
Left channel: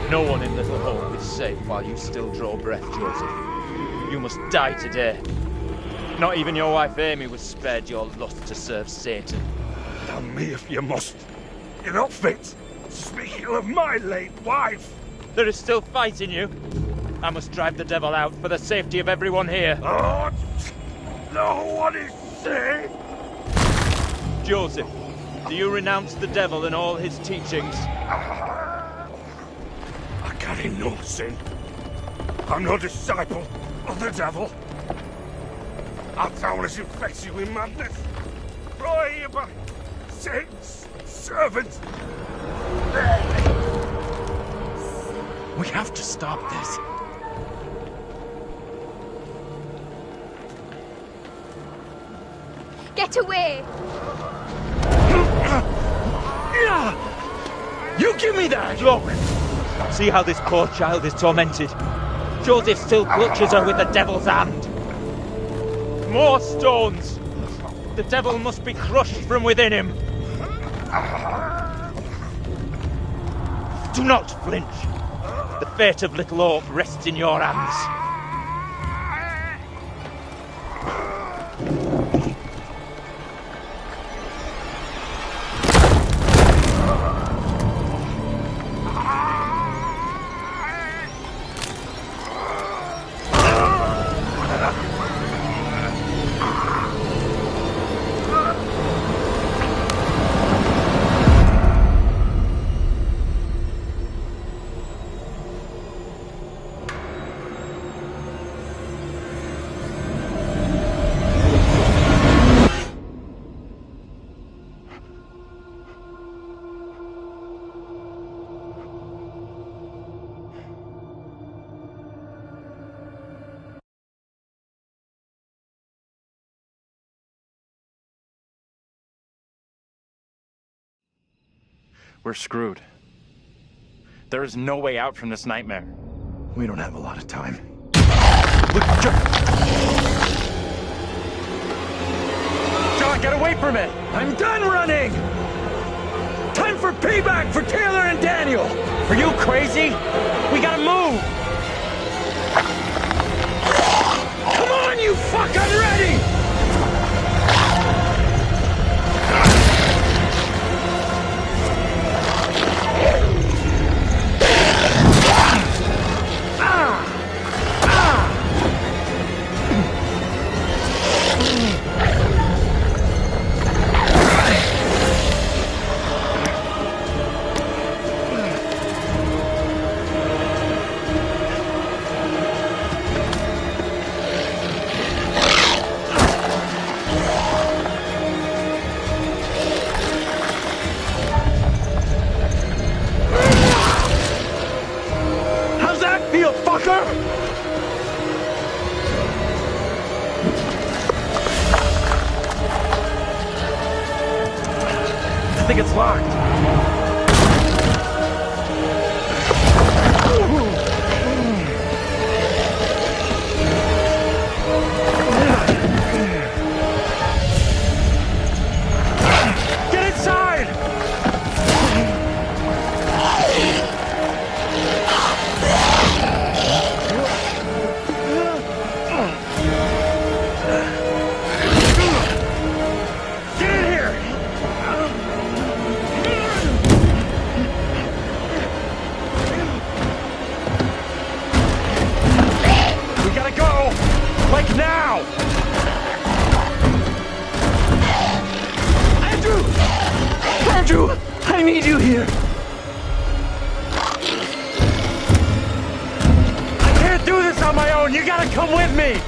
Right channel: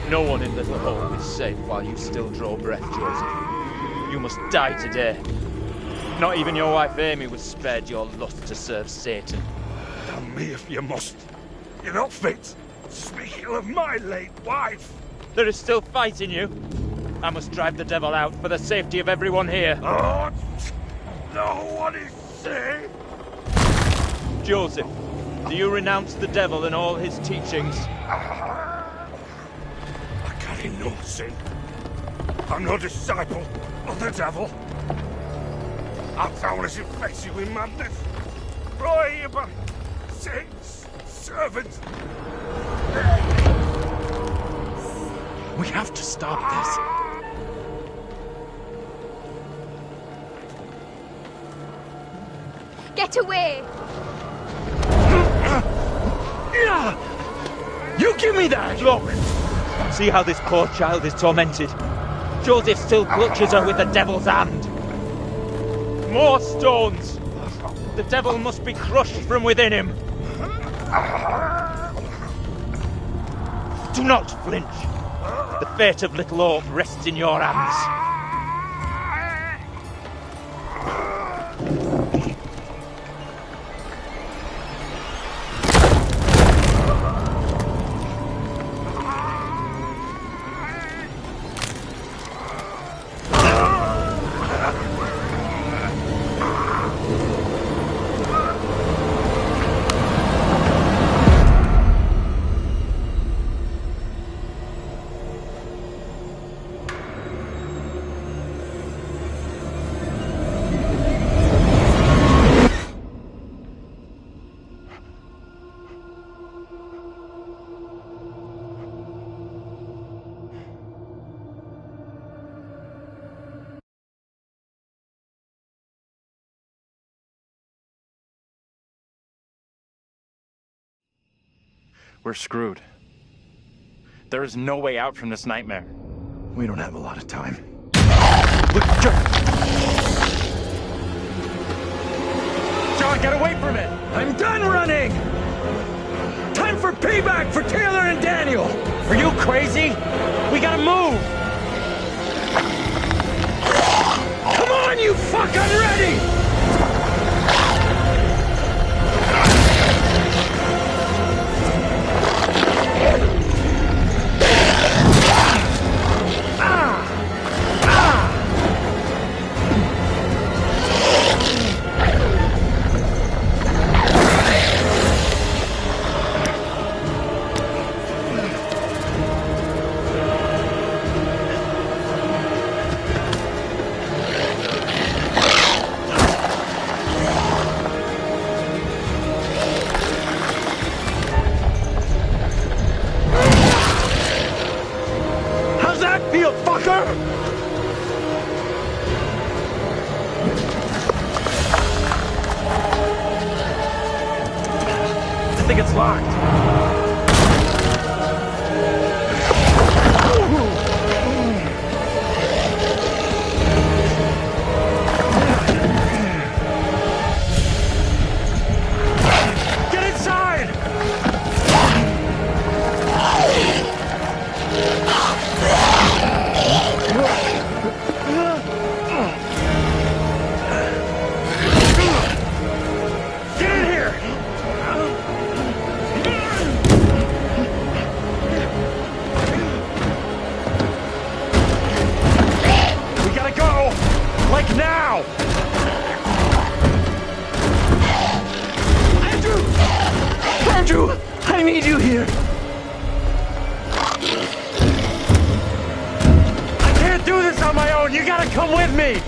No one in Little Hope is safe while you still draw breath, Joseph. You must die today. Not even your wife Amy was spared your lust to serve Satan. Damn me if you must. You're not fit to speak ill of my late wife. There is still fight in you. I must drive the devil out for the safety of everyone here. Oh, no one is safe. Joseph, do you renounce the devil and all his teachings? I carry no sin. I'm no disciple of the devil. Our town is infected with madness. Brought here by Satan's servants. We have to stop this. Get away! You give me that! Look! See how this poor child is tormented. Joseph still clutches her with the devil's hand. More stones! The devil must be crushed from within him. Do not flinch. The fate of Little Hope rests in your hands. We're screwed. There is no way out from this nightmare. We don't have a lot of time. Look, John, get away from it! I'm done running! Time for payback for Taylor and Daniel! Are you crazy? We gotta move! Come on, you fuck! I'm ready! I think it's locked. Get inside! Get in here! Like now! Andrew! Andrew! I need you here! I can't do this on my own! You gotta come with me!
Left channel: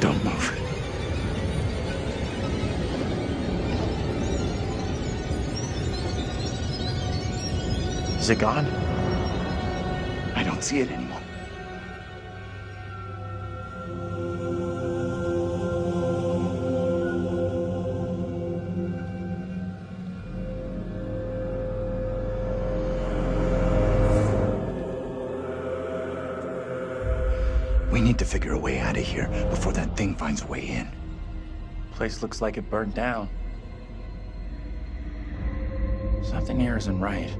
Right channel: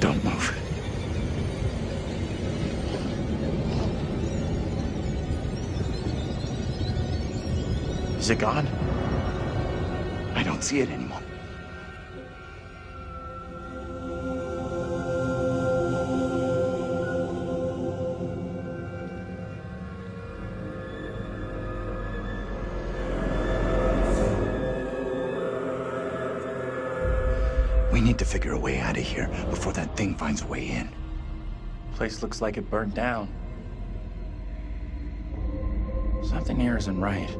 Don't move. Is it gone? I don't see it anymore. We need to figure a way out of here before that thing finds a way in. Place looks like it burned down. Something here isn't right.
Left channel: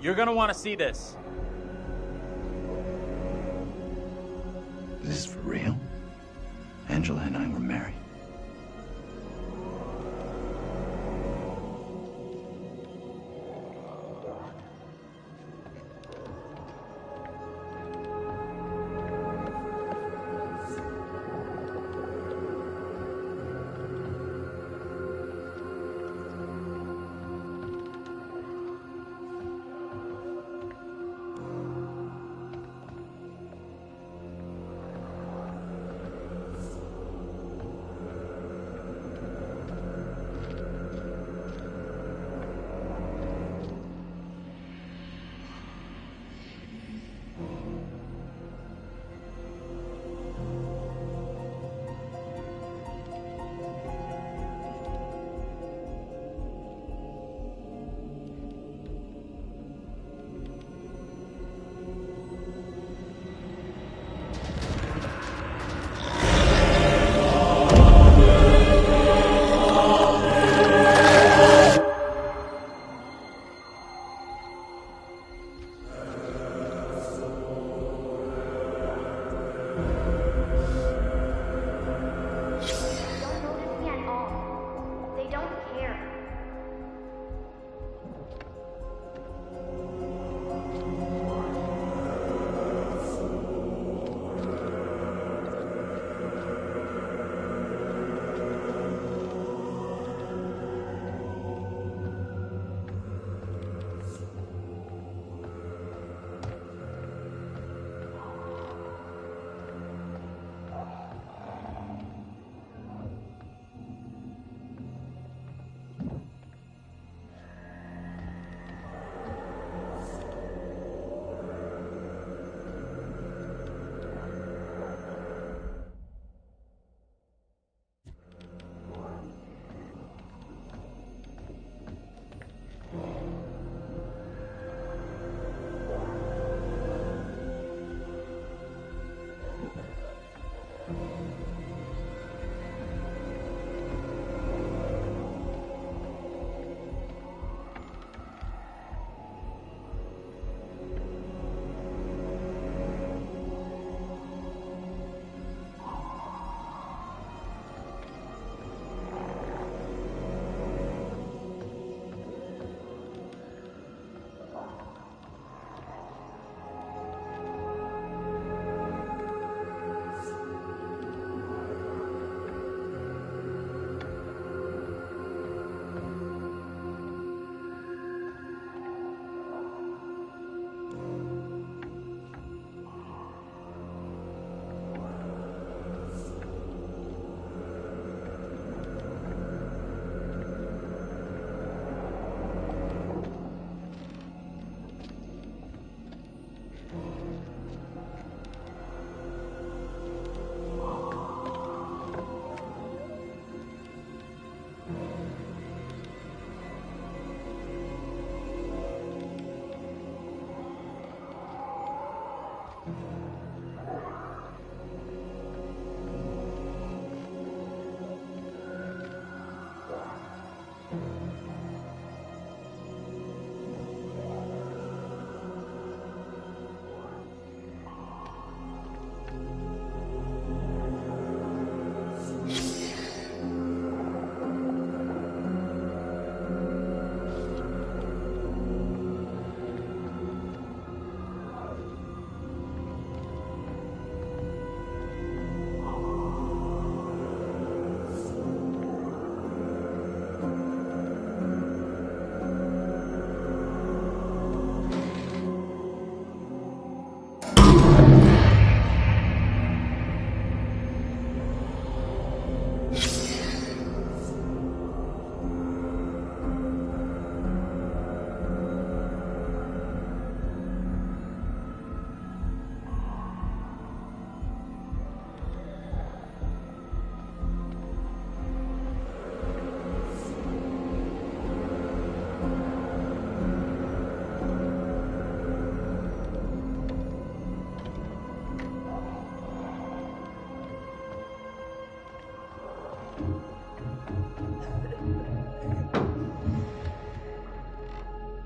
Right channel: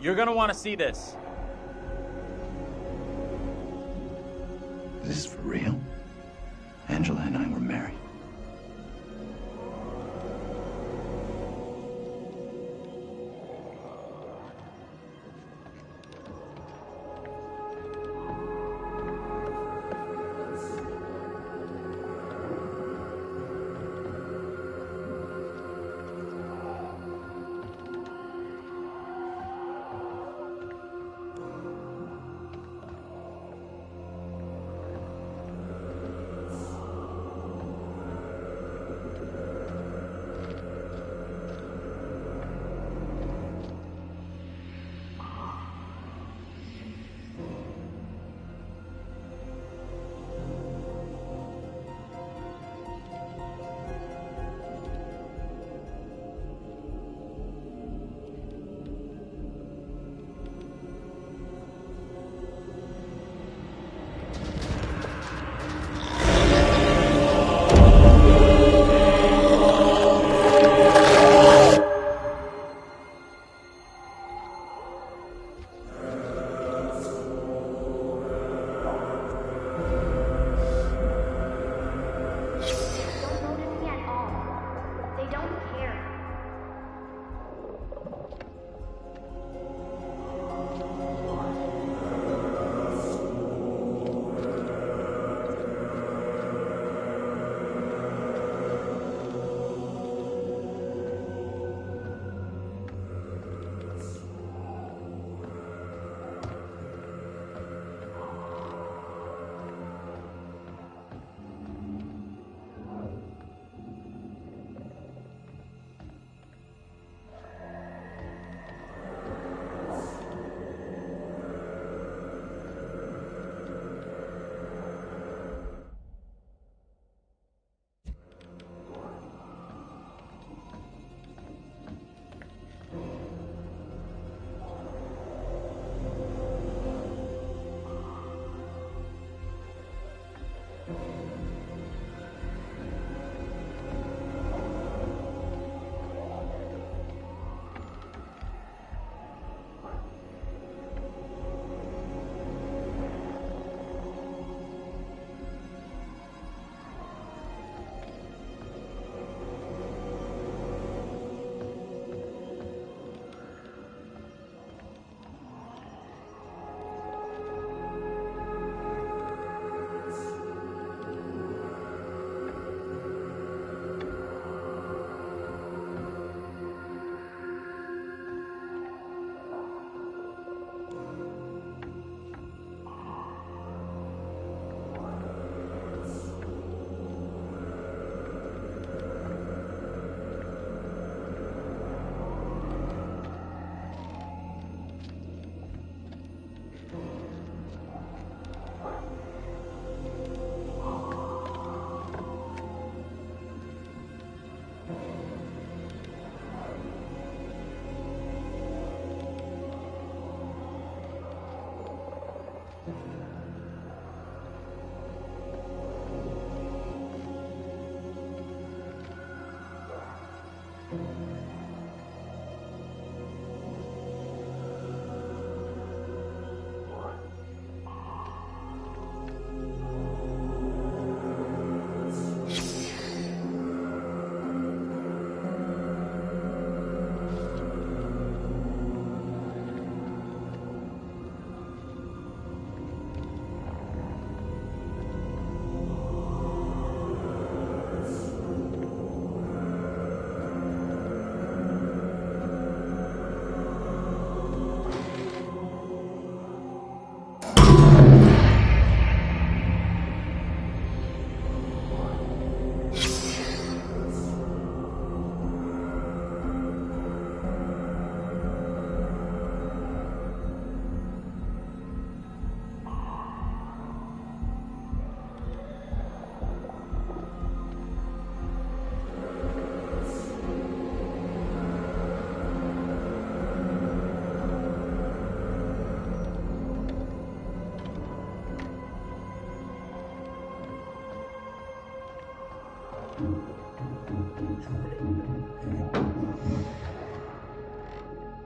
You're gonna want to see this. This is for real? Angela and I were married.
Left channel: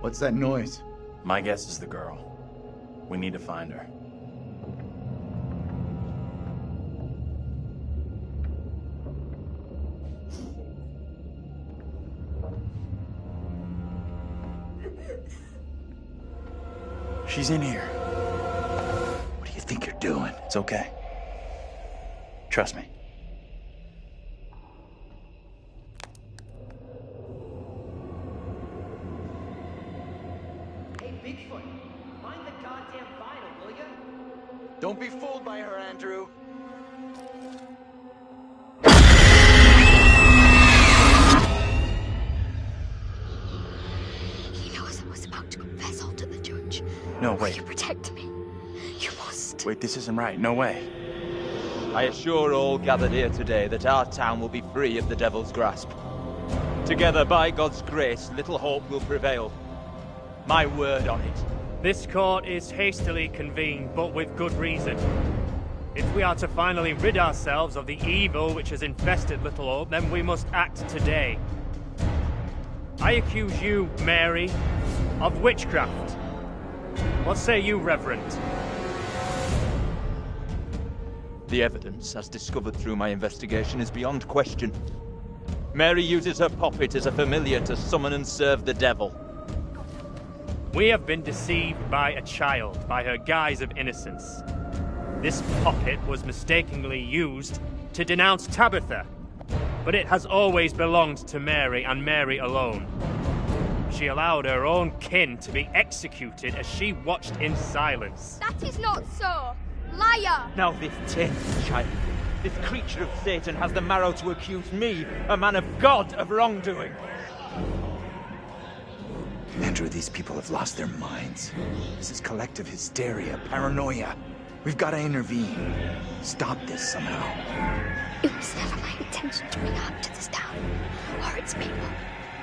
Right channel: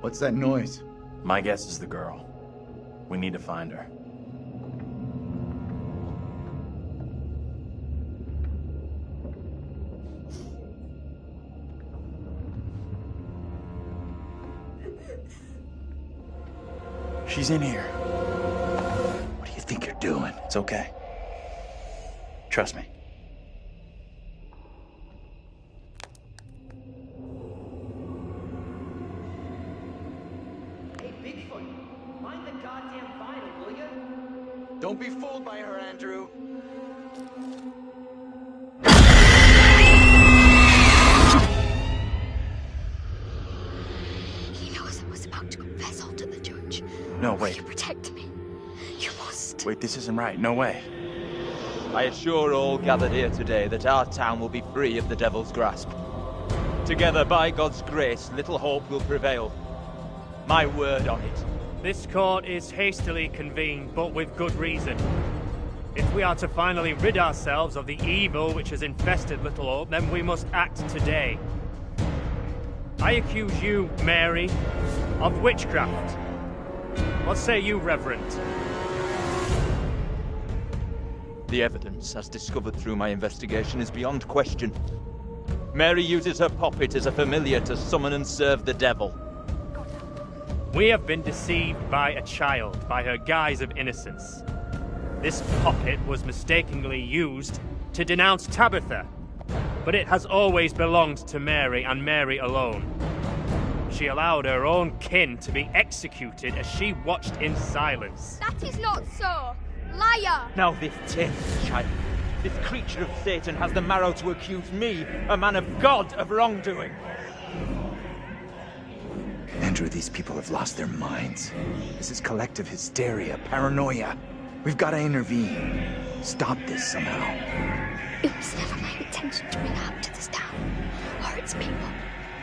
What's that noise? My guess is the girl. We need to find her. She's in here. What do you think you're doing? It's okay. Trust me. Hey, Bigfoot, mind the goddamn vinyl, will ya? Don't be fooled by her, Andrew. He knows I was about to confess all to the judge. No, Will wait. you protect me? You must. Wait, this isn't right. No way. I assure all gathered here today that our town will be free of the devil's grasp. Together, by God's grace, little hope will prevail. My word on it. This court is hastily convened, but with good reason. If we are to finally rid ourselves of the evil which has infested Little Hope, then we must act today. I accuse you, Mary, of witchcraft. What say you, Reverend? The evidence, as discovered through my investigation, is beyond question. Mary uses her puppet as a familiar to summon and serve the devil. We have been deceived by a child, by her guise of innocence. This puppet was mistakenly used to denounce Tabitha, but it has always belonged to Mary and Mary alone. She allowed her own kin to be executed as she watched in silence. That is not so. Liar! Now this tainted child, this creature of Satan, has the marrow to accuse me, a man of God, of wrongdoing. Andrew, these people have lost their minds. This is collective hysteria, paranoia. We've got to intervene. Stop this somehow. It was never my intention to bring harm to this town, or its people.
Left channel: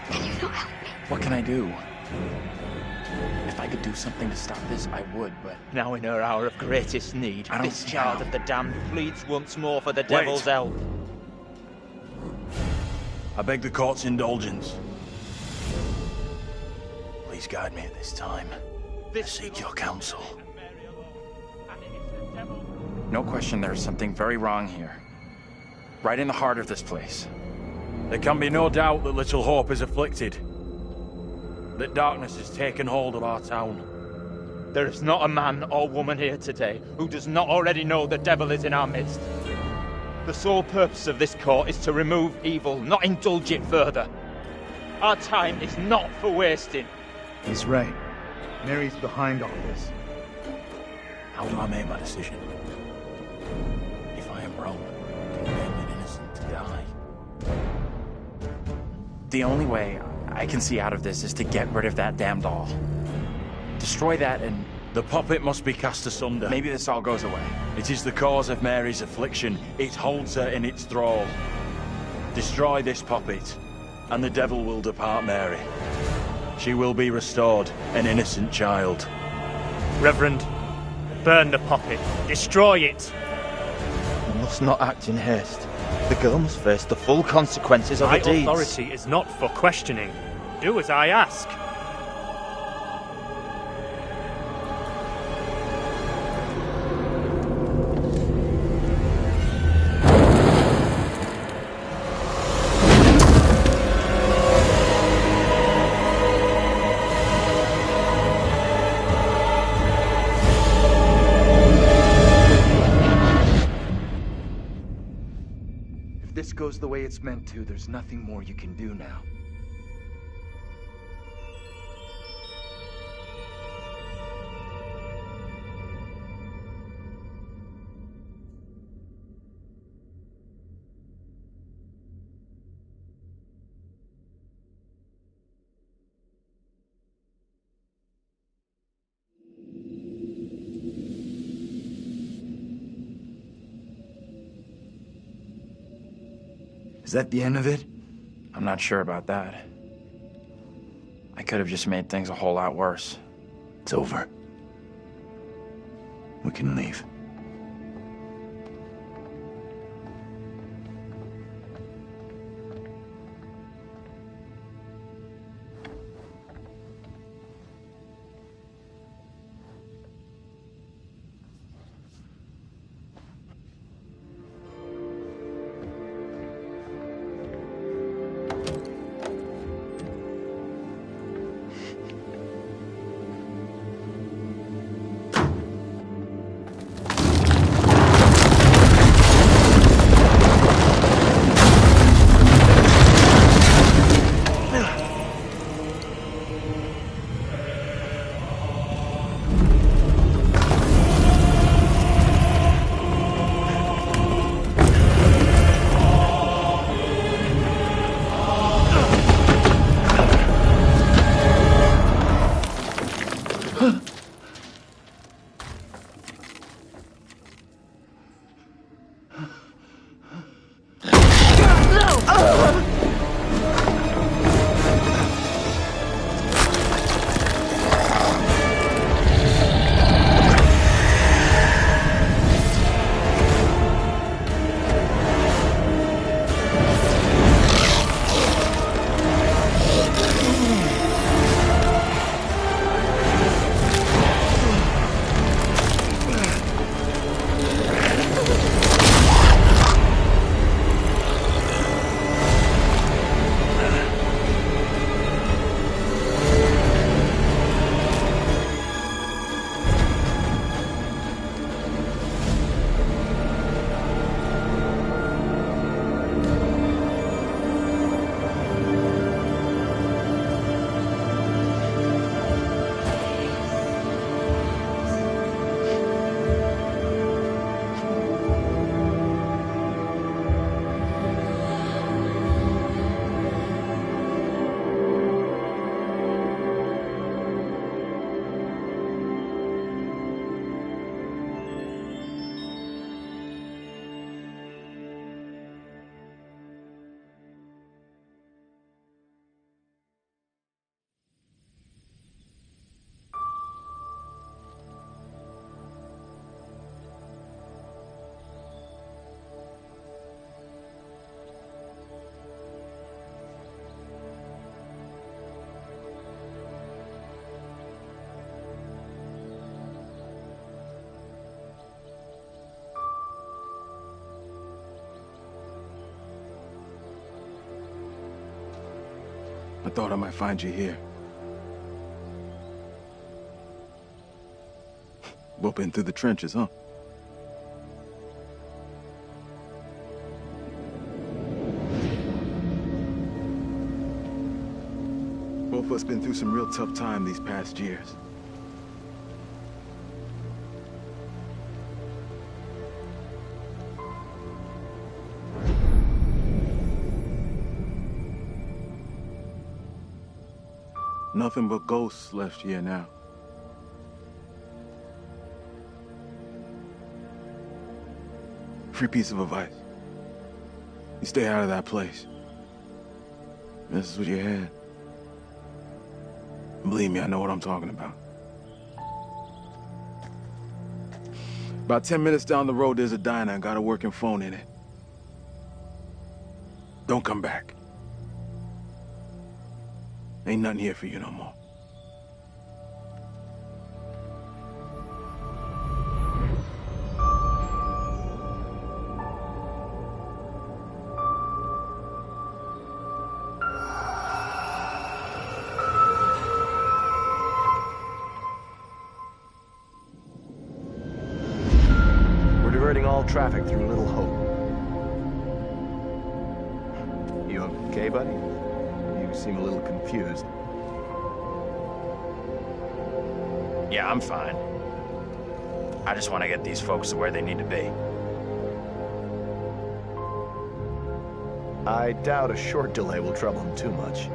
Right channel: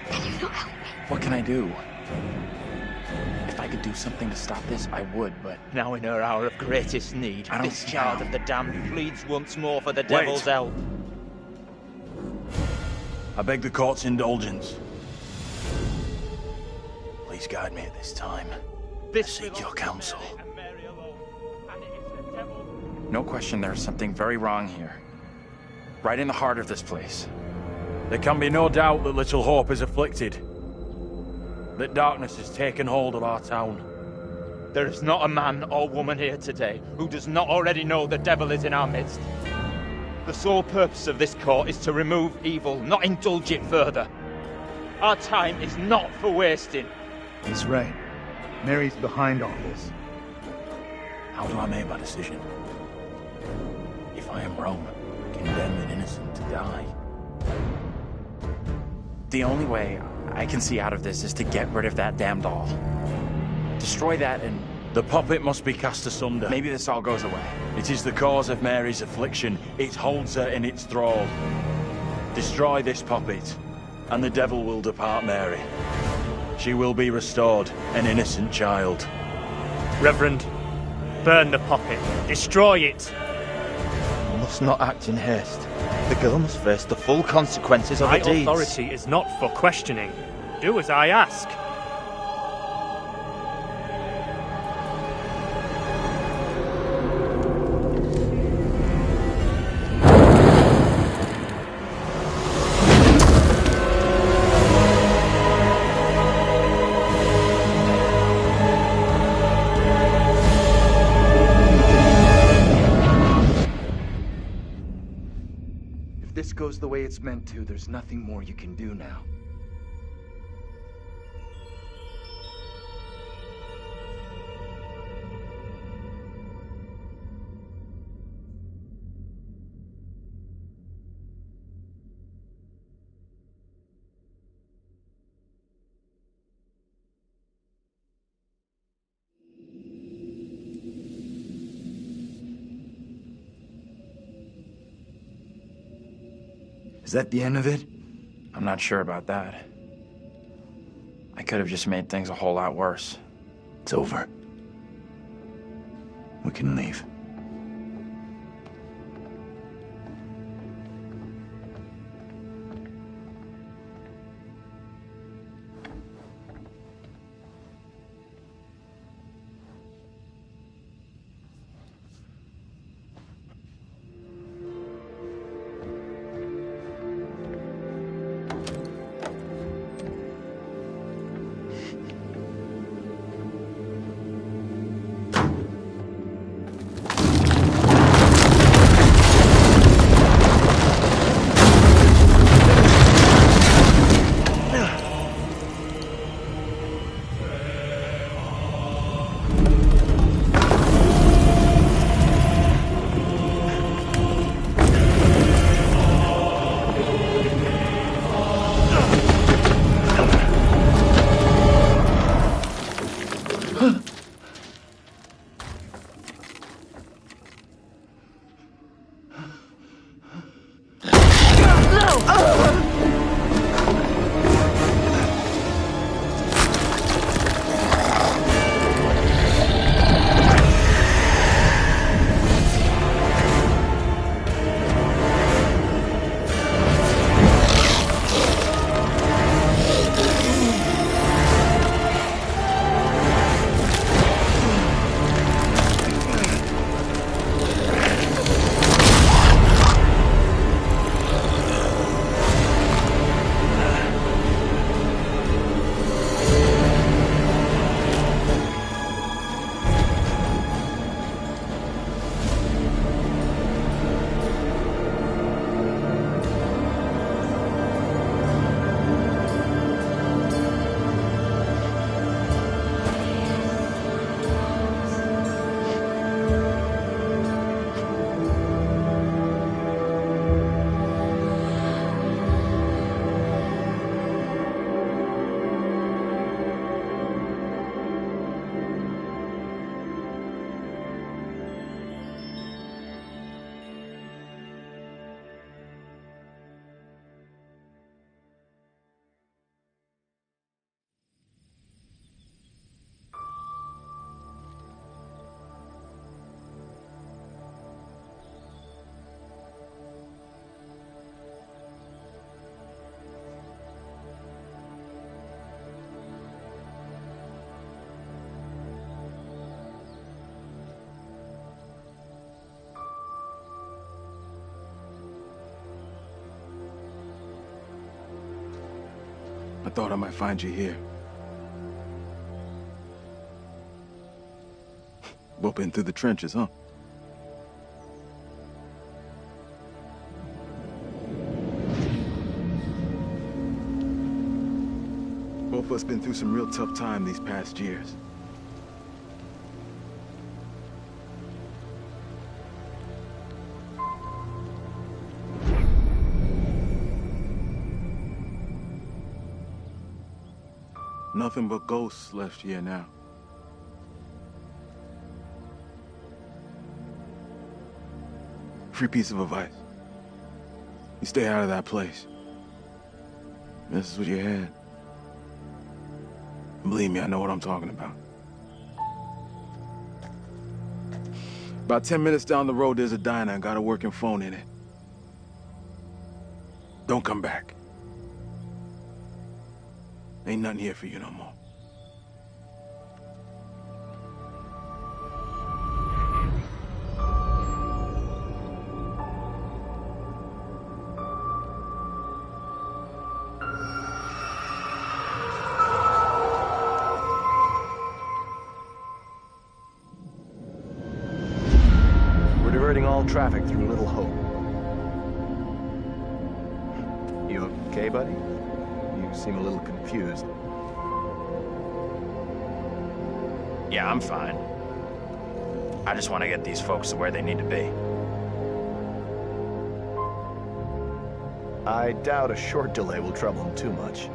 Can you not help me? What can I do? If I could do something to stop this, I would, but... Now in her hour of greatest need, I don't this child know. of the damned pleads once more for the devil's help. I beg the court's indulgence. Please guide me at this time. I seek your counsel. No question there's something very wrong here. Right in the heart of this place. There can be no doubt that Little Hope is afflicted. That darkness has taken hold of our town. There is not a man or woman here today who does not already know the devil is in our midst. The sole purpose of this court is to remove evil, not indulge it further. Our time is not for wasting. He's right. Mary's behind all this. How do I make my decision? If I am wrong, condemn an innocent to die. The only way I can see out of this is to get rid of that damn doll. Destroy that and... The puppet must be cast asunder. maybe this all goes away. It is the cause of Mary's affliction. It holds her in its thrall. Destroy this puppet, and the devil will depart Mary. She will be restored, an innocent child. Reverend, burn the puppet. Destroy it. You must not act in haste. The girl must face the full consequences of her My deeds. authority is not for questioning. Do as I ask. If this goes the way it's meant to, there's nothing more you can do now. Is that the end of it? I'm not sure about that. I could have just made things a whole lot worse. It's over. We can leave. thought I might find you here. Both been through the trenches, huh? Both of us been through some real tough time these past years. Nothing but ghosts left here now. Free piece of advice. You stay out of that place. This is what you had. Believe me, I know what I'm talking about. About 10 minutes down the road, there's a diner and got a working phone in it. Don't come back. Ain't nothing here for you no more. We're diverting all traffic through Little Hope. You okay, buddy? You seem a little confused. Yeah, I'm fine. I just want to get these folks to where they need to be. I doubt a short delay will trouble him too much.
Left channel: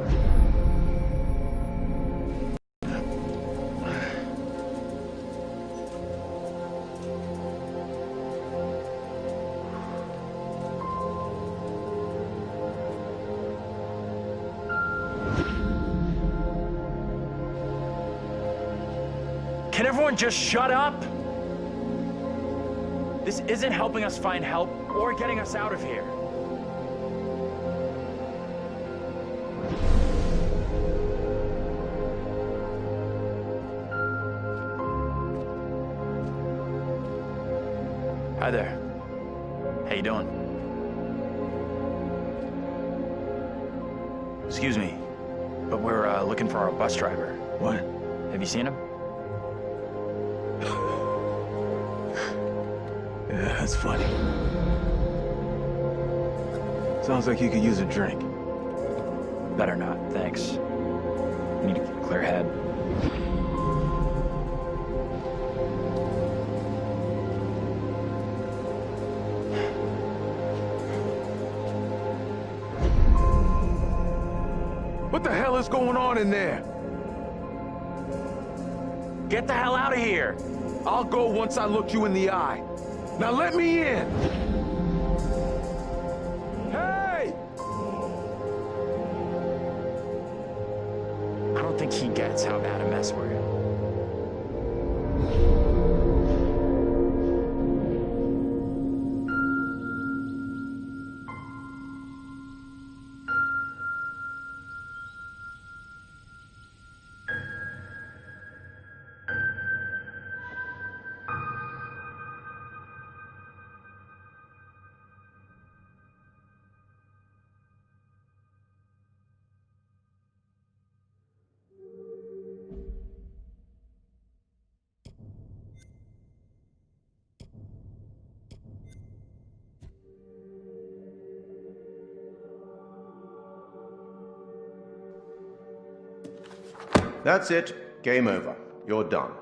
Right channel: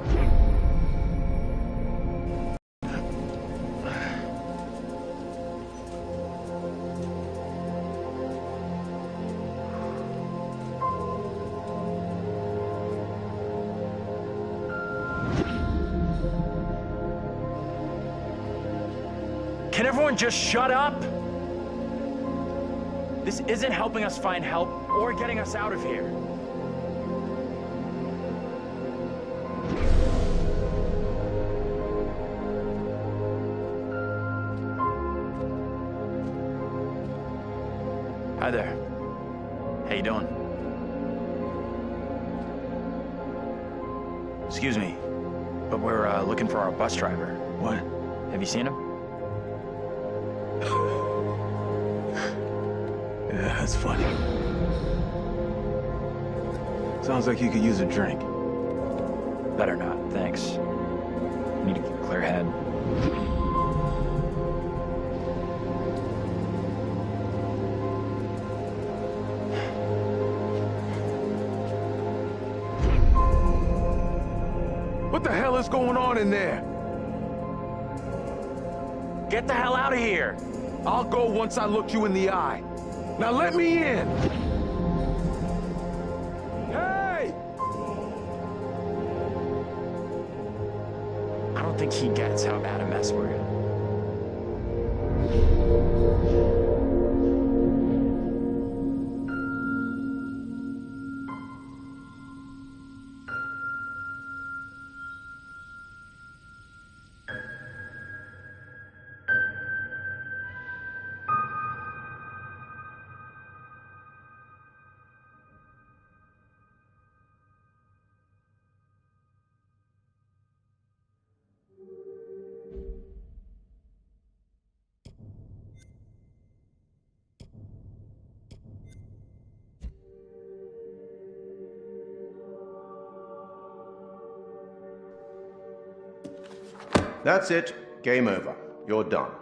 Can everyone just shut up? This isn't helping us find help or getting us out of here. Hi there. How you doing? Excuse me, but we're looking for our bus driver. What? Have you seen him? Yeah, that's funny. Sounds like you could use a drink. Better not, thanks. I need to keep a clear head. What the hell is going on in there? Get the hell out of here! I'll go once I look you in the eye. Now let me in! Hey! I don't think he gets how bad a mess we're in. That's it. Game over. You're done.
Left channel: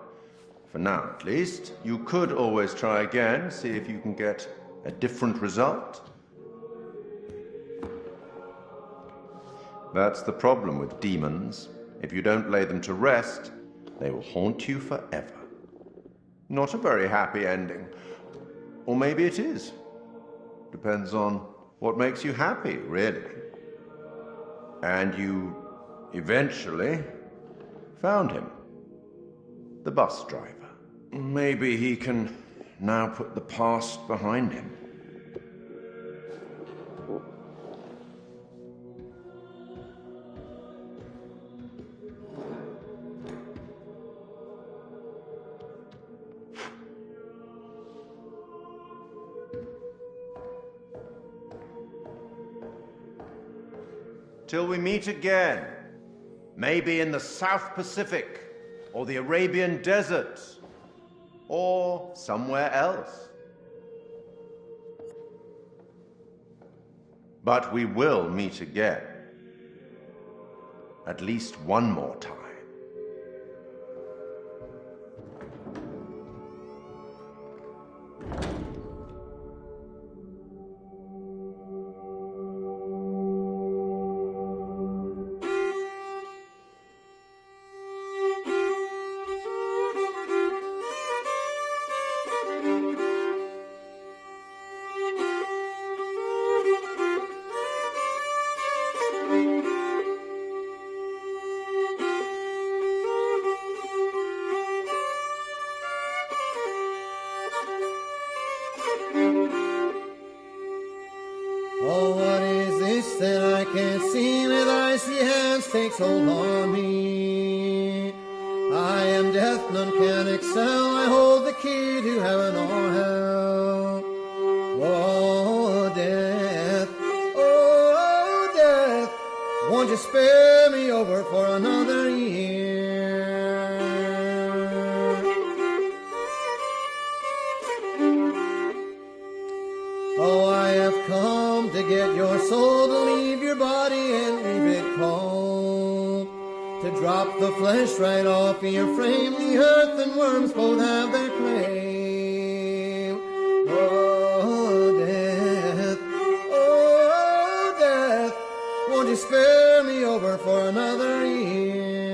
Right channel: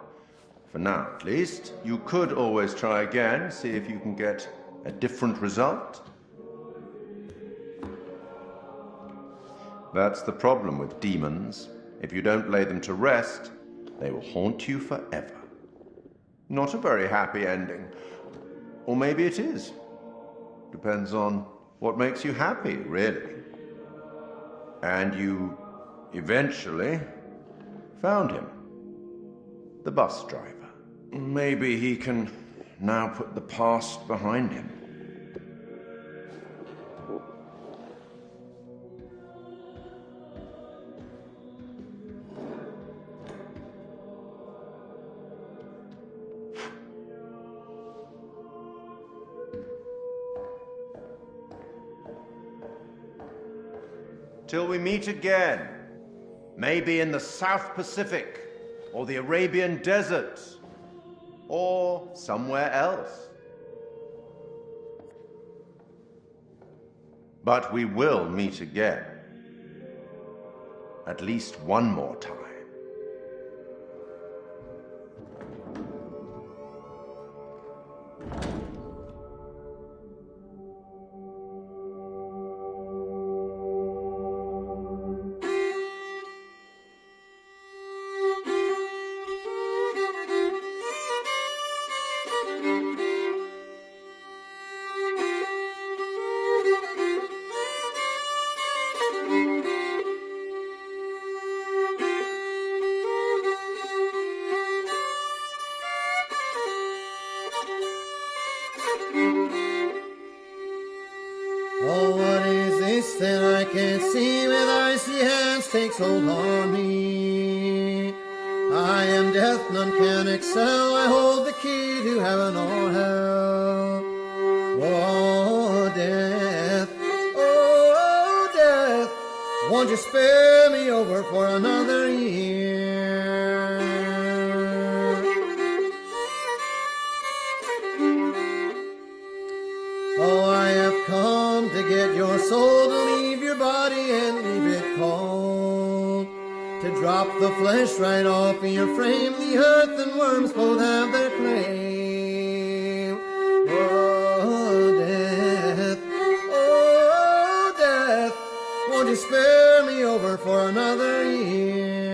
For now, at least. You could always try again, see if you can get a different result. That's the problem with demons. If you don't lay them to rest, they will haunt you forever. Not a very happy ending. Or maybe it is. Depends on what makes you happy, really. And you eventually found him. The bus driver. Maybe he can now put the past behind him. Till we meet again, Maybe in the South Pacific, or the Arabian Desert, or somewhere else. But we will meet again. At least one more time. Oh, what is this that I can't see with icy hands takes hold on me? I am death, none can excel, I hold the key to heaven or hell. Oh, death, oh, death, won't you spare me over for another year? Oh, I have come to get your soul, to leave your body and leave it cold, to drop the flesh right off of your frame. The earth and worms both have their claim. Oh, death, won't you spare me over for another year?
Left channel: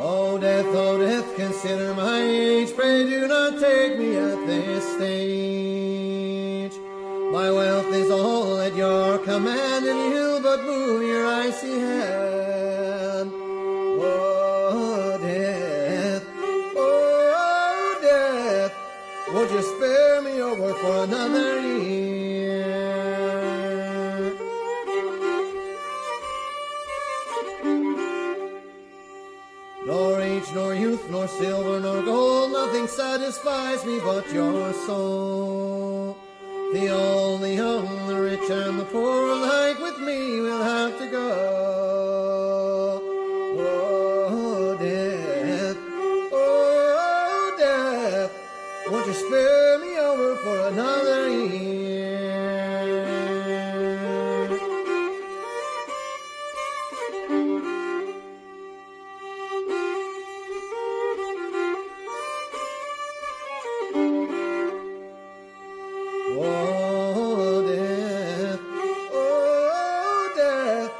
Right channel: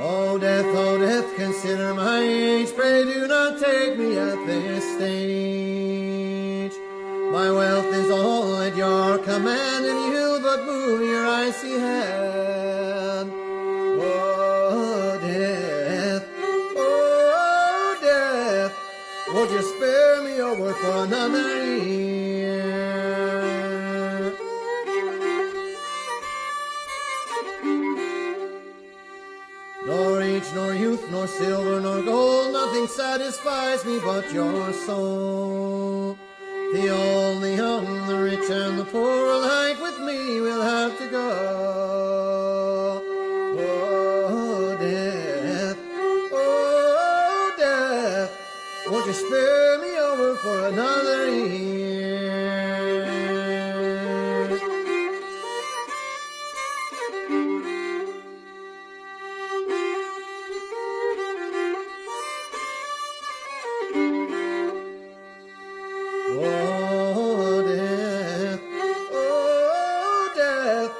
Oh, death, consider my age. Pray do not take me at this stage. My wealth is all at your command, and you but move your icy hand. Oh, death, won't you spare me over for another year? Nor age, nor youth, nor silver, nor gold, nothing satisfies me but your soul. The old, the young, the rich, and the poor alike with me will have to go. Oh, death, won't you spare me over for another year? Oh, death,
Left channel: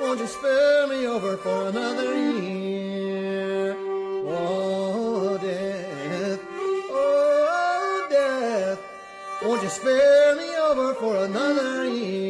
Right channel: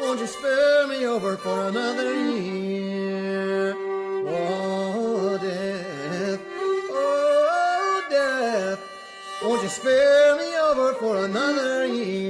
won't you spare me over for another year? Oh, death, won't you spare me over for another year?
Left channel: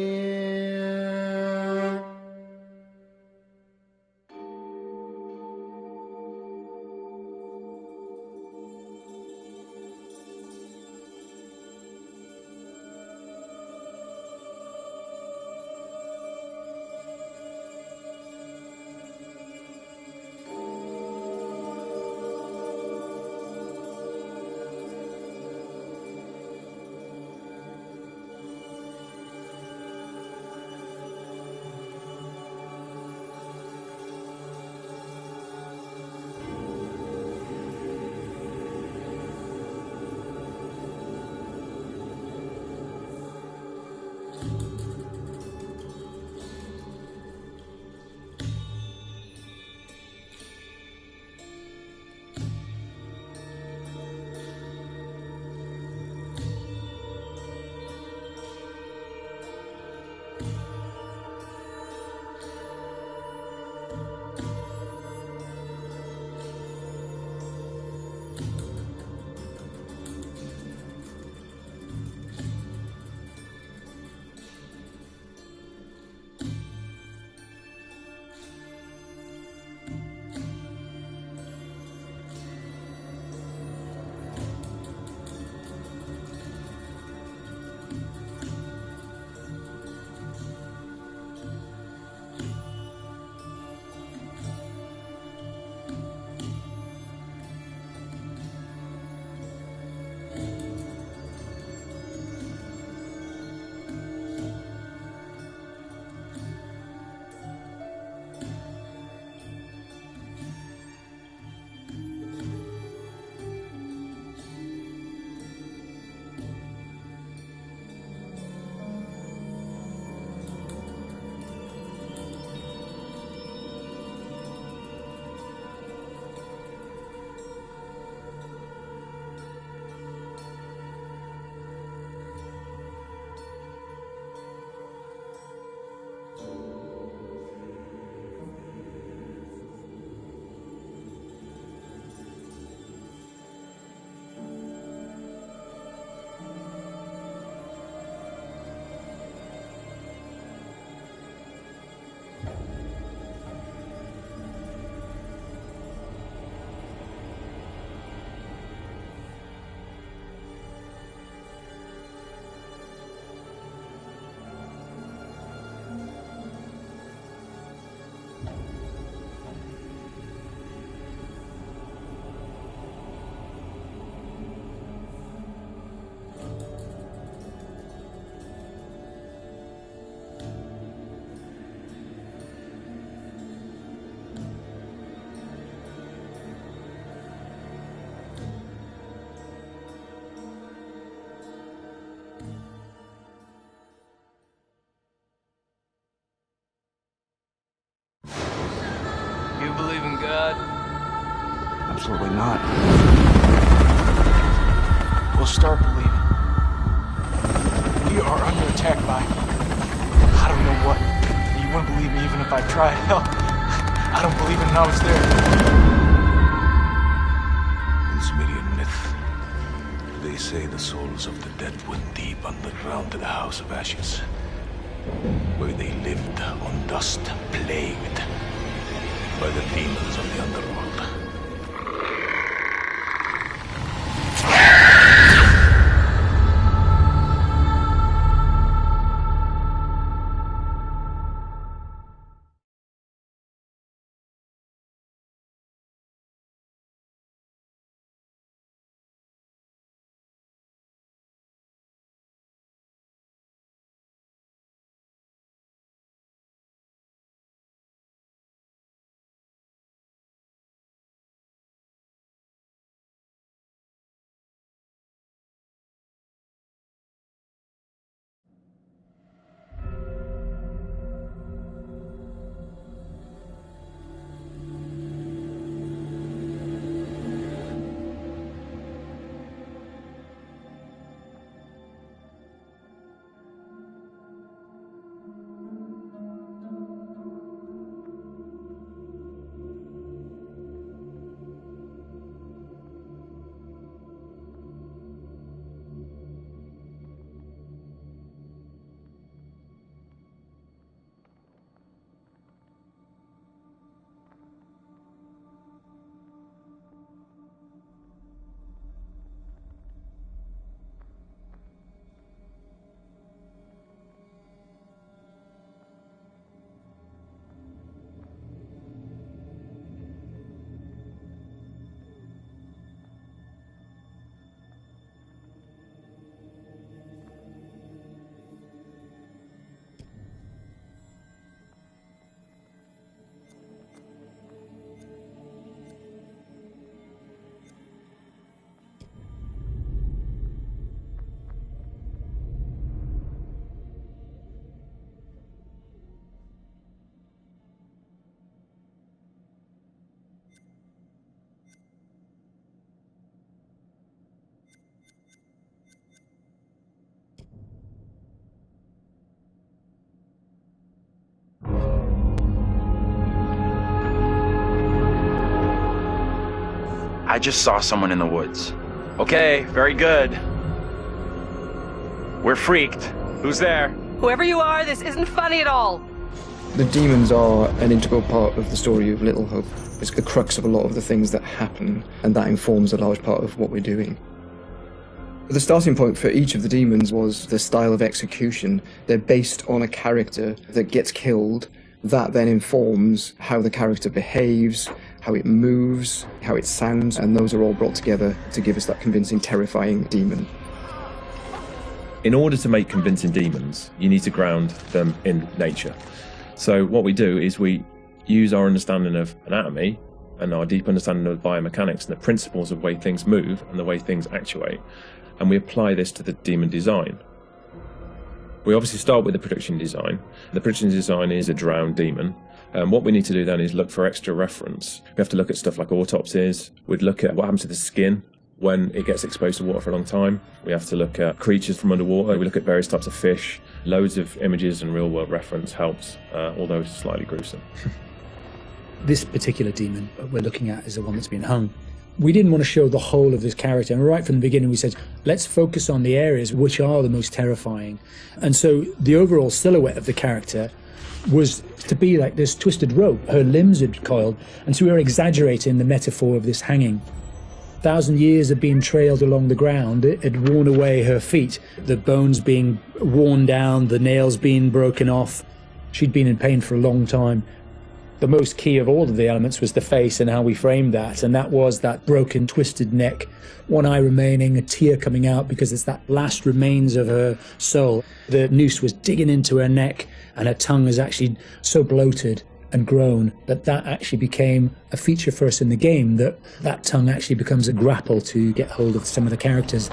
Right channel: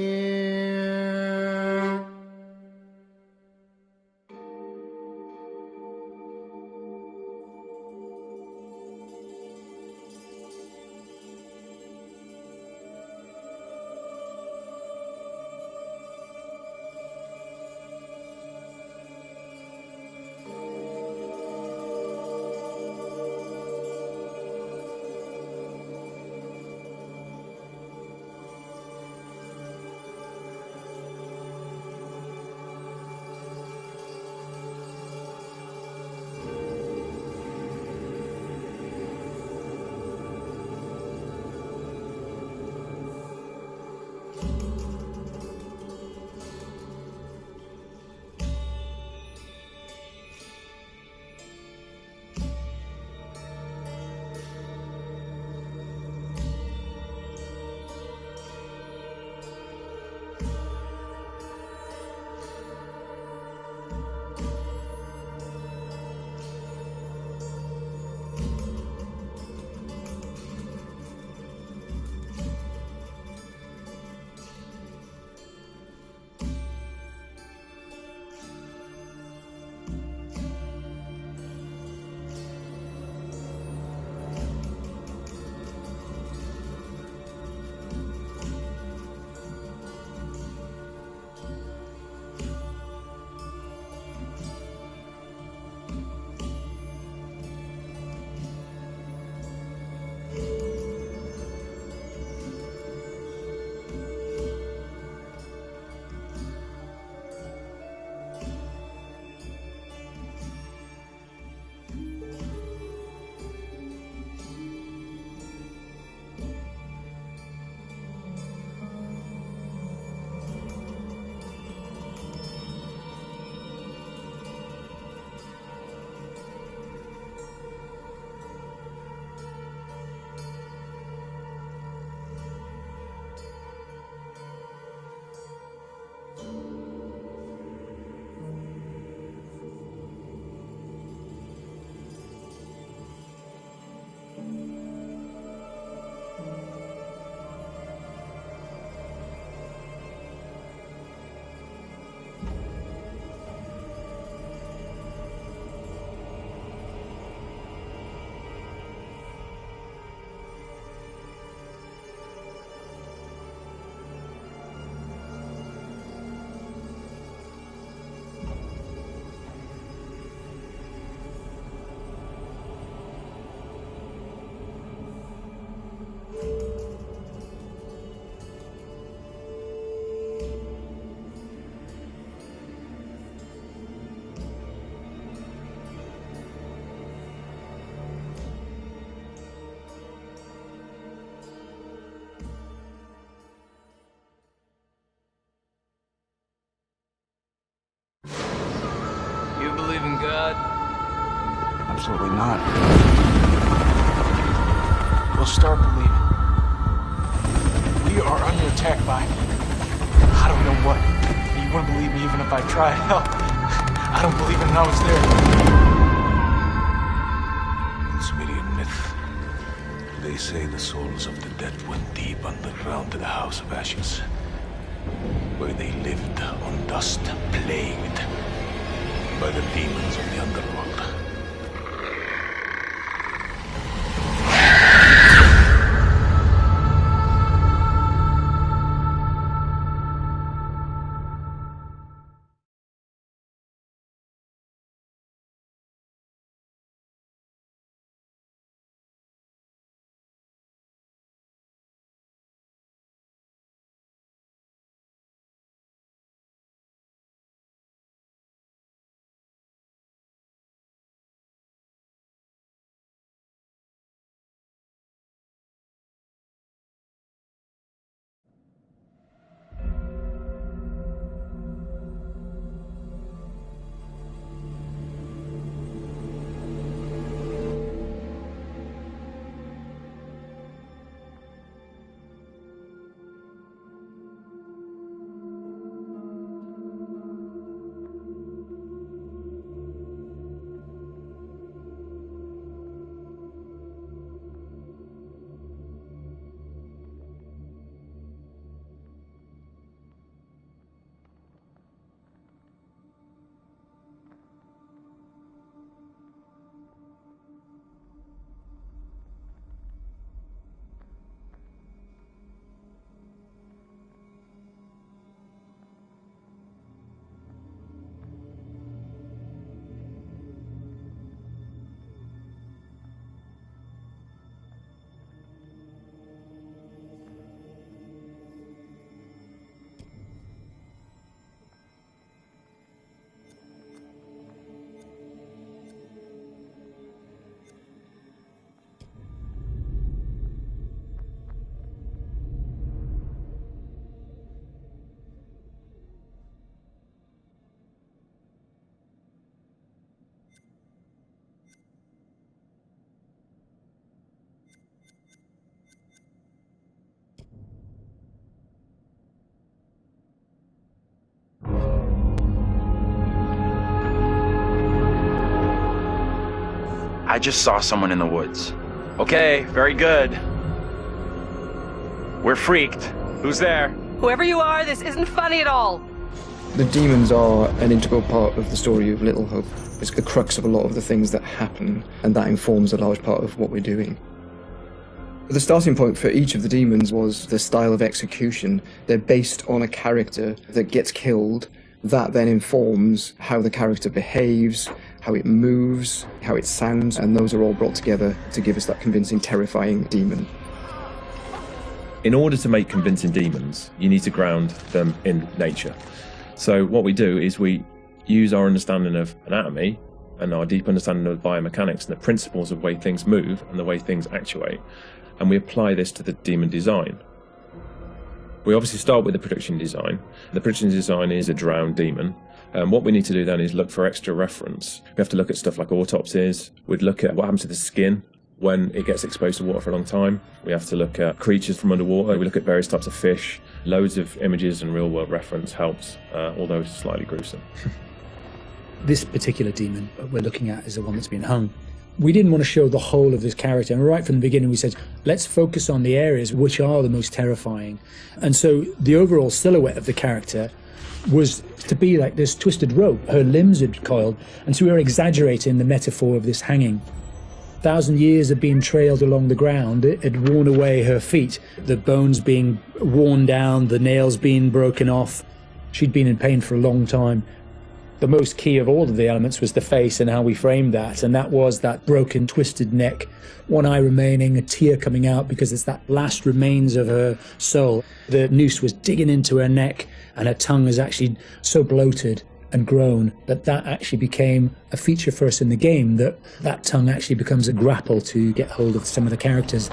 believe in God? Absolutely not. We'll start believing. We are under attack by... I don't know what. You wouldn't believe me even if I tried. Hell, I don't believe it and I was there. In Sumerian myth, they say the souls of the dead went deep underground to the House of Ashes, where they lived on dust, plagued by the demons of the underworld. I just saw someone in the woods. Okay, very good. We're freaked. Who's there? Whoever you are, this isn't funny at all. The demons are an integral part of the story of Little Hope. It's the crux of a lot of the things that happen, and that informs a large part of what we're doing. The starting point for each of the demons was the style of execution. They're based on a character that gets killed. That then informs how the character behaves, how it moves, how it sounds, and those are all brought together to give us that convincing, terrifying demon. In order to make convincing demons, you need to ground them in nature. So what we do is we use our understanding of anatomy and our deep understanding of biomechanics and the principles of the way things move and the way things actuate, and we apply this to the demon design. We obviously start with the production design. The production design is a drowned demon. What we need to do then is look for extra reference. We have to look at stuff like autopsies. We'd look at what happens to the skin when it gets exposed to water for a long time. We have to look at creatures from underwater. We look at various types of fish. Loads of images and real-world reference helps, although it's slightly gruesome. This particular demon we're looking at is the one that's been hung. We didn't want to show the whole of this character, and right from the beginning we said, let's focus on the areas which are the most terrifying. And so the overall silhouette of the character was to be like this twisted rope. Her limbs had coiled, and so we were exaggerating the metaphor of this hanging. 1,000 years of being trailed along the ground, it had worn away her feet, the bones being worn down, the nails being broken off. She'd been in pain for a long time. The most key of all of the elements was the face and how we framed that, and that was that broken, twisted neck, one eye remaining, a tear coming out because it's that last remains of her soul. The noose was digging into her neck, and her tongue is actually so bloated and grown that actually became a feature for us in the game, that tongue actually becomes a grapple to get hold of some of the characters.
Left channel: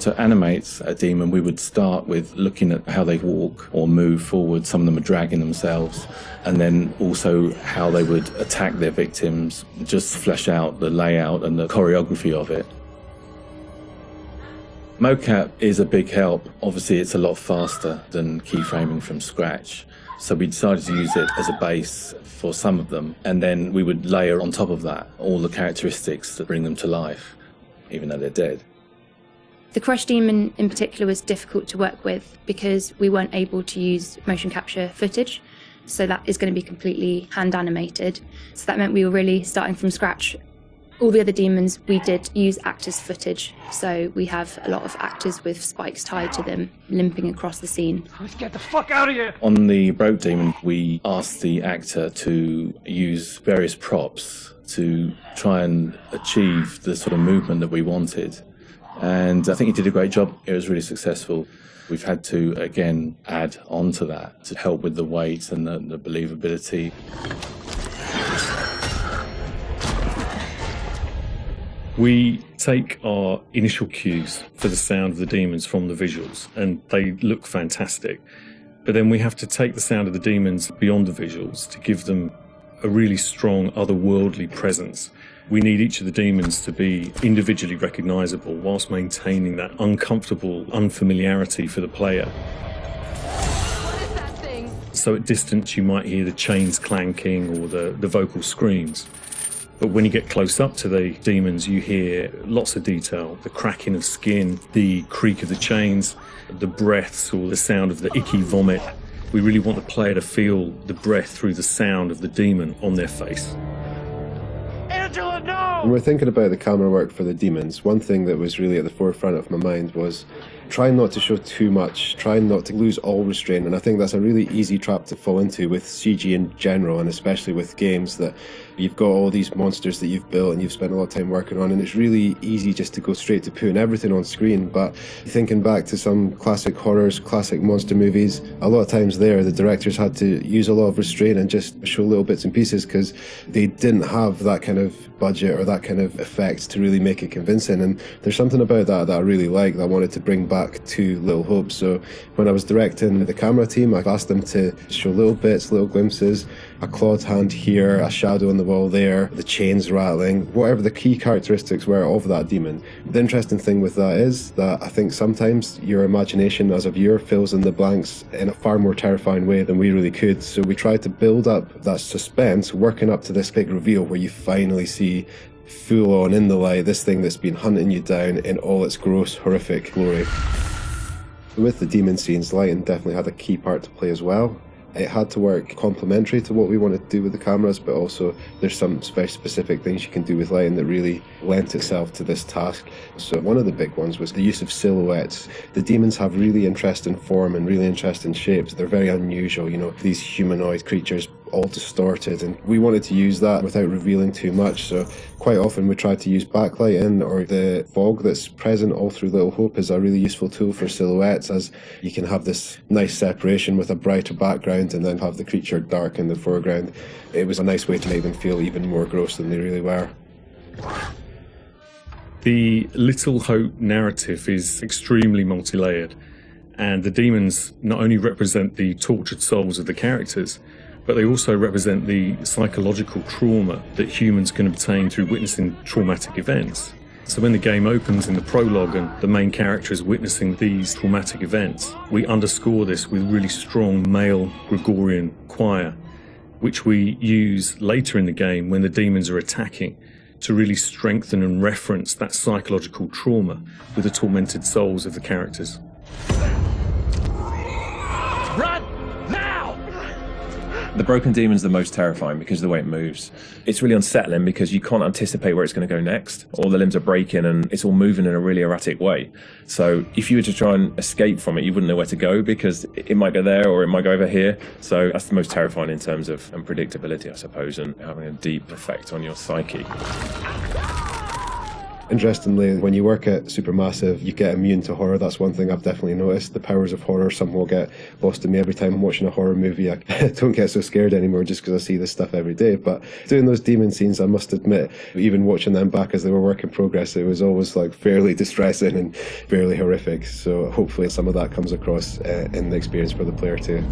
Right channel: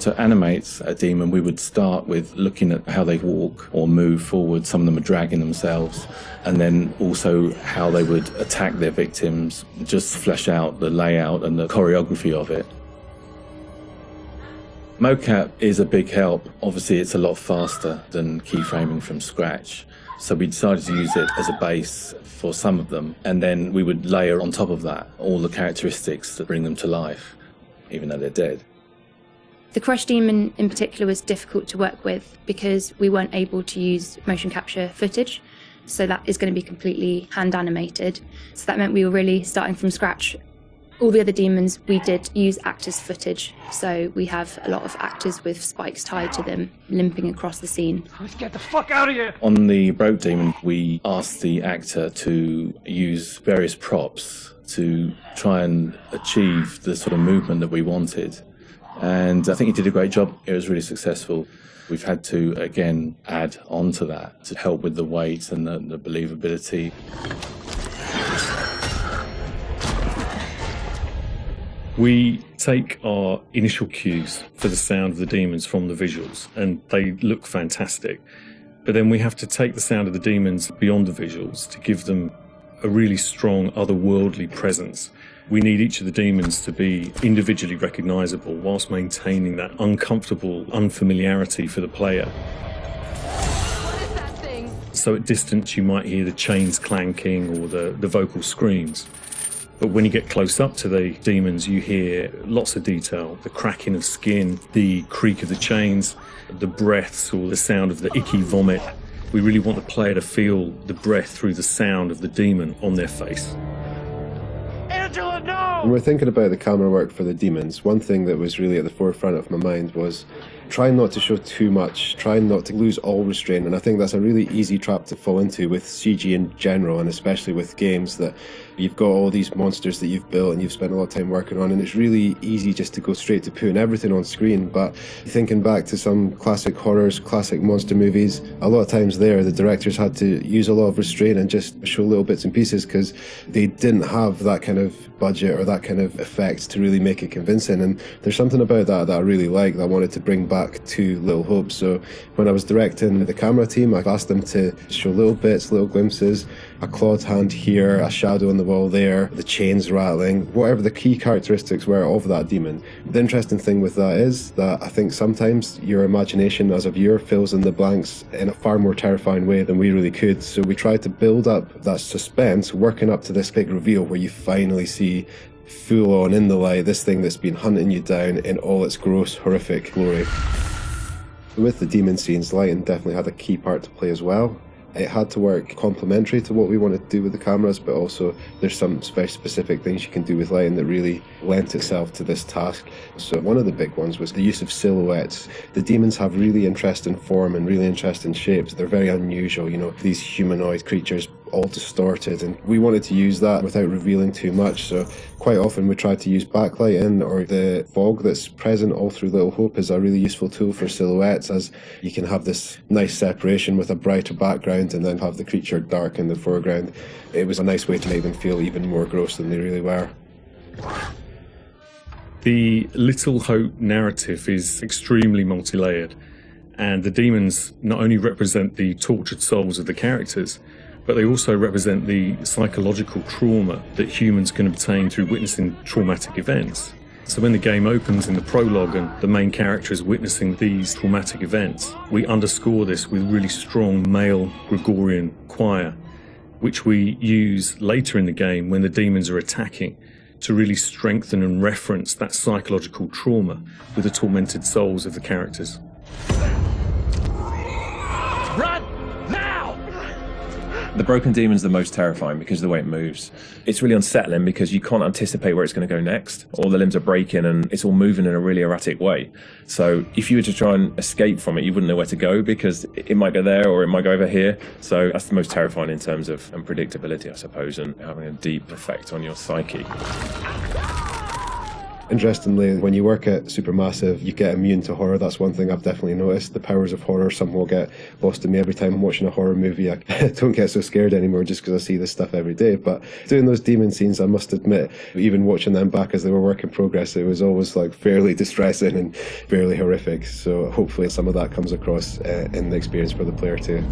To animate a demon, we would start with looking at how they walk or move forward. Some of them are dragging themselves, and then also how they would attack their victims, just flesh out the layout and the choreography of it. Mocap is a big help. Obviously, it's a lot faster than keyframing from scratch. So we decided to use it as a base for some of them, and then we would layer on top of that all the characteristics that bring them to life, even though they're dead. The Crush Demon in particular was difficult to work with because we weren't able to use motion capture footage, so that is going to be completely hand animated. So that meant we were really starting from scratch. All the other demons we did use actors' footage, so we have a lot of actors with spikes tied to them limping across the scene. Let's get the fuck out of here! On the Broke Demon, we asked the actor to use various props to try and achieve the sort of movement that we wanted. And I think he did a great job. It was really successful. We've had to, again, add on to that to help with the weight and the believability. We take our initial cues for the sound of the demons from the visuals, and they look fantastic. But then we have to take the sound of the demons beyond the visuals to give them a really strong otherworldly presence. We need each of the demons to be individually recognizable whilst maintaining that uncomfortable unfamiliarity for the player. What is that thing? So at distance you might hear the chains clanking or the vocal screams. But when you get close up to the demons, you hear lots of detail. The cracking of skin, the creak of the chains, the breaths or the sound of the icky vomit. We really want the player to feel the breath through the sound of the demon on their face. Angela, no! When we're thinking about the camera work for the demons, one thing that was really at the forefront of my mind was trying not to show too much, trying not to lose all restraint, and I think that's a really easy trap to fall into with CG in general, and especially with games that you've got all these monsters that you've built and you've spent a lot of time working on, and it's really easy just to go straight to putting everything on screen. But thinking back to some classic horrors, classic monster movies, a lot of times there the directors had to use a lot of restraint and just show little bits and pieces because they didn't have that kind of budget or that kind of effect to really make it convincing. And there's something about that I really like, that I wanted to bring back to Little Hope. So when I was directing the camera team, I asked them to show little bits, little glimpses, a clawed hand here, a shadow on the wall there, the chains rattling, whatever the key characteristics were of that demon. The interesting thing with that is that I think sometimes your imagination as a viewer fills in the blanks in a far more terrifying way than we really could. So we tried to build up that suspense, working up to this big reveal where you finally see full on in the light this thing that's been hunting you down in all its gross, horrific glory. With the demon scenes, lighting definitely had a key part to play as well. It had to work complementary to what we wanted to do with the cameras, but also there's some very specific things you can do with lighting that really lent itself to this task. So one of the big ones was the use of silhouettes. The demons have really interesting form and really interesting shapes. They're very unusual, you know, these humanoid creatures all distorted, and we wanted to use that without revealing too much. So quite often we tried to use backlighting, or the fog that's present all through Little Hope is a really useful tool for silhouettes, as you can have this nice separation with a brighter background and then have the creature dark in the foreground. It was a nice way to make them feel even more gross than they really were. The Little Hope narrative is extremely multi-layered, and the demons not only represent the tortured souls of the characters, but they also represent the psychological trauma that humans can obtain through witnessing traumatic events. So when the game opens in the prologue and the main character is witnessing these traumatic events, we underscore this with really strong male Gregorian choir, which we use later in the game when the demons are attacking to really strengthen and reference that psychological trauma with the tormented souls of the characters. Run! Now! The broken demon's the most terrifying because of the way it moves. It's really unsettling because you can't anticipate where it's going to go next. All the limbs are breaking and it's all moving in a really erratic way. So if you were to try and escape from it, you wouldn't know where to go because it might go there or it might go over here. So that's the most terrifying in terms of unpredictability, I suppose, and having a deep effect on your psyche. Interestingly, when you work at Supermassive, you get immune to horror. That's one thing I've definitely noticed. The powers of horror somehow get lost to me every time I'm watching a horror movie. I don't get so scared anymore just because I see this stuff every day. But doing those demon scenes, I must admit, even watching them back as they were work in progress, it was always like fairly distressing and fairly horrific. So hopefully some of that comes across in the experience for the player too.